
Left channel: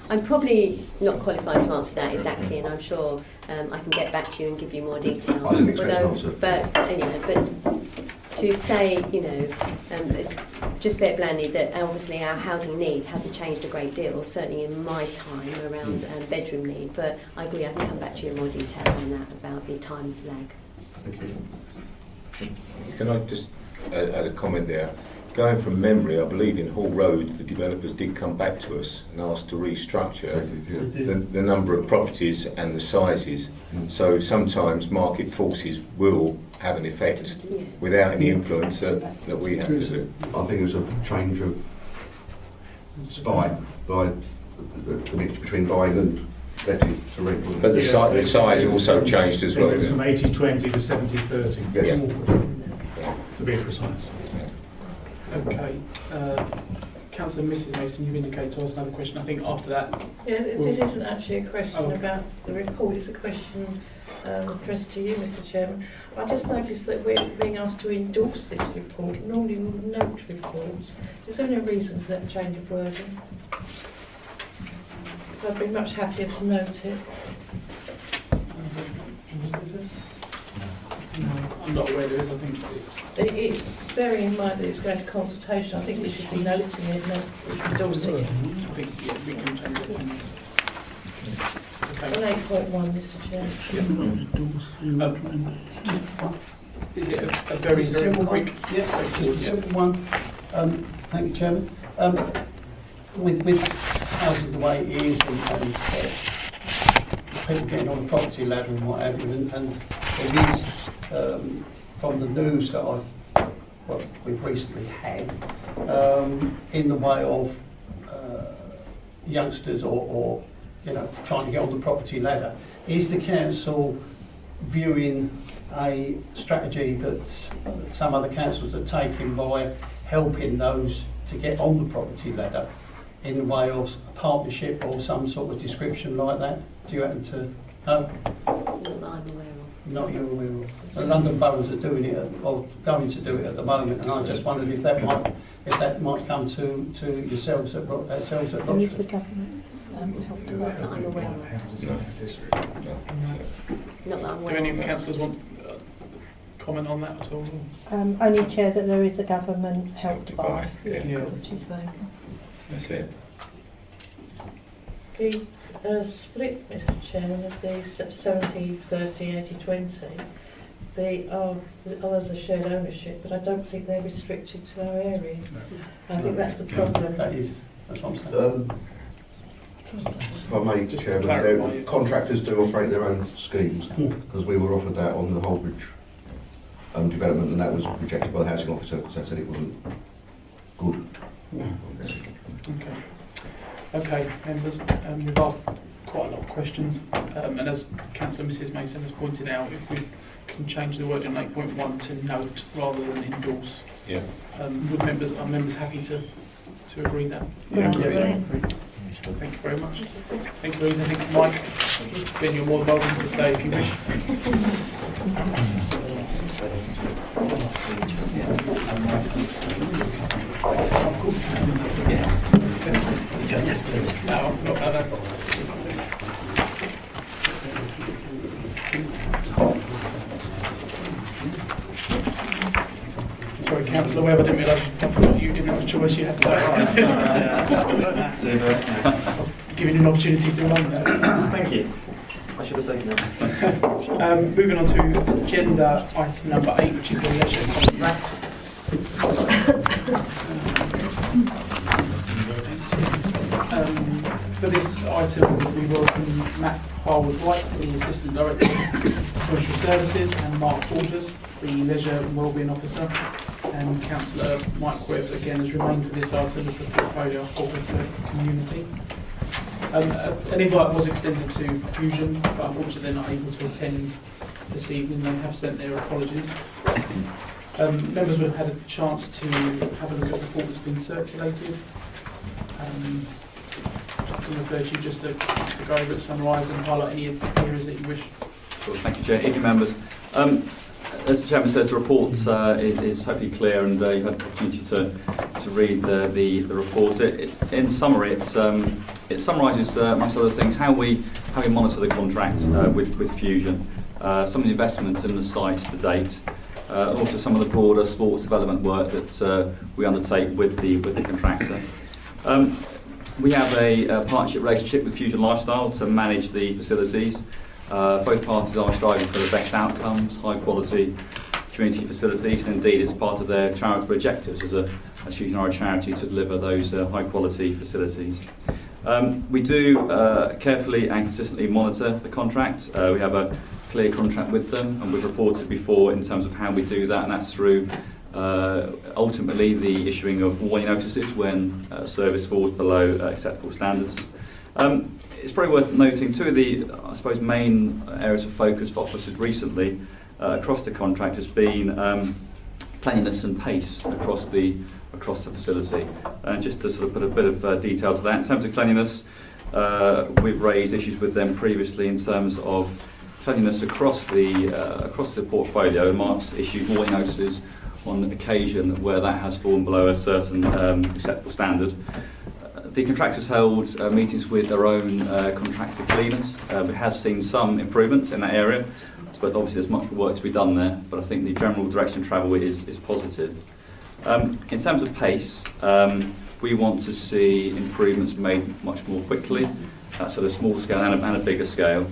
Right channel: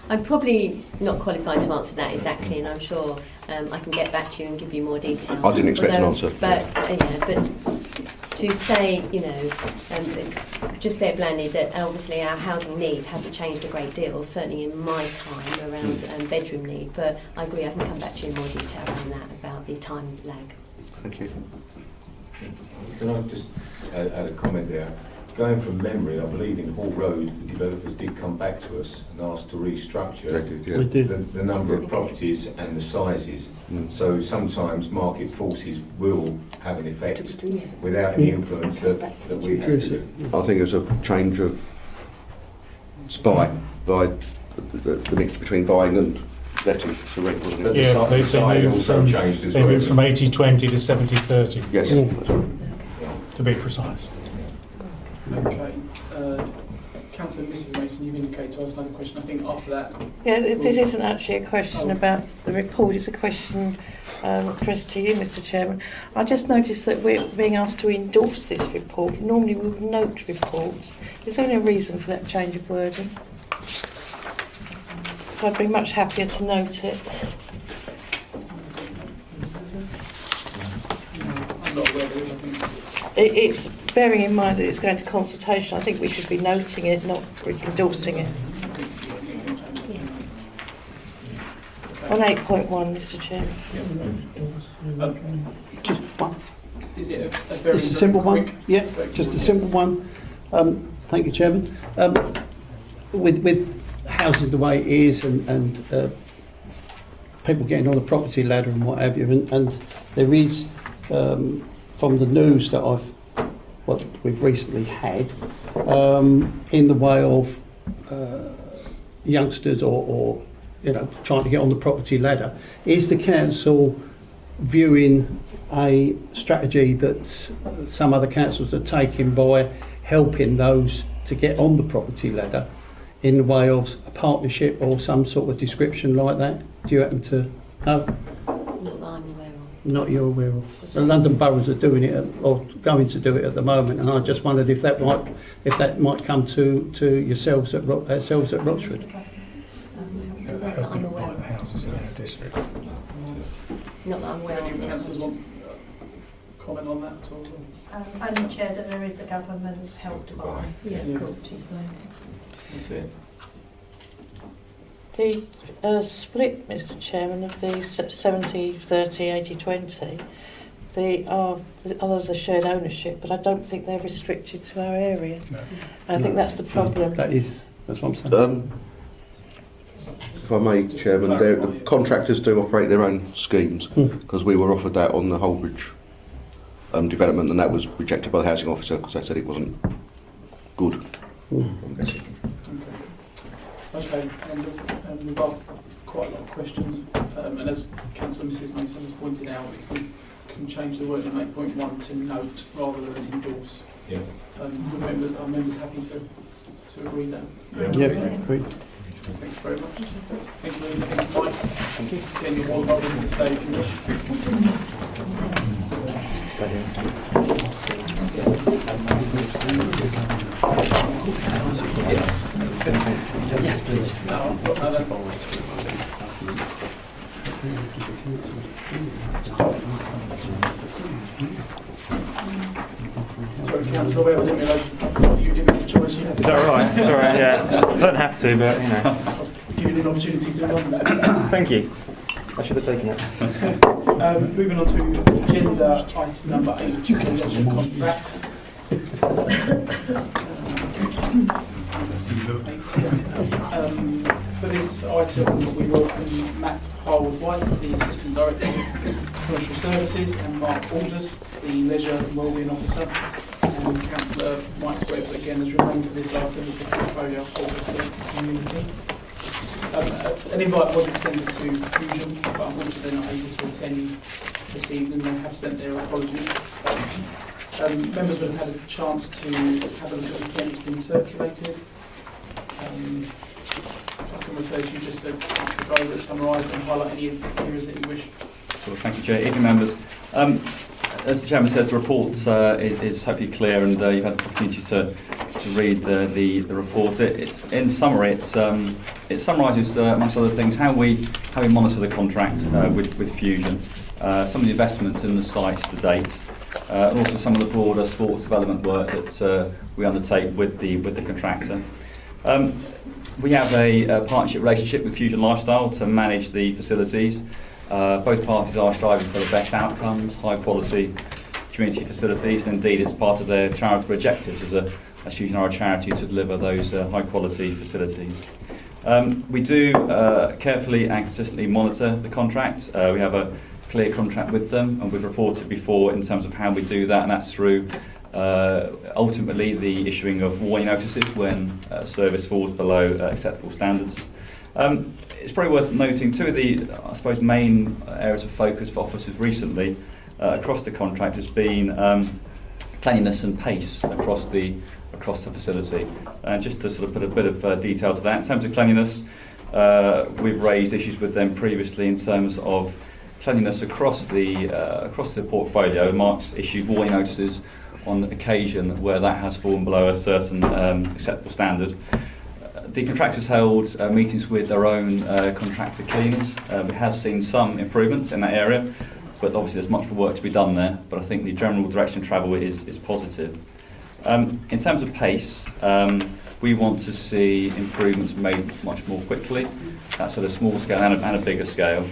I'm probably not qualified to answer that exactly, and I'm sure I can get back to you and give you more detail. I didn't expect an answer. But to say, just a bit blandly, that obviously our housing need hasn't changed a great deal, certainly in my time around bedroom need. But I agree, I can come back to you in more detail on that about the time of lag. Thank you. Can I just add a comment there? Going from memory, I believe in Hall Road, the developers did come back to us and asked to restructure the number of properties and the sizes. So sometimes market forces will have an effect without any influence that we have to do. I think it was a change of by the mix between buying and letting to rent. But the size also changed as well. They moved from 80-20 to 70-30. Yes. To be precise. Okay. Councillor Mrs Mason, you've indicated to us another question. I think after that... Yeah, this isn't actually a question about the report, it's a question addressed to you, Mr Chairman. I just noticed that we're being asked to endorse this report. Normally we would note reports. Is there any reason for that change of wording? I'd be much happier to note it. I'm not aware there is, I think. It's bearing in mind that it's going to consultation. I think we should be noting it, not endorsing it. On 8.1, Mr Chairman. Is it a very simple one? quick... Yeah, just a simple one. Thank you, Chairman. With housing the way it is and people getting on the property ladder and what have you, and there is, from the news that we've recently had, in the way of youngsters or trying to get on the property ladder, is the council viewing a strategy that some other councils are taking by helping those to get on the property ladder in the way of a partnership or some sort of description like that? Do you happen to know? Not you're aware of. The London boroughs are doing it, or going to do it at the moment, and I just wondered if that might come to yourselves at Rochford. Do any of the councillors want comment on that at all? Only, Chair, that there is the government help to buy. That's it. The split, Mr Chairman, of the 70, 30, 80, 20, others are shared ownership, but I don't think they're restricted to our area. No. I think that's the problem. That's what I'm saying. If I may, Chairman, contractors do operate their own schemes, because we were offered that on the Holbridge development, and that was rejected by the housing officer because they said it wasn't good. Okay, and we've asked quite a lot of questions, and as Councillor Mrs Mason has pointed out, if we can change the word in 8.1 to note rather than endorse, are members happy to agree that? Agree. Thank you very much. Thank you, Louise. I think Mike, again, you're more than welcome to stay if you wish. Yes, please. No, not that. Webb, I didn't realise you didn't have a choice. You had to. Is that right? Sorry, yeah. I don't have to, but you know. I was giving you an opportunity to run that. Thank you. I should have taken it. Moving on to agenda item number 8, which is the leisure contract. For this item, we welcome Matt Harwood-White, the Assistant Director of Commercial Services, and Mark Alders, the Leisure and Wellbeing Officer, and Councillor Mike Webb, again, has remained for this item as the portfolio holder for the community. An invite was extended to Fusion, but unfortunately they're not able to attend this evening. They have sent their apologies. Members would have had a chance to have a look at the report that's been circulated. I can refer to you just to go over it, summarise and highlight any areas that you wish. Well, thank you, Chair. Evening, members. As the Chairman says, the report is hopefully clear, and you've had the opportunity to read the report. In summary, it summarises, amongst other things, how we monitor the contract with Fusion, some of the investments in the sites to date, and also some of the broader sports development work that we undertake with the contractor. We have a partnership relationship with Fusion Lifestyle to manage the facilities. Both parties are striving for the best outcomes, high quality community facilities, and indeed it's part of their charitable objectives as Fusion are a charity to deliver those high quality facilities. We do carefully and consistently monitor the contract. We have a clear contract with them, and we've reported before in terms of how we do that, and that's through ultimately the issuing of warning notices when service falls below acceptable standards. It's probably worth noting two of the, I suppose, main areas of focus for officers recently across the contract has been cleanliness and pace across the facility. Just to sort of put a bit of detail to that, in terms of cleanliness, we've raised issues with them previously in terms of cleanliness across the portfolio. Mark's issued warning notices on occasion where that has fallen below a certain acceptable standard. The contractors held meetings with their own contractor cleaners. We have seen some improvements in that area, but obviously there's much more work to be done there, but I think the general direction of travel is positive. In terms of pace, we want to see improvements made much more quickly. That's at a small scale and a bigger scale.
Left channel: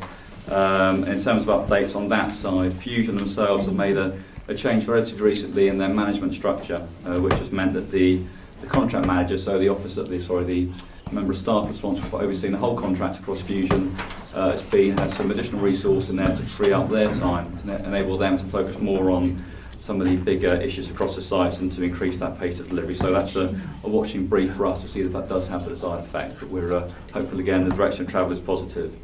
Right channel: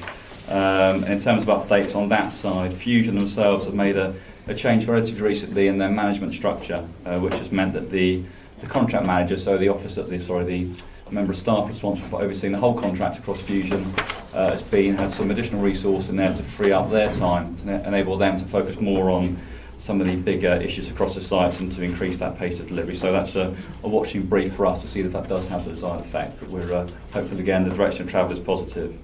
In terms of updates on that side, Fusion themselves have made a change relatively recently in their management structure, which has meant that the contract manager, so the member of staff responsible for overseeing the whole contract across Fusion, has had some additional resource in there to free up their time, to enable them to focus more on some of the bigger issues across the sites and to increase that pace of delivery. So that's a watching brief for us to see that that does have the desired effect, but we're hopeful again the direction of travel is positive.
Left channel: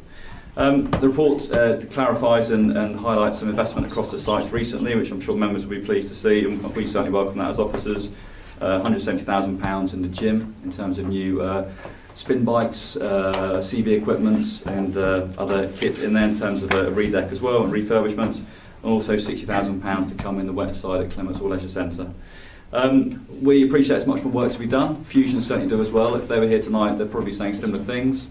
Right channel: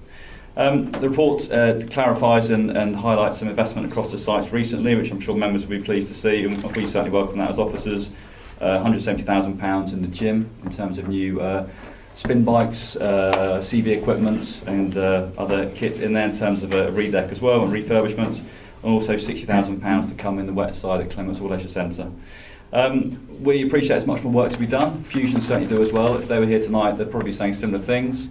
The report clarifies and highlights some investment across the sites recently, which I'm sure members will be pleased to see, and we certainly welcome that as officers. £170,000 in the gym in terms of new spin bikes, CV equipment and other kits in there in terms of a redeck as well and refurbishment, and also £60,000 to come in the wet side at Clements Hall Leisure Centre. We appreciate there's much more work to be done. Fusion certainly do as well. If they were here tonight, they're probably saying similar things.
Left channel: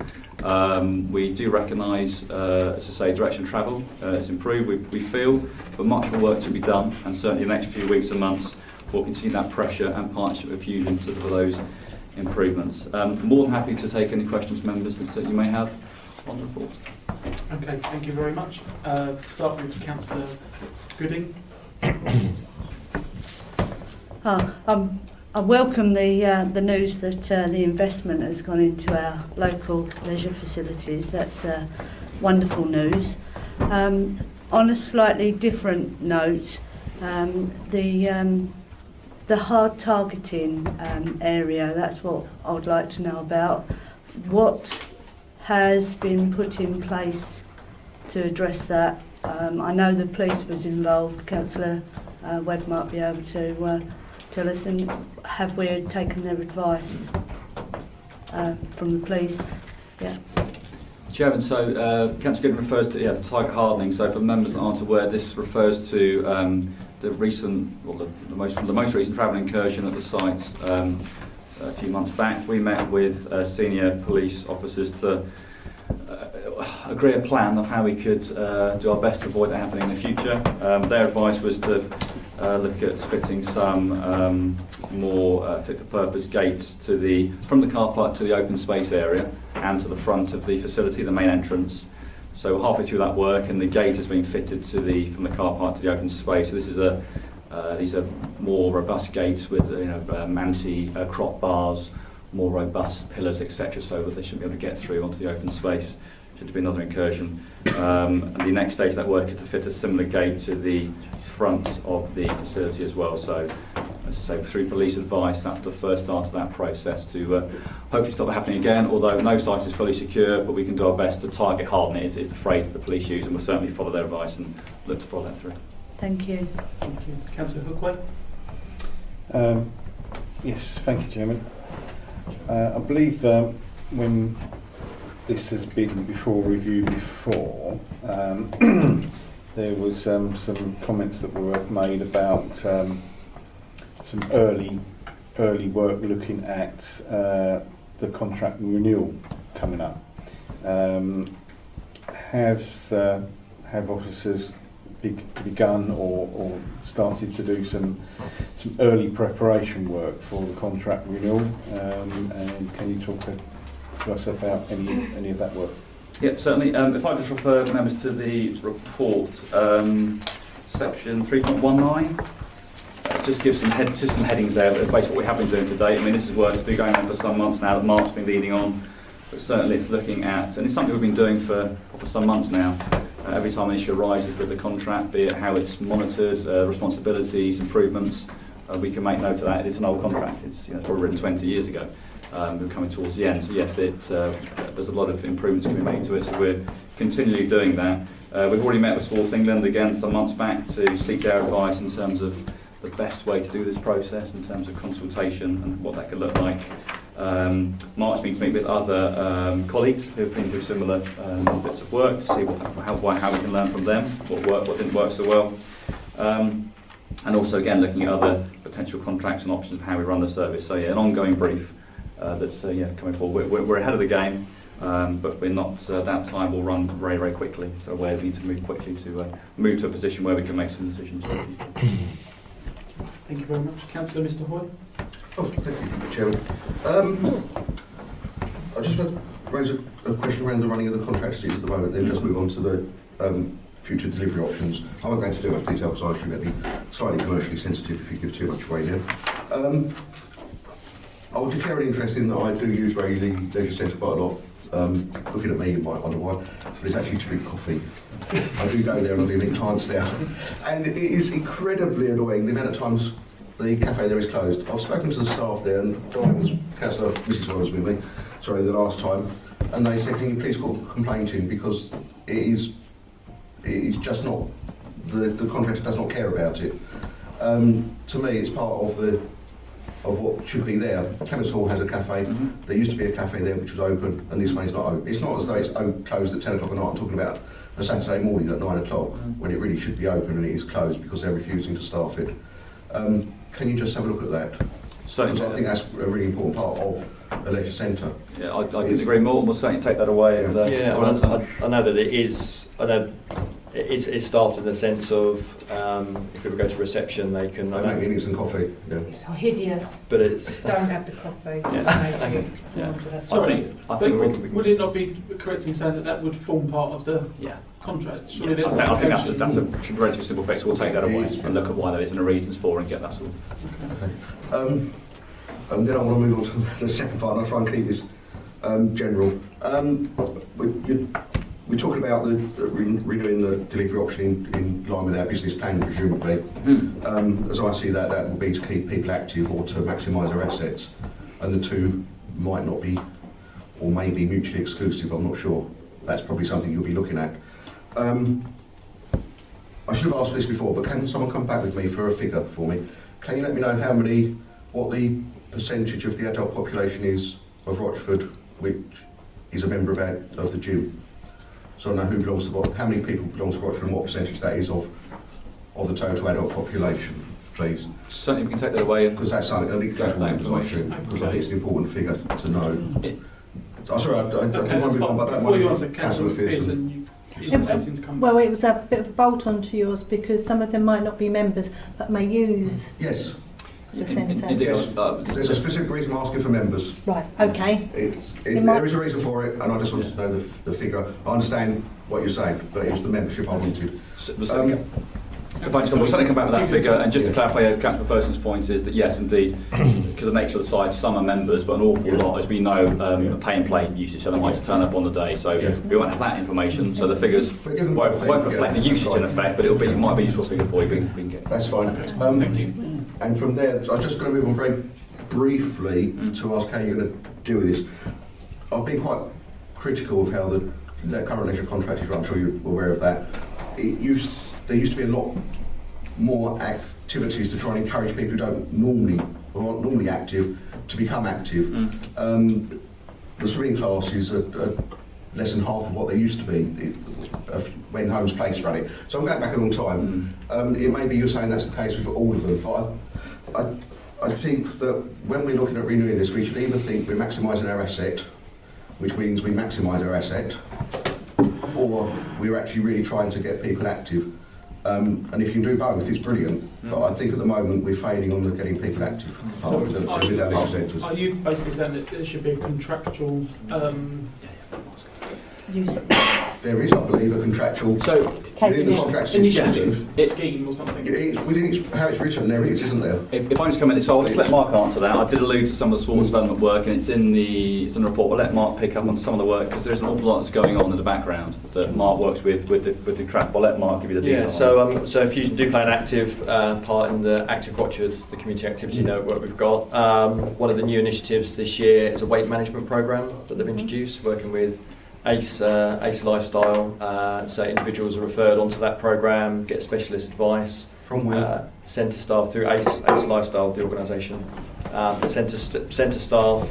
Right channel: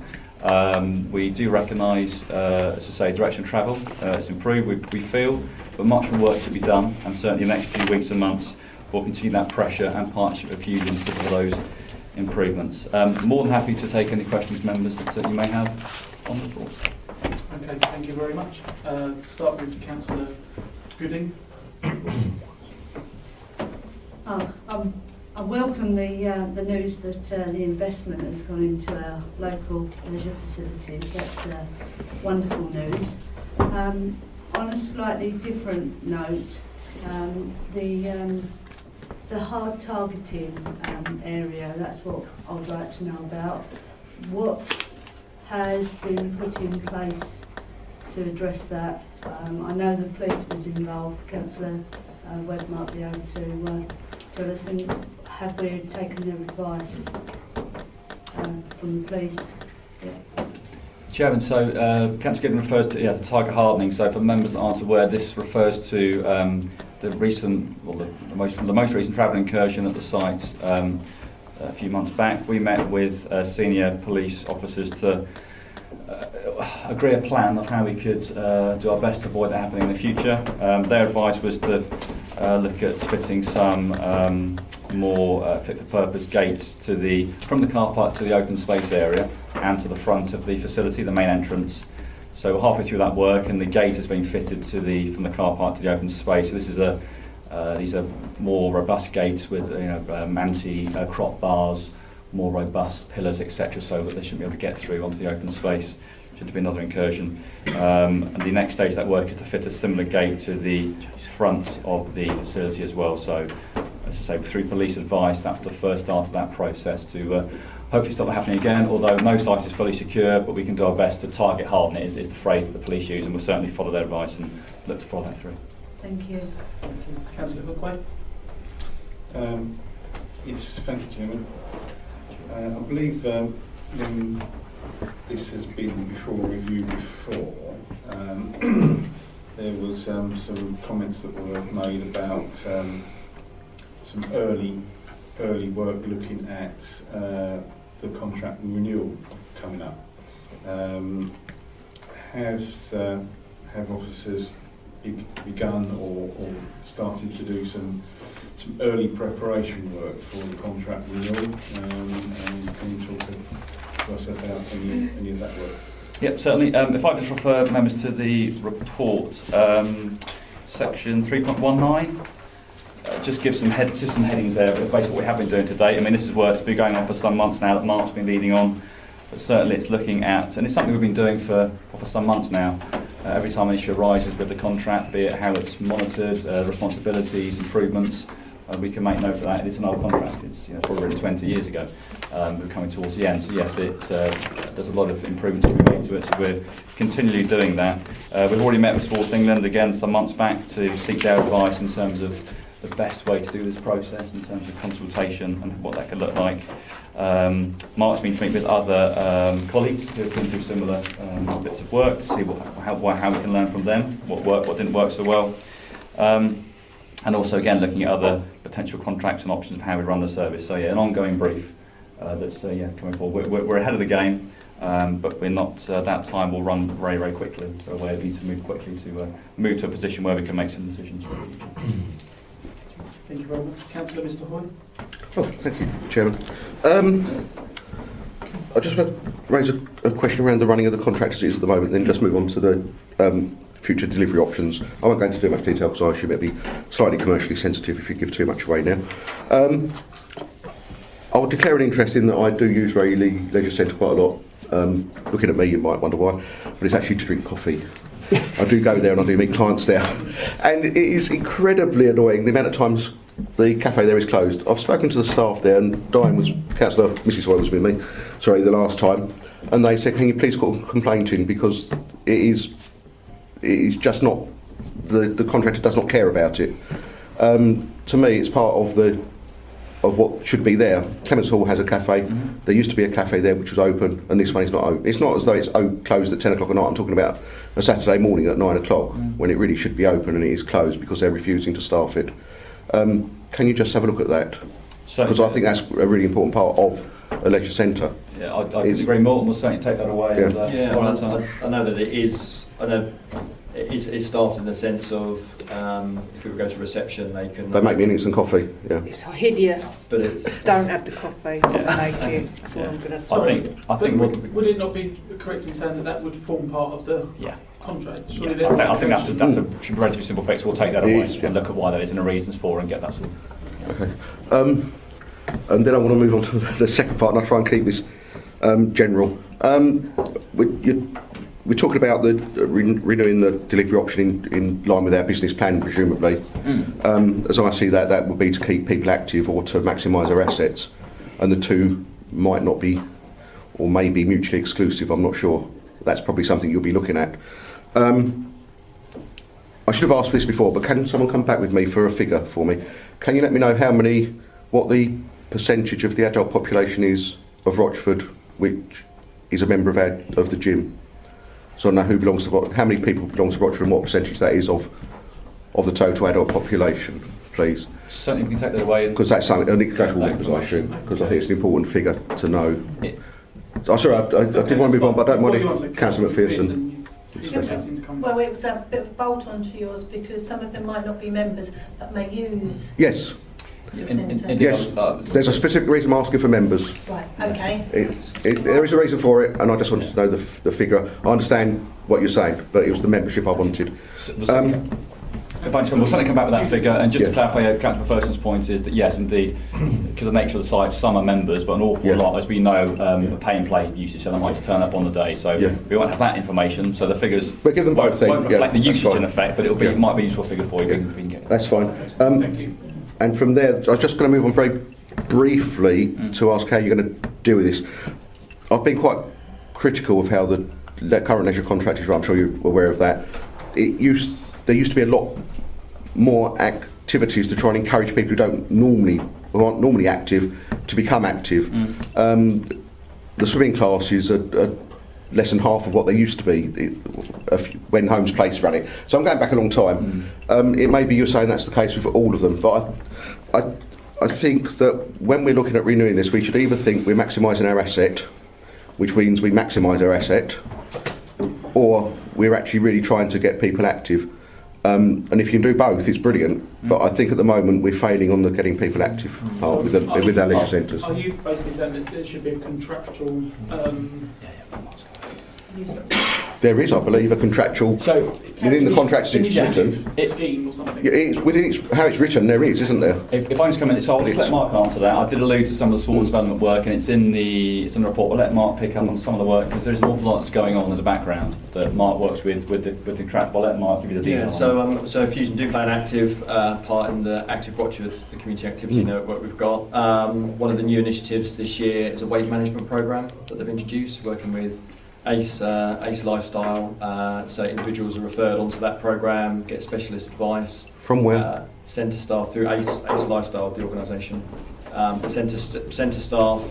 We do recognise, as I say, direction of travel. It's improved, we feel, but much more work to be done, and certainly in the next few weeks and months we'll continue that pressure and partnership with Fusion to deliver those improvements. More than happy to take any questions members that you may have on the report. Okay, thank you very much. Start with Councillor Gooding. I welcome the news that the investment has gone into our local leisure facilities. That's wonderful news. On a slightly different note, the hard targeting area, that's what I would like to know about. What has been put in place to address that? I know the police was involved. Councillor Webb might be able to tell us, and have we taken their advice from the police? Yeah. Chairman, so Councillor Gibbon refers to the target hardening. So for the members that aren't aware, this refers to the most recent travel incursion at the site a few months back. We met with senior police officers to agree a plan of how we could do our best to avoid that happening in the future. Their advice was to look at fitting some more fit-for-purpose gates from the car park to the open space area and to the front of the facility, the main entrance. So we're halfway through that work, and the gate has been fitted from the car park to the open space. So this is these are more robust gates with anti-crop bars, more robust pillars, etc., so that they shouldn't be able to get through onto the open space. Should be another incursion. And the next stage of that work is to fit a similar gate to the front of the facility as well. So, as I say, through police advice, that's the first start of that process to hopefully stop it happening again. Although no site is fully secure, but we can do our best to target harden it, is the phrase that the police use, and we'll certainly follow their advice and look to follow that through. Thank you. Thank you. Councillor Hookway? Yes, thank you, Chairman. I believe when this has been reviewed before, there was some comments that were made about some early work looking at the contract renewal coming up. Have officers begun or started to do some early preparation work for the contract renewal? And can you talk to us about any of that work? Yep, certainly. If I just refer members to the report, section 3.19, just give some headings there, but basically what we have been doing today. I mean, this is work that's been going on for some months now, that Mark's been leading on. But certainly it's looking at, and it's something we've been doing for some months now. Every time an issue arises with the contract, be it how it's monitored, responsibilities, improvements, we can make note of that. It's an old contract. It's already 20 years ago. We're coming towards the end. So yes, there's a lot of improvements to be made to it. So we're continually doing that. We've already met with Sport England again some months back to seek their advice in terms of the best way to do this process in terms of consultation and what that can look like. Mark's been to meet with other colleagues who have been through similar bits of work to see how we can learn from them, what worked, what didn't work so well. And also again looking at other potential contracts and options for how we run the service. So yeah, an ongoing brief that's coming forward. We're ahead of the game, but we're not. That time will run very, very quickly. So we need to move quickly to move to a position where we can make some decisions. Thank you very much. Councillor Mr. Hoy? Oh, thank you, Chairman. I just want to raise a question around the running of the contract as it is at the moment, then just move on to the future delivery options. I won't go into too much detail because I should be slightly commercially sensitive if you give too much away now. I would declare an interest in that I do use Rayleigh Leisure Centre quite a lot. Looking at me, you might wonder why, but it's actually to drink coffee. I do go there and I do meet clients there. And it is incredibly annoying the amount of times the cafe there is closed. I've spoken to the staff there, and Councillor Mrs. Hoy was with me, sorry, the last time, and they said, can you please put a complaint in because it is just not, the contractor does not care about it. To me, it's part of what should be there. Clements Hall has a cafe. Mm-hmm. There used to be a cafe there which was open, and this one is not open. It's not as though it's closed at 10 o'clock at night. I'm talking about a Saturday morning at 9 o'clock when it really should be open, and it is closed because they're refusing to staff it. Can you just have a look at that? Because I think that's a really important part of a leisure centre. Yeah, I could agree more, and we'll certainly take that away. Yeah, I know that it is. I know it's staffed in the sense of if people go to reception, they make me instant coffee. Yeah. It's hideous. But it's don't have the coffee. I think would it not be correct in saying that would form part of the contract? Surely I think that's a should be relatively simple fix. We'll take that away and look at why that is and the reasons for, and get that sorted. Okay. And then I want to move on to the second part, and I'll try and keep this general. We're talking about the renewing the delivery option in line with our business plan, presumably. As I see that would be to keep people active or to maximise their assets, and the two might not be, or may be mutually exclusive. I'm not sure. That's probably something you'll be looking at. I should have asked for this before, but can someone come back with me for a figure for me? Can you let me know what the percentage of the adult population is of Rochford which is a member of the gym? So I know who belongs to how many people belong to Rochford and what percentage that is of the total adult population, please. Certainly we can take that away. Because that's something, I think that's all members, I assume, because I think it's an important figure to know. Sorry, I didn't want to move on, but I don't mind if Councillor McPherson invitation to come? Well, it was a bit of a bolt on to yours because some of them might not be members but may use Yes. the centre. Yes. There's a specific reason I'm asking for members. Right, okay. There is a reason for it, and I just wanted to know the figure. I understand what you're saying, but it was the membership I wanted. If I just we'll certainly come back with that figure, and just to clarify, Councillor Ferguson's point is that yes, indeed, because of the nature of the site, some are members, but an awful lot, as we know, are pay and play usage, so they might just turn up on the day. So we won't have that information. So the figures but give them both won't reflect the usage in effect, but it might be a useful figure for you. That's fine. Okay. Thank you. And from there, I was just going to move on very briefly to ask how you're going to deal with this. I've been quite critical of how the current leisure contract is run. I'm sure you're aware of that. There used to be a lot more activities to try and encourage people who aren't normally active to become active. The swimming classes are less than half of what they used to be when Holmes Place ran it. So I'm going back a long time. It may be you're saying that's the case with all of them, but I think that when we're looking at renewing this, we should either think we're maximising our asset, which means we maximise our asset, or we're actually really trying to get people active. And if you can do both, it's brilliant. But I think at the moment we're failing on the getting people active with our leisure centres. Are you basically saying that there should be a contractual? There is, I believe, a contractual within the contract system. Scheme or something. It's within how it's written. There is, isn't there? If I just come in, so I'll just let Mark answer that. I did allude to some of the sports development work, and it's in the report. We'll let Mark pick up on some of the work because there's an awful lot that's going on in the background that Mark works with the track. I'll let Mark give you the details. So Fusion do play an active part in the Active Watcher, the community activity network we've got. One of the new initiatives this year is a weight management program that they've introduced, working with ACE Lifestyle. So individuals are referred onto that program, get specialist advice. From where? Centre staff through ACE Lifestyle, the organisation. The centre staff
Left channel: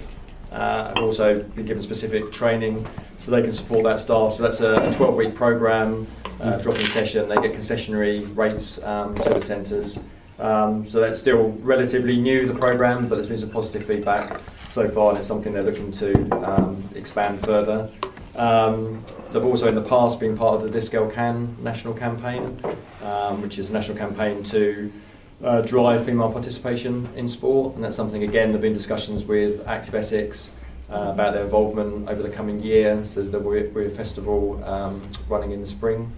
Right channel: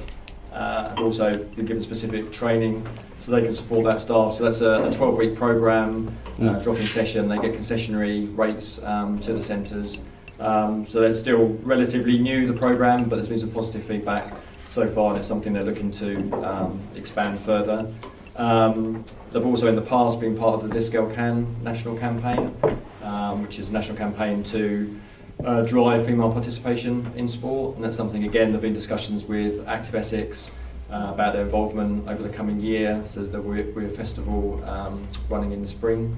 have also been given specific training so they can support that staff. So that's a 12-week programme, drop-in session. They get concessionary rates to the centres. So that's still relatively new, the programme, but there's been some positive feedback so far, and it's something they're looking to expand further. They've also in the past been part of the This Girl Can national campaign, which is a national campaign to drive female participation in sport, and that's something again there've been discussions with Active Essex about their involvement over the coming year. So there's a festival running in the spring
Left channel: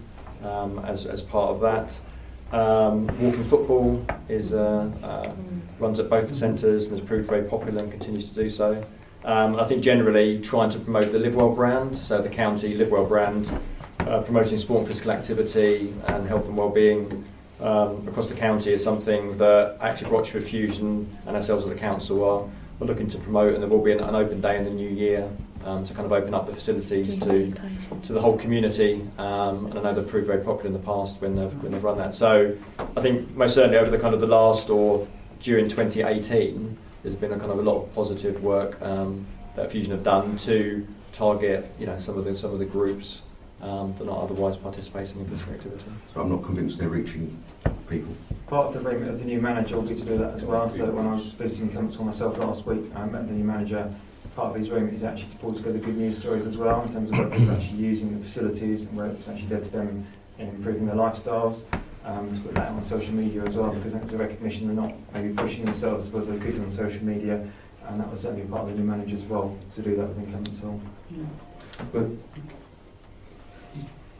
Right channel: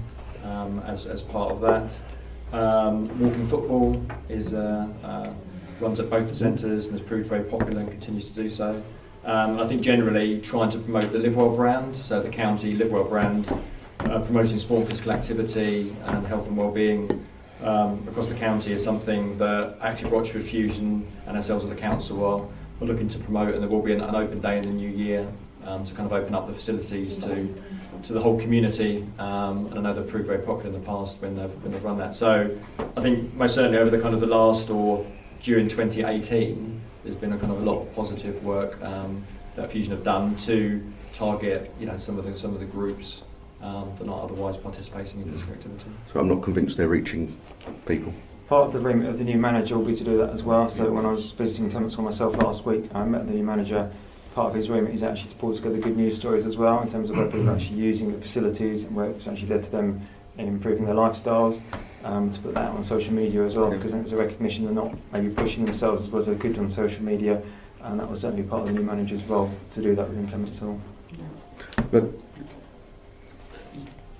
as part of that. Walking football runs at both the centres and has proved very popular and continues to do so. I think generally trying to promote the Live Well brand, so the county Live Well brand, promoting sport and physical activity and health and wellbeing across the county is something that Active Watch with Fusion and ourselves at the council are looking to promote, and there will be an open day in the new year to kind of open up the facilities to the whole community, and I know they've proved very popular in the past when they've run that. So I think most certainly over the kind of the last or during 2018 there's been a kind of a lot of positive work that Fusion have done to target some of the groups that are not otherwise participating in physical activity. So I'm not convinced they're reaching people. Part of the remit of the new manager will be to do that as well. So when I was visiting Clements Hall myself last week, I met the new manager. Part of his remit is actually to pull together good news stories as well in terms of where people are actually using the facilities and where it's actually led to them in improving their lifestyles. To put that on social media as well, because I think there's a recognition they're not maybe pushing themselves as well as they're good on social media, and that was certainly part of the new manager's role to do that within Clements Hall. But,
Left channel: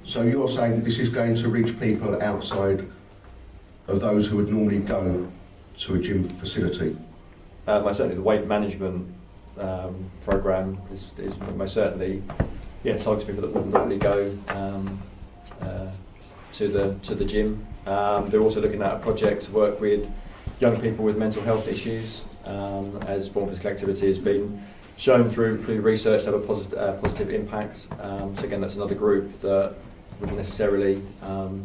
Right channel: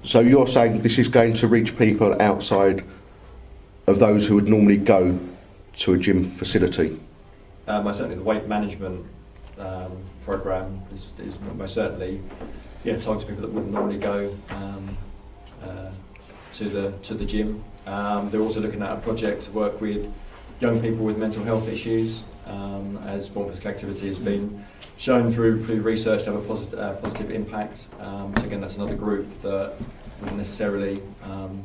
so you're saying this is going to reach people outside of those who would normally go to a gym facility? Certainly the weight management programme is most certainly targeted people that wouldn't normally go to the gym. They're also looking at a project to work with young people with mental health issues, as sport and physical activity has been shown through research to have a positive impact. So again, that's another group that wouldn't necessarily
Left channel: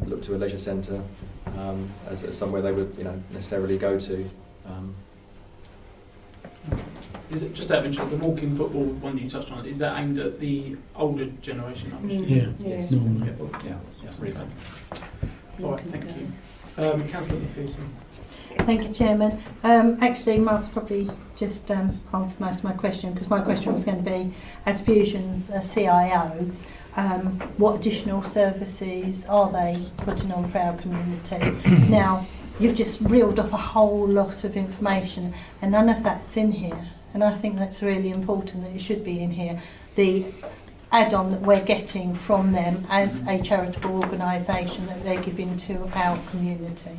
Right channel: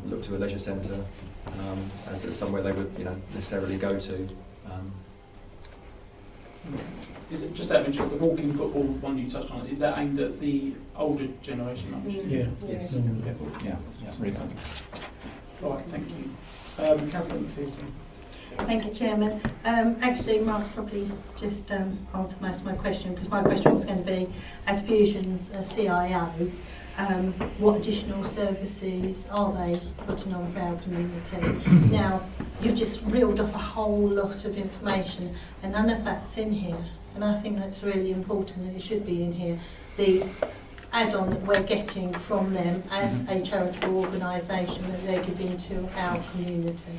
look to a leisure centre as somewhere they would necessarily go to. Is it just out of interest, the walking football one you touched on, is that aimed at the older generation? Yes. All right, thank you. Councillor McPherson. Thank you, Chairman. Actually, Mark's probably just answered most of my question, because my question was going to be, as Fusion's CIO, what additional services are they putting on for our community. Now, you've just reeled off a whole lot of information and none of that's in here, and I think that's really important that it should be in here. The add-on that we're getting from them as a charitable organisation that they're giving to our community.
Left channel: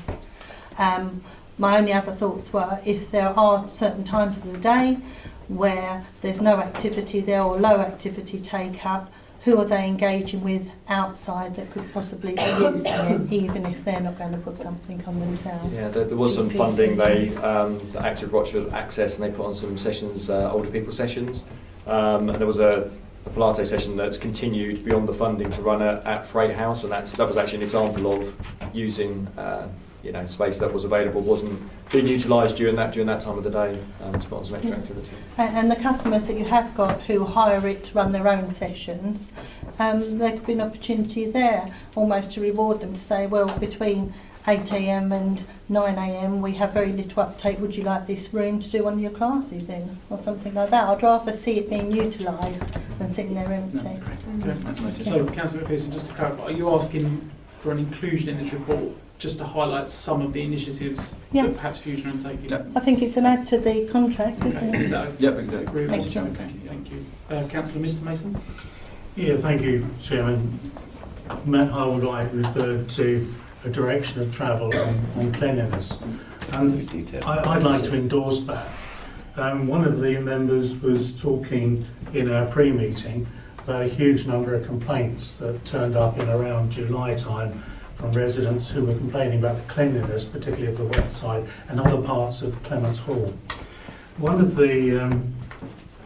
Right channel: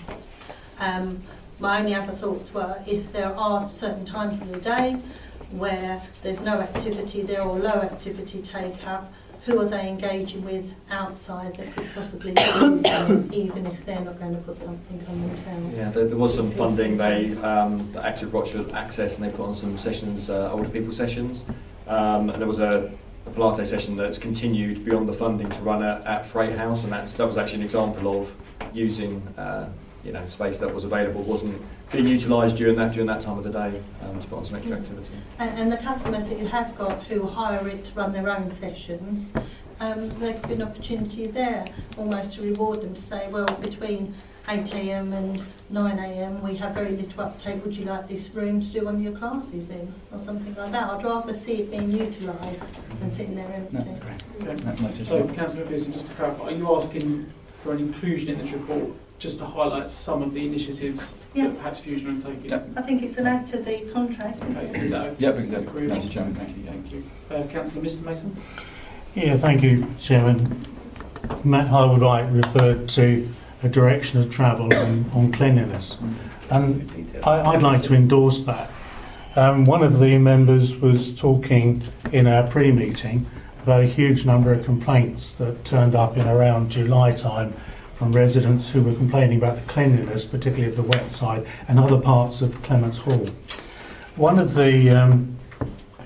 My only other thoughts were, if there are certain times of the day where there's no activity there or low activity take up, who are they engaging with outside that could possibly be using it, even if they're not going to put something on themselves? Yeah, there was some funding. They the Active Rochford Access, and they put on some sessions, older people sessions. And there was a Pilates session that's continued beyond the funding to run at Freight House, and that was actually an example of using space that was available, wasn't being utilised during that time of the day to put on some extra activity. And the customers that you have got who hire it to run their own sessions, there could be an opportunity there almost to reward them, to say, well, between 8 a.m. and 9 a.m. we have very little uptake, would you like this room to do one of your classes in, or something like that. I'd rather see it being utilised than sitting there empty. So, Councillor McPherson, just to clarify, are you asking for an inclusion in this report just to highlight some of the initiatives that perhaps Fusion are undertaking? I think it's an add to the contract, isn't it? Is that okay? Yeah, we can do it. Agree with Thank you, you, Chairman. Thank you. Councillor Mr Mason? Yeah, thank you, Chairman. Matt Harwood-White referred to a direction of travel on cleanliness, and I'd like to endorse that. One of the members was talking in our pre-meeting about a huge number of complaints that turned up in around July time from residents who were complaining about the cleanliness, particularly of the wet side and other parts of Clements Hall. One of the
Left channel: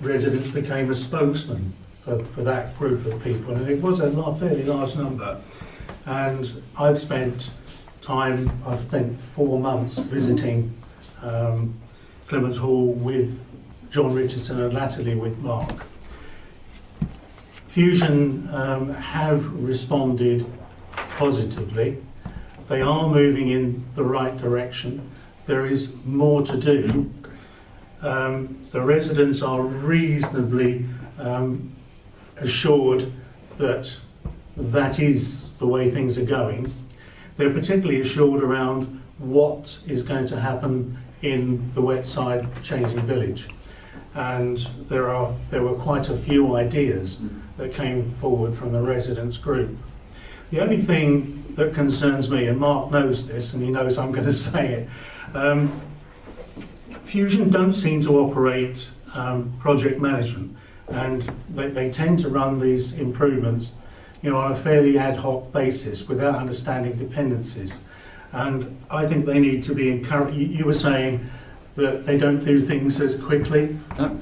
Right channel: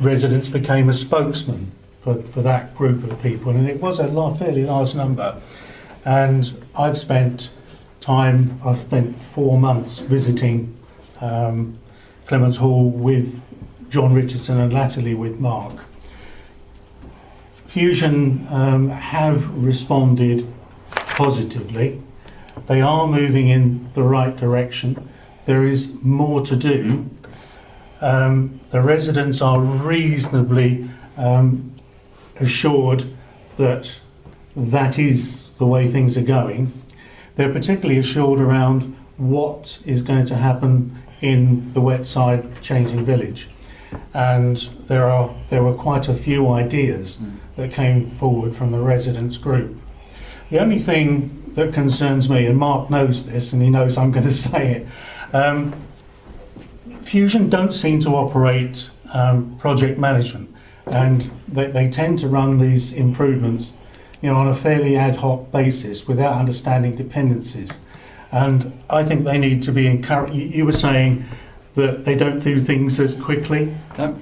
residents became a spokesman for that group of people, and it was a fairly large number. And I've spent 4 months visiting Clements Hall with John Richardson and latterly with Mark. Fusion have responded positively. They are moving in the right direction. There is more to do. The residents are reasonably assured that that is the way things are going. They're particularly assured around what is going to happen in the Wetside Changing Village. And there were quite a few ideas that came forward from the residents group. The only thing that concerns me, and Mark knows this and he knows I'm going to say it, Fusion don't seem to operate project management, and they tend to run these improvements on a fairly ad hoc basis without understanding dependencies. And I think they need to be encouraged. You were saying that they don't do things as quickly.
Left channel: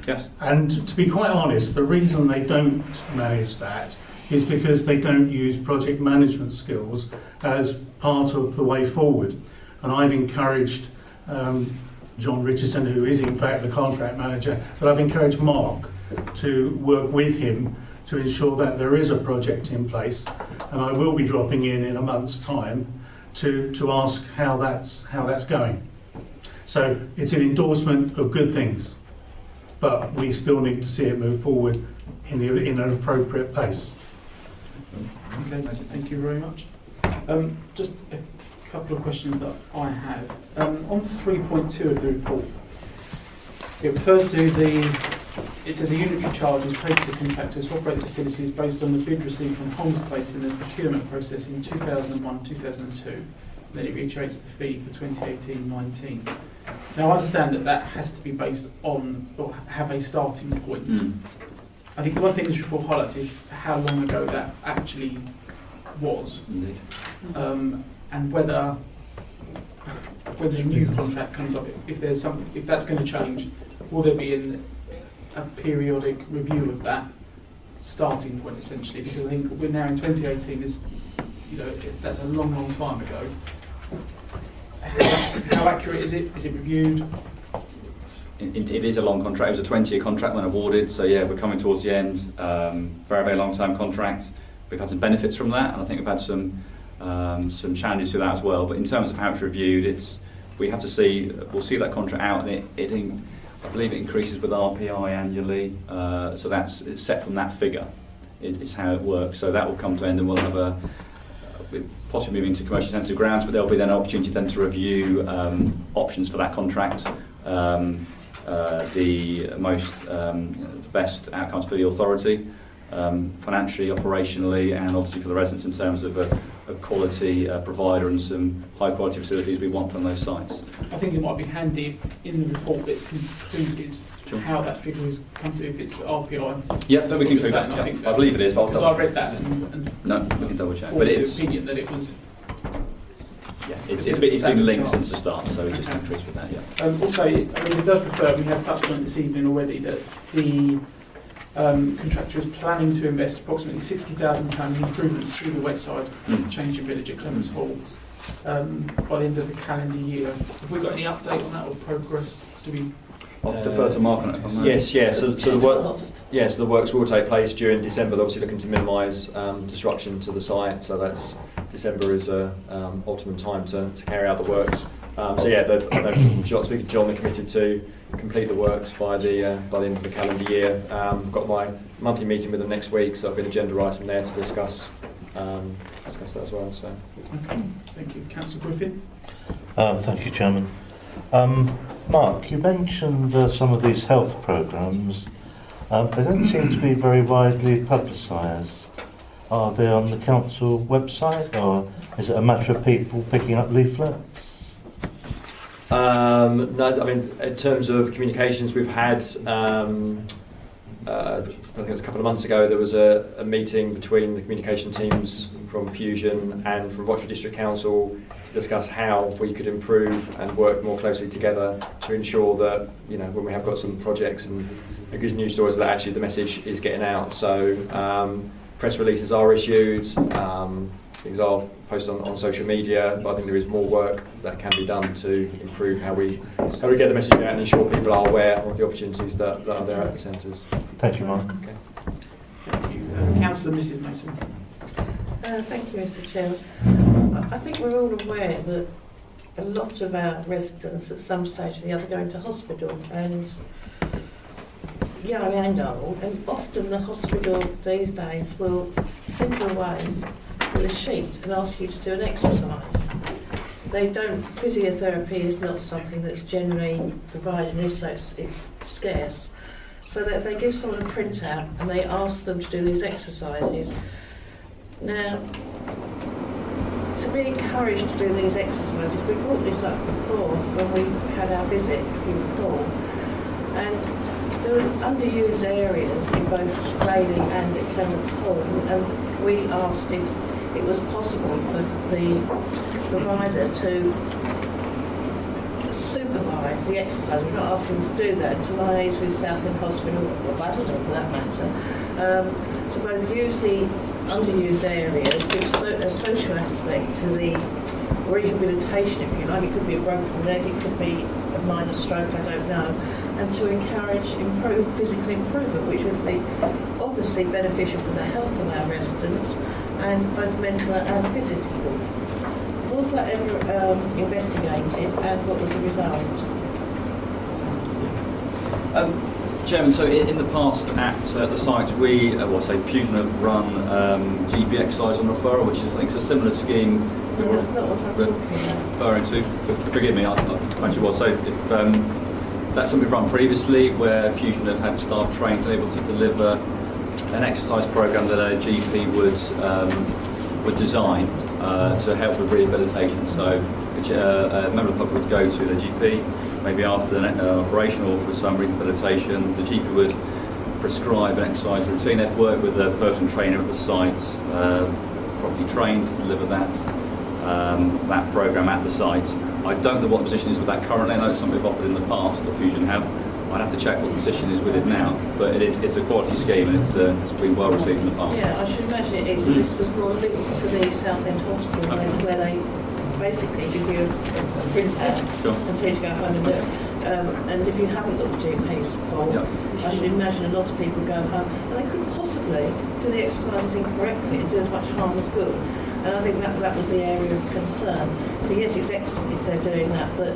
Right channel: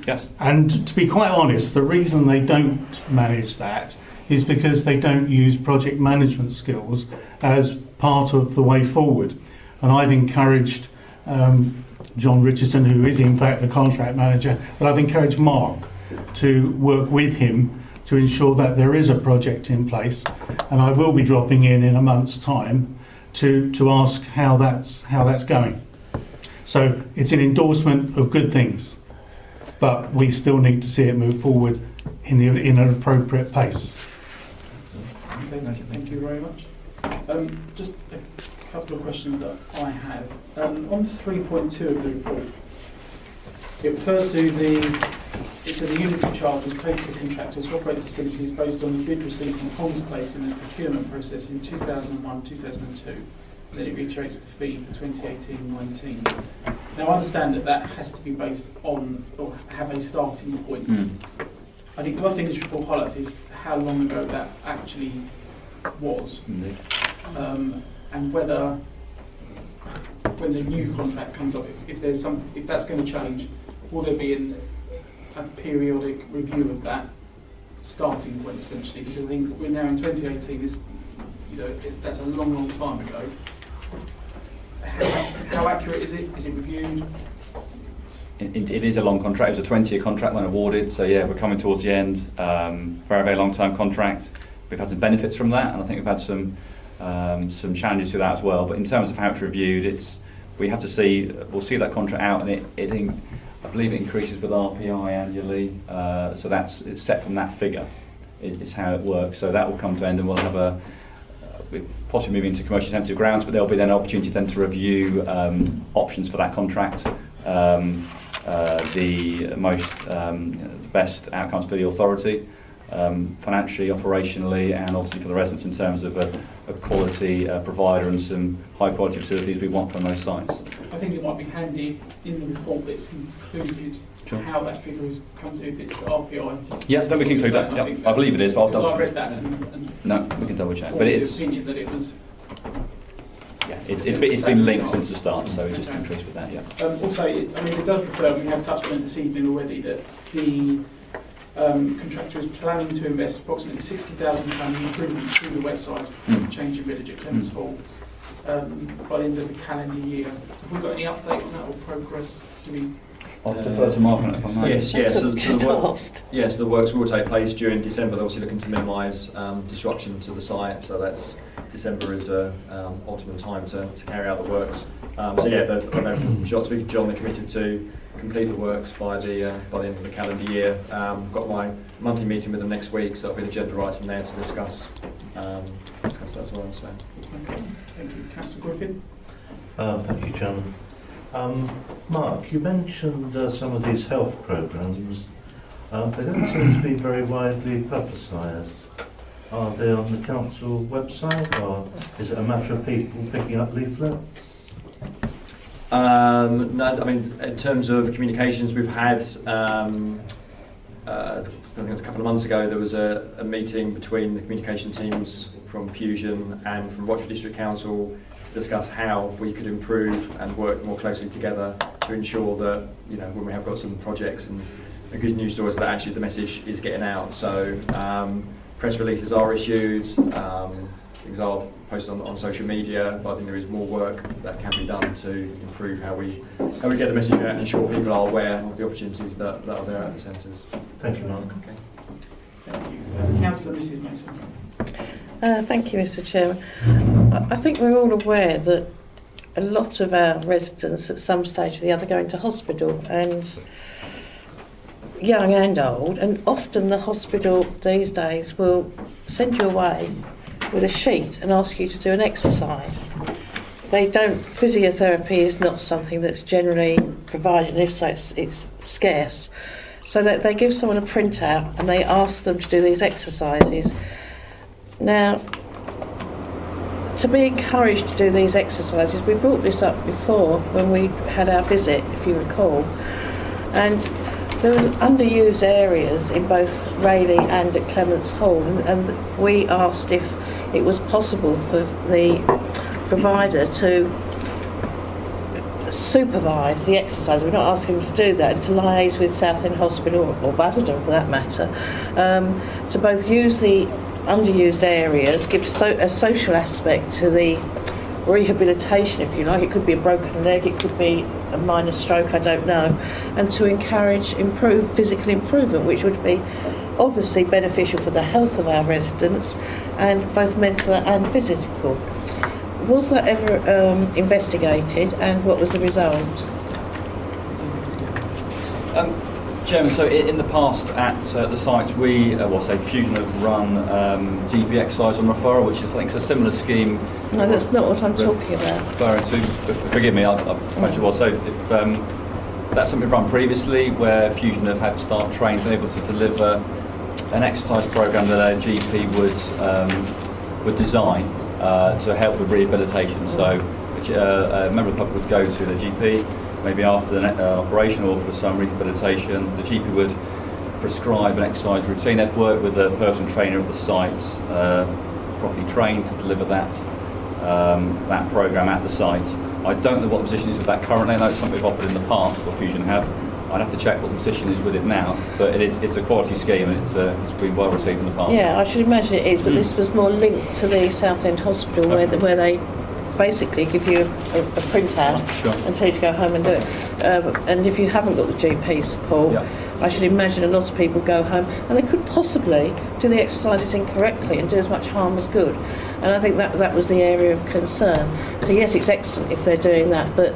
Yes. And to be quite honest, the reason they don't manage that is because they don't use project management skills as part of the way forward. And I've encouraged John Richardson, who is in fact the contract manager, but I've encouraged Mark to work with him to ensure that there is a project in place. And I will be dropping in a month's time to ask how that's going. So it's an endorsement of good things, but we still need to see it move forward in an appropriate pace. Okay, thank you very much. Just a couple of questions that I have. On 3.2 of the report, it refers to it says a unitary charge is paid to the contractors to operate the facilities based on the bid received from Holmes Place in the procurement process in 2001-2002. Then it reiterates the fee for 2018-19. Now I understand that has to be based on, or have a starting point. I think the one thing this report highlights is how long ago that actually was. And whether when the new contract comes up, if that's going to change, will there be a periodic review of that starting point essentially? Because I think we're now in 2018. That's a long time ago. How accurate is it? Is it reviewed? It is a long contract. It was a 20-year contract when awarded, so yeah, we're coming towards the end. Very long-term contract. We've had some benefits from that, and I think we've had some challenges to that as well. But in terms of how it's reviewed, we'll see that contract out, and I believe it increases with RPI annually. So it's set from that figure. is how it works. So that will come to end, and we'll have we'll possibly move into commercially sensitive grounds, but there'll be then an opportunity then to review options for that contract, the best outcomes for the authority, financially, operationally, and obviously for the residents in terms of a quality provider and some high quality facilities we want from those sites. I think it might be handy if in the report it's included how that figure has come to, if it's RPI. Yeah, then we can include that. I believe it is, but because I read that and no, we can double check. But it's the opinion that it was. It's been linked since the start, so we're just interested with that. Yeah. Also, it does refer. We have touched on it this evening already that the contractor is planning to invest approximately £60,000 in improvements through the west side, change in village at Clements Hall, by the end of the calendar year. Have we got any update on that or progress? Do we? I'll defer to Mark on that. Yes, yeah. So the works will take place during December. They're obviously looking to minimise disruption to the site. So that's December is optimum time to carry out the works. John, they're committed to complete the works by the end of the calendar year. I've got my monthly meeting with them next week, so I've been agenda item there to discuss that as well. So. Okay. Thank you, Councillor Griffin. Thank you, Chairman. Mark, you mentioned some of these health programmes. They don't seem to be very widely publicised. Are they on the council website, or is it a matter of people picking up leaflets? No, I mean, in terms of communications, we've had, I think it was a couple of months ago, there was a meeting between the communication teams from Fusion and from Rochester District Council to discuss how we could improve and work more closely together to ensure that, you know, when we have got some projects and good news stories, that actually the message is getting out. So press releases are issued, things are posted on social media, but I think there is more work that can be done to improve how we get the message out and ensure people are aware of the opportunities that are there at the centres. Thank you, Mark. Okay. Thank you. Councillor Mrs Mason. Thank you, Mr. Chairman. I think we're all aware that a lot of our residents at some stage or the other go into hospital, and young and old, and often the hospital these days will send you away with a sheet and ask you to do an exercise. Physiotherapy is not something that's generally provided, and if so, it's scarce. So that they give someone a printout and they ask them to do these exercises. Now, to be encouraged to do these exercises, we brought this up before when we had our visit, if you recall, and there were underused areas in both Rayleigh and at Clements Hall, and we asked if it was possible for the provider to supervise the exercise. We're not asking them to do that, and to liaise with Southend Hospital, or Basildon for that matter, to both use the underused areas, give a social aspect to the rehabilitation, if you like. It could be a broken leg, it could be a minor stroke, I don't know, and to encourage physical improvement, which would be obviously beneficial for the health of our residents, and both mental and physical. Was that ever investigated, and what was the result? Chairman, so in the past at the sites, we, Fusion have run GP exercise on referral, which is, I think, a similar scheme. No, that's not what I'm talking about. Referring to, forgive me, I'll imagine what. So if that's something we've run previously, where Fusion have had staff trained able to deliver an exercise programme that a GP would design to help with rehabilitation. So a member of the public would go to the GP, maybe after an operation or for some rehabilitation. The GP would prescribe an exercise routine. They'd work with a personal trainer at the sites, properly trained to deliver that programme at the sites. I don't know what the position is with that currently. I know it's something we've offered in the past, or Fusion have. I'd have to check what the position is with it now, but it's a quality scheme, and it's been well received in the past. Yeah, I should imagine it is, but this was more linked to the Southend Hospital, where they basically give you a printout and tell you to go home and do it. And if you haven't got the GP support, I should imagine a lot of people go home and they could possibly do the exercises incorrectly and do as much harm as good. And I think that was the area of concern. So yes, it's excellent if they're doing that, but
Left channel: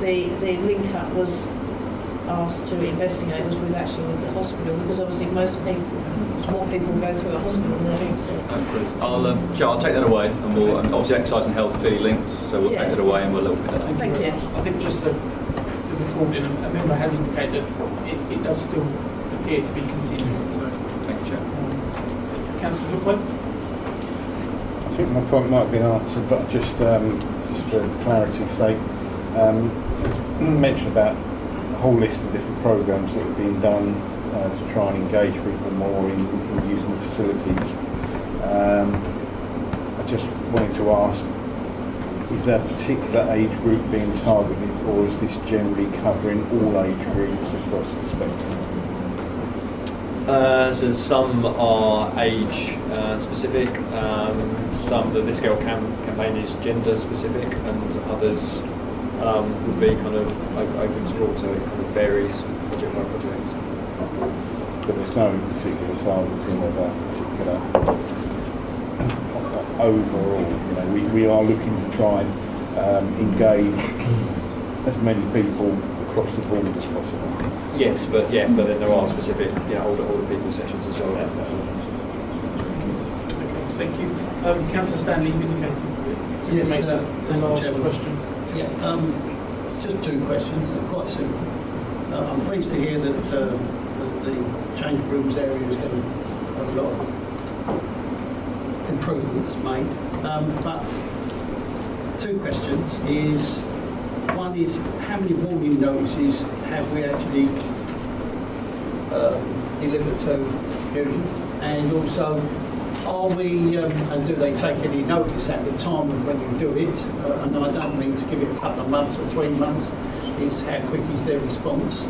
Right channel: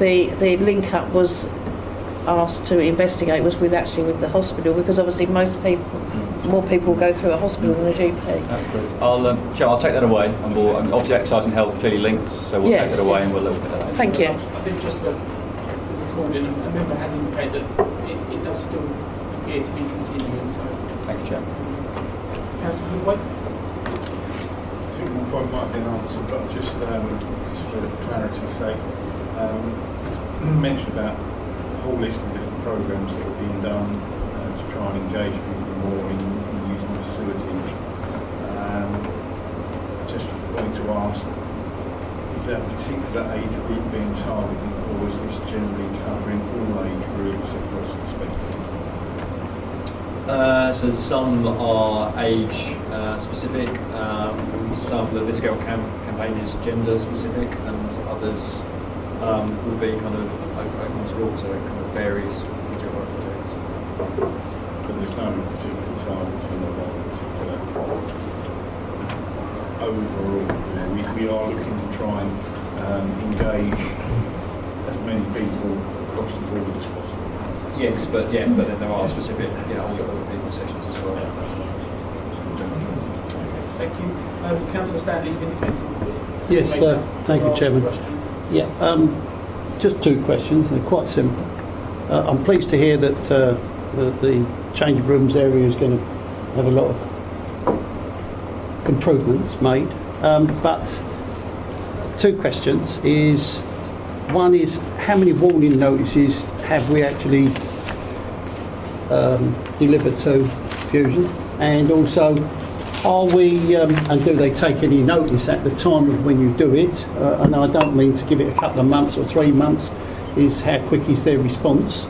the link up was asked to investigate was with the hospital, because obviously more people go through a hospital than a GP. I'll take that away. And obviously exercise and health are clearly linked, so we'll take it away and we'll look at it. Thank you. I think just for the recording, a member has indicated that it does still appear to be continuing. So thank you, Chair. Councillor Goodway? I think my point might have been answered, but just for clarity's sake, mention about a whole list of different programmes that are being done to try and engage people more in using facilities. I just wanted to ask, is there a particular age group being targeted, or is this generally covering all age groups across the spectrum? So some are age specific, the Scale campaign is gender specific, and others would be kind of open to all, so it kind of varies project by project. But there's no particular targeting of a particular overall. We are looking to try and engage as many people across the board as possible. Yes, but then there are specific, older people sessions as well. Thank you. Councillor Stanley, you indicated. Yes, thank you, Chairman. Yeah, just two questions, they're quite simple. I'm pleased to hear that the change of rooms area is going to have a lot of improvements made. But two questions is, one is how many warning notices have we actually delivered to Fusion, and also are we and do they take any notice at the time of when you do it? And I don't mean to give it a couple of months or 3 months, is how quick is their response?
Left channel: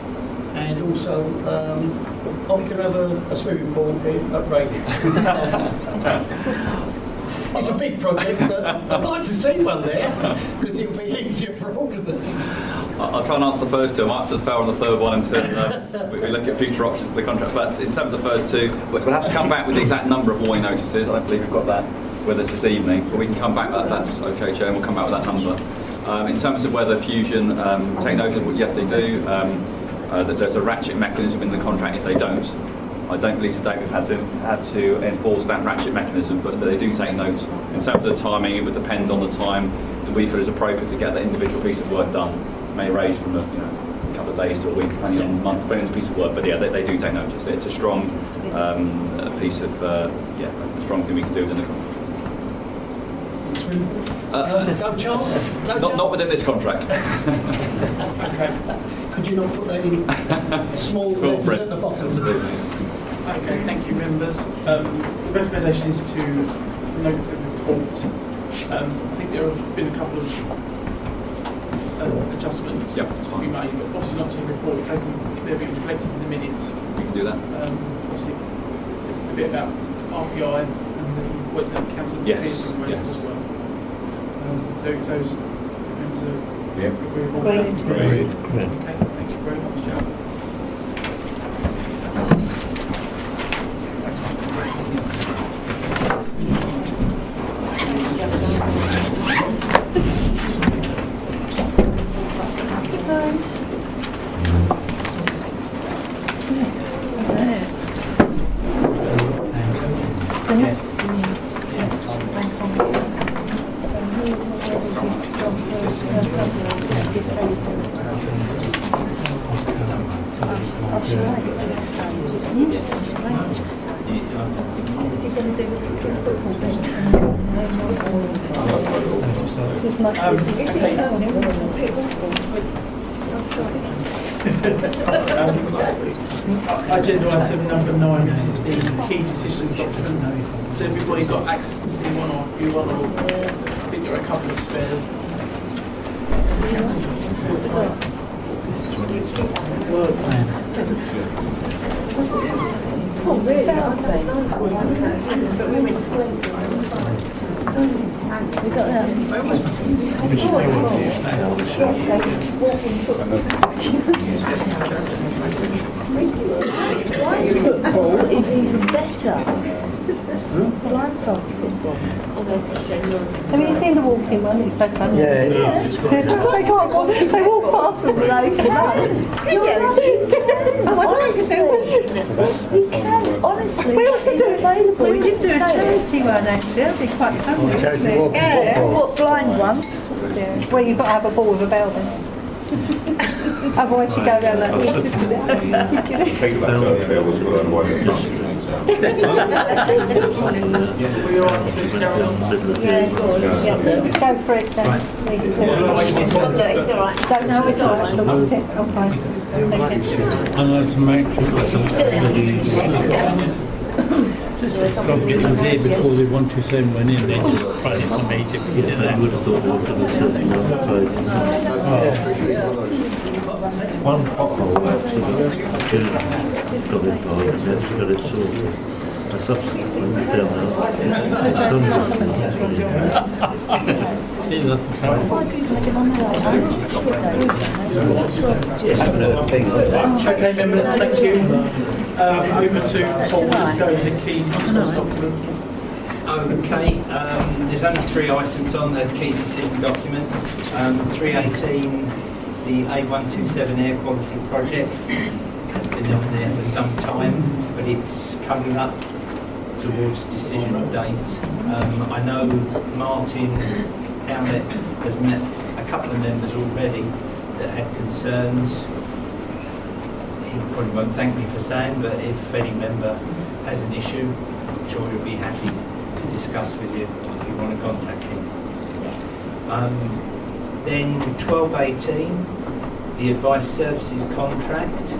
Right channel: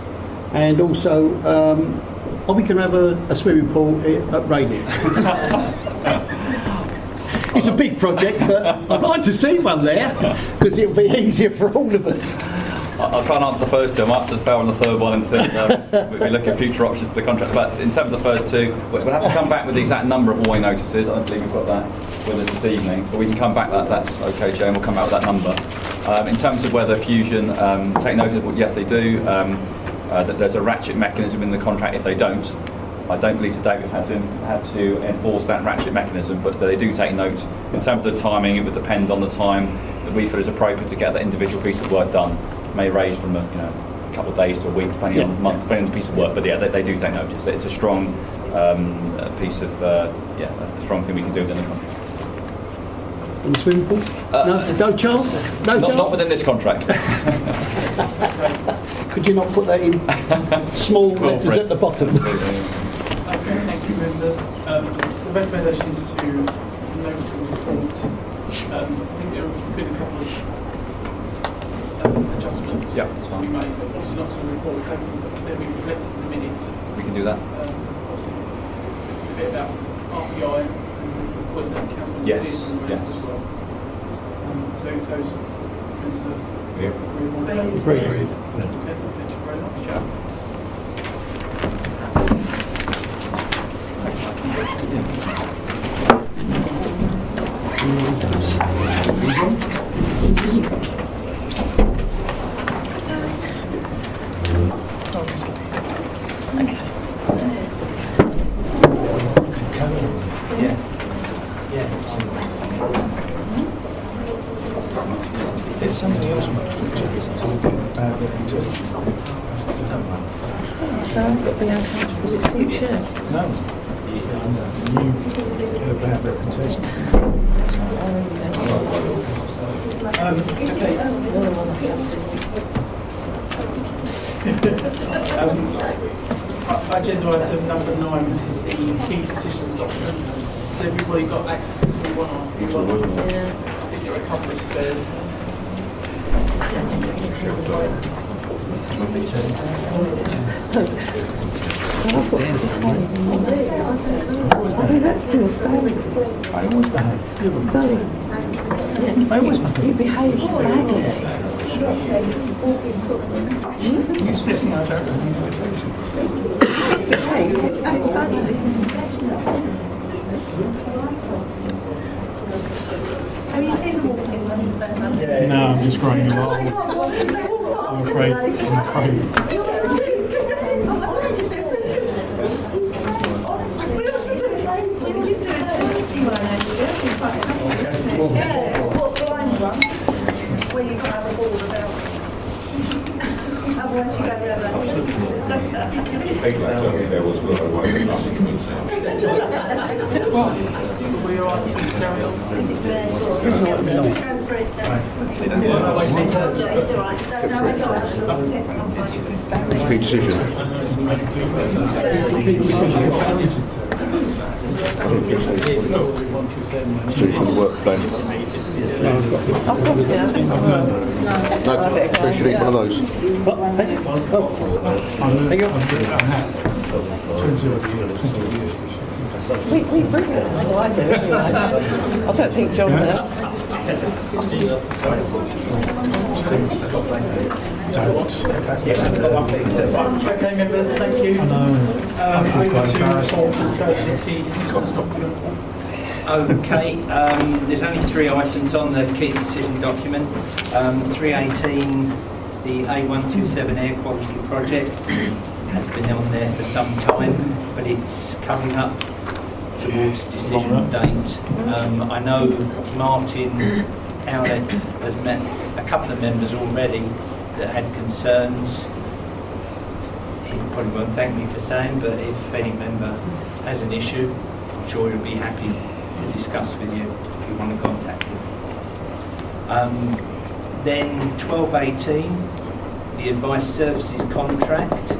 And also, are we going to have a swimming pool at Radiant? It's a big project, but I'd like to see one there, because it'll be easier for all of us. I'll try and answer the first two. I might just fail on the third one until we look at future options for the contract. But in terms of the first two, we'll have to come back with the exact number of warning notices. I don't believe we've got that with us this evening, but we can come back. That's okay, Chair, and we'll come back with that number. In terms of whether Fusion take notice, well, yes, they do. There's a ratchet mechanism in the contract if they don't. I don't believe to date we've had to enforce that ratchet mechanism, but they do take note. In terms of the timing, it would depend on the time that we feel is appropriate to get that individual piece of work done. It may range from a couple of days to a week, depending on the month, depending on the piece of work. But yeah, they do take notice. It's a strong piece of a strong thing we can do with it. In the swimming pool? No, Charles? Not within this contract. Could you not put that in small letters print at the bottom? Okay, thank you, members. The recommendation is to note the report. I think there have been a couple of adjustments to be made, but obviously not to the report. They'll be reflected in the minutes. We can do that. Obviously, a bit about RPI and what the council has proposed as well. So those agreeable. Brilliant. Okay, thank you very much, Chair. Agenda item number 9, which is the key decisions document. Has everybody got access to see one or view one? I think there are a couple of spares. Have you seen the walking one? It's so funny. Yeah, no, it's great. They walk faster than they can. one actually. That'd be quite fun. Yeah, what blind one? Yeah. Well, you've got to have a ball about them. Otherwise you go down like this. Think about that there was well, Go for it then. It's all right. Don't know it's all right. That's it. All they want to send when in I don't think John Okay, members, thank you. Moving to full disclosure key decision document. Okay, there's only 3 items on the key decision document. 318, the A127 air quality project has been on there for some time, but it's coming up towards decision date. I know Martin Howlett has met a couple of members already that had concerns. He probably won't thank me for saying, but if any member has an issue, I'm sure he'll be happy to discuss with you if you want to contact him. Then 1218, the advice services contract.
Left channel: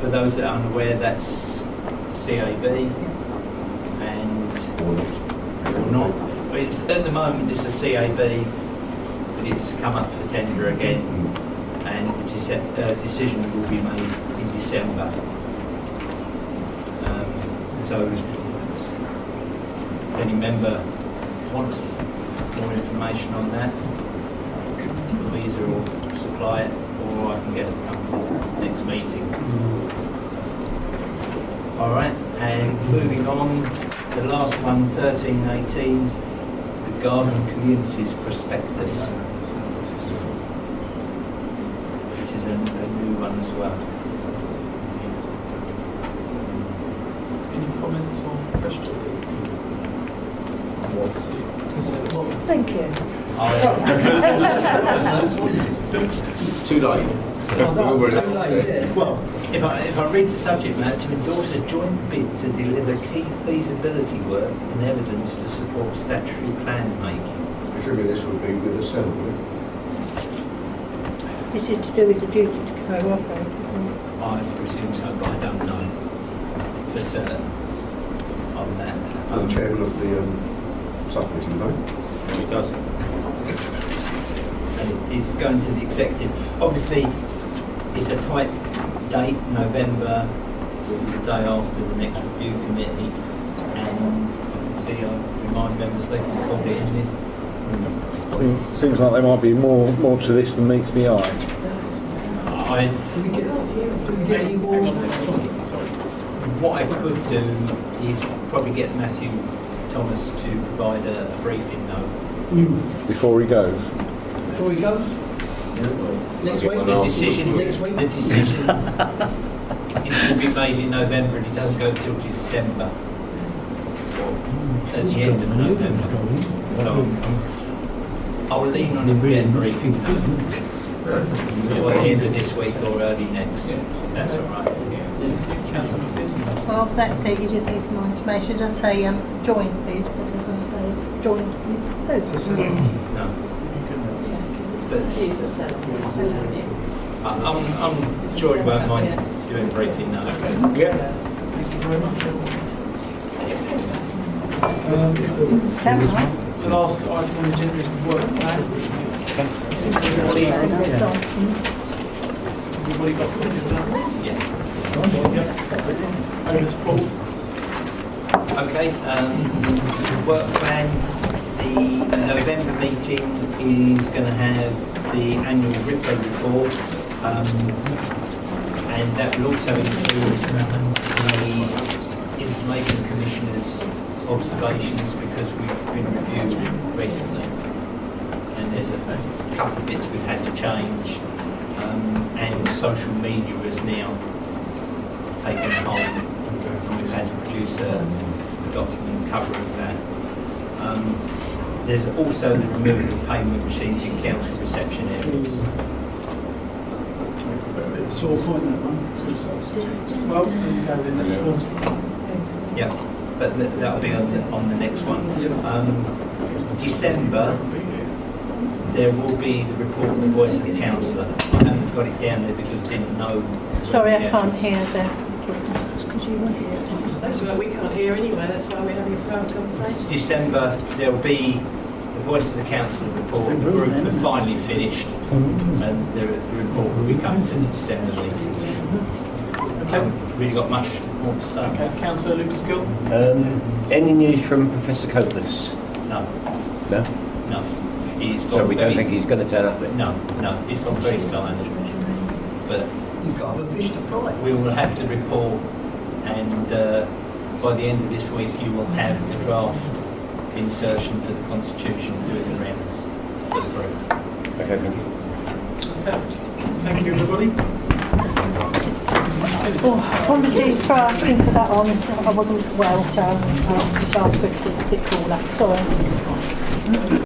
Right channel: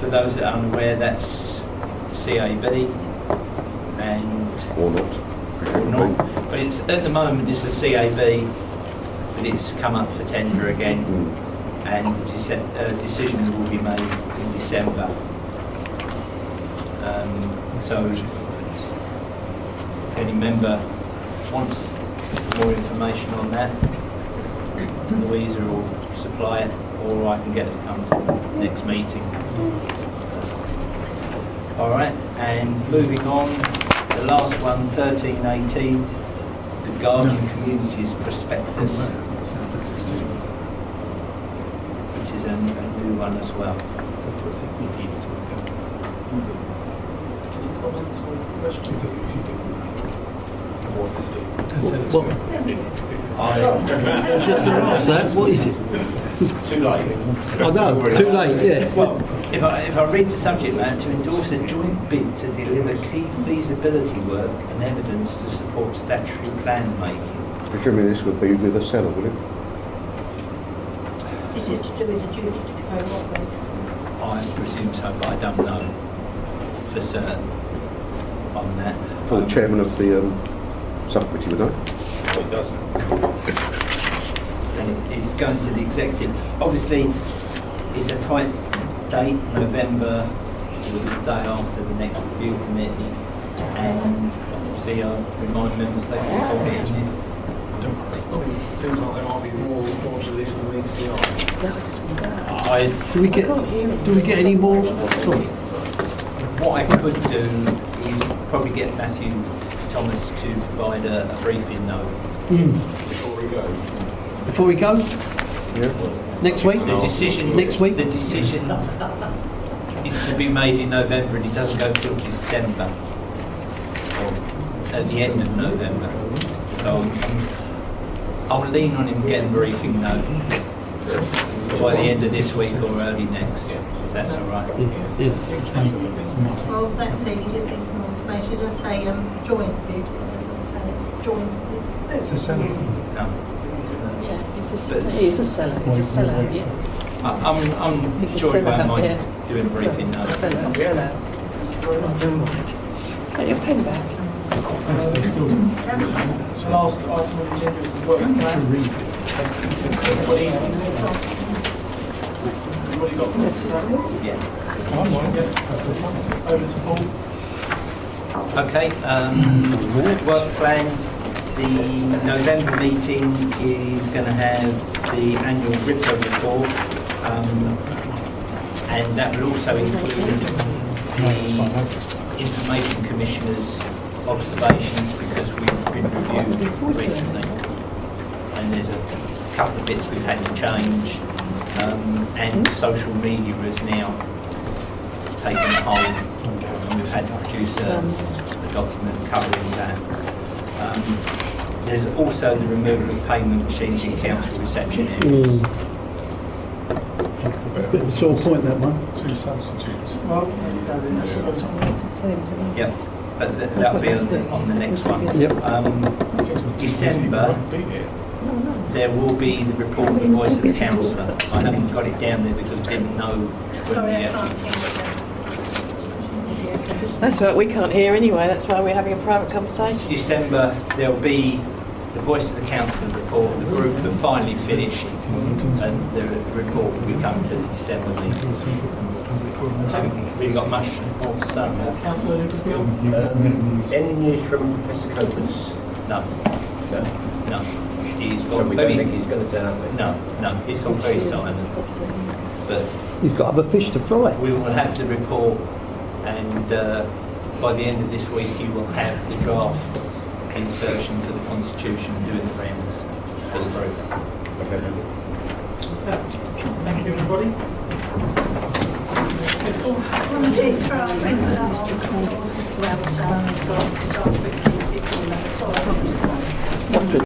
For those that are unaware, that's CAB and or not. But it's, at the moment it's a CAB, but it's come up for tender again, and the decision will be made in December. So if any member wants more information on that, Louisa will supply it, or I can get it come to the next meeting. All right, and moving on, the last one, 1318, the Garden Communities Prospectus, which is a new one as well. Any comments or questions? Thank you. What is it? Too late. Oh, no, too late, yeah. Well, if I read the subject matter, to endorse a joint bid to deliver key feasibility work and evidence to support statutory plan making. Presumably this would be with the seller, would it? This is to do with the duty to cooperate. I presume so, but I don't know for certain on that. For the chairman of the subcommittee, would I? It does. And it's going to the executive. Obviously, it's a tight date, November, the day after the next review committee, and obviously I remind members they can call it in if. Seems like there might be more to this than meets the eye. Do we get any more? What I could do is probably get Matthew Thomas to provide a briefing note. Before we go. Before we go? Next week? The decision. Next week? The decision is to be made in November, and it doesn't go till December, or at the end of November. So I'll lean on him getting a briefing note by the end of this week or early next, if that's all right. Well, that's it. You just need some more information. It does say joint bid. It doesn't say joint bid. It's a seller. No. He's a seller. It's a seller. I'm sure he won't mind doing a briefing note. Get your pen back. Sounds nice. The last item on the agenda is the work plan. Everybody got this? Yeah. Over to Paul. Okay, work plan. The November meeting is going to have the annual RIPCO report, and that will also include the Information Commissioner's observations, because we've been reviewed recently, and there's a couple of bits we've had to change, and social media is now taken hold, and we've had to produce a document covering that. There's also the removal of payment machines in council reception areas. Bit of a sore point, that one. Two substitutes. Well, you have it. Yeah, but that'll be on the next one. December, there will be the report of the voice of the councillor. I haven't got it down there because I didn't know. when Sorry, we I can't actually- hear them. That's right, we can't hear anyway, that's why we're having a private conversation. December, there'll be the voice of the council report. The group have finally finished, and the report will be coming to the December meeting. Haven't really got much more to say about that. Councillor Lucas Gill? Any news from Professor Copas? No. No? No. He's got So we don't think he's going to turn up then? No, no, it's gone very silent. But He's got other fish to fry. we will have the report, and by the end of this week you will have the draft insertion for the Constitution doing the rounds for the group. Okay, thank you. Thank you, everybody. Oh, apologies for asking for that on. I wasn't well, so I'll just ask quickly if it's all up. Sorry.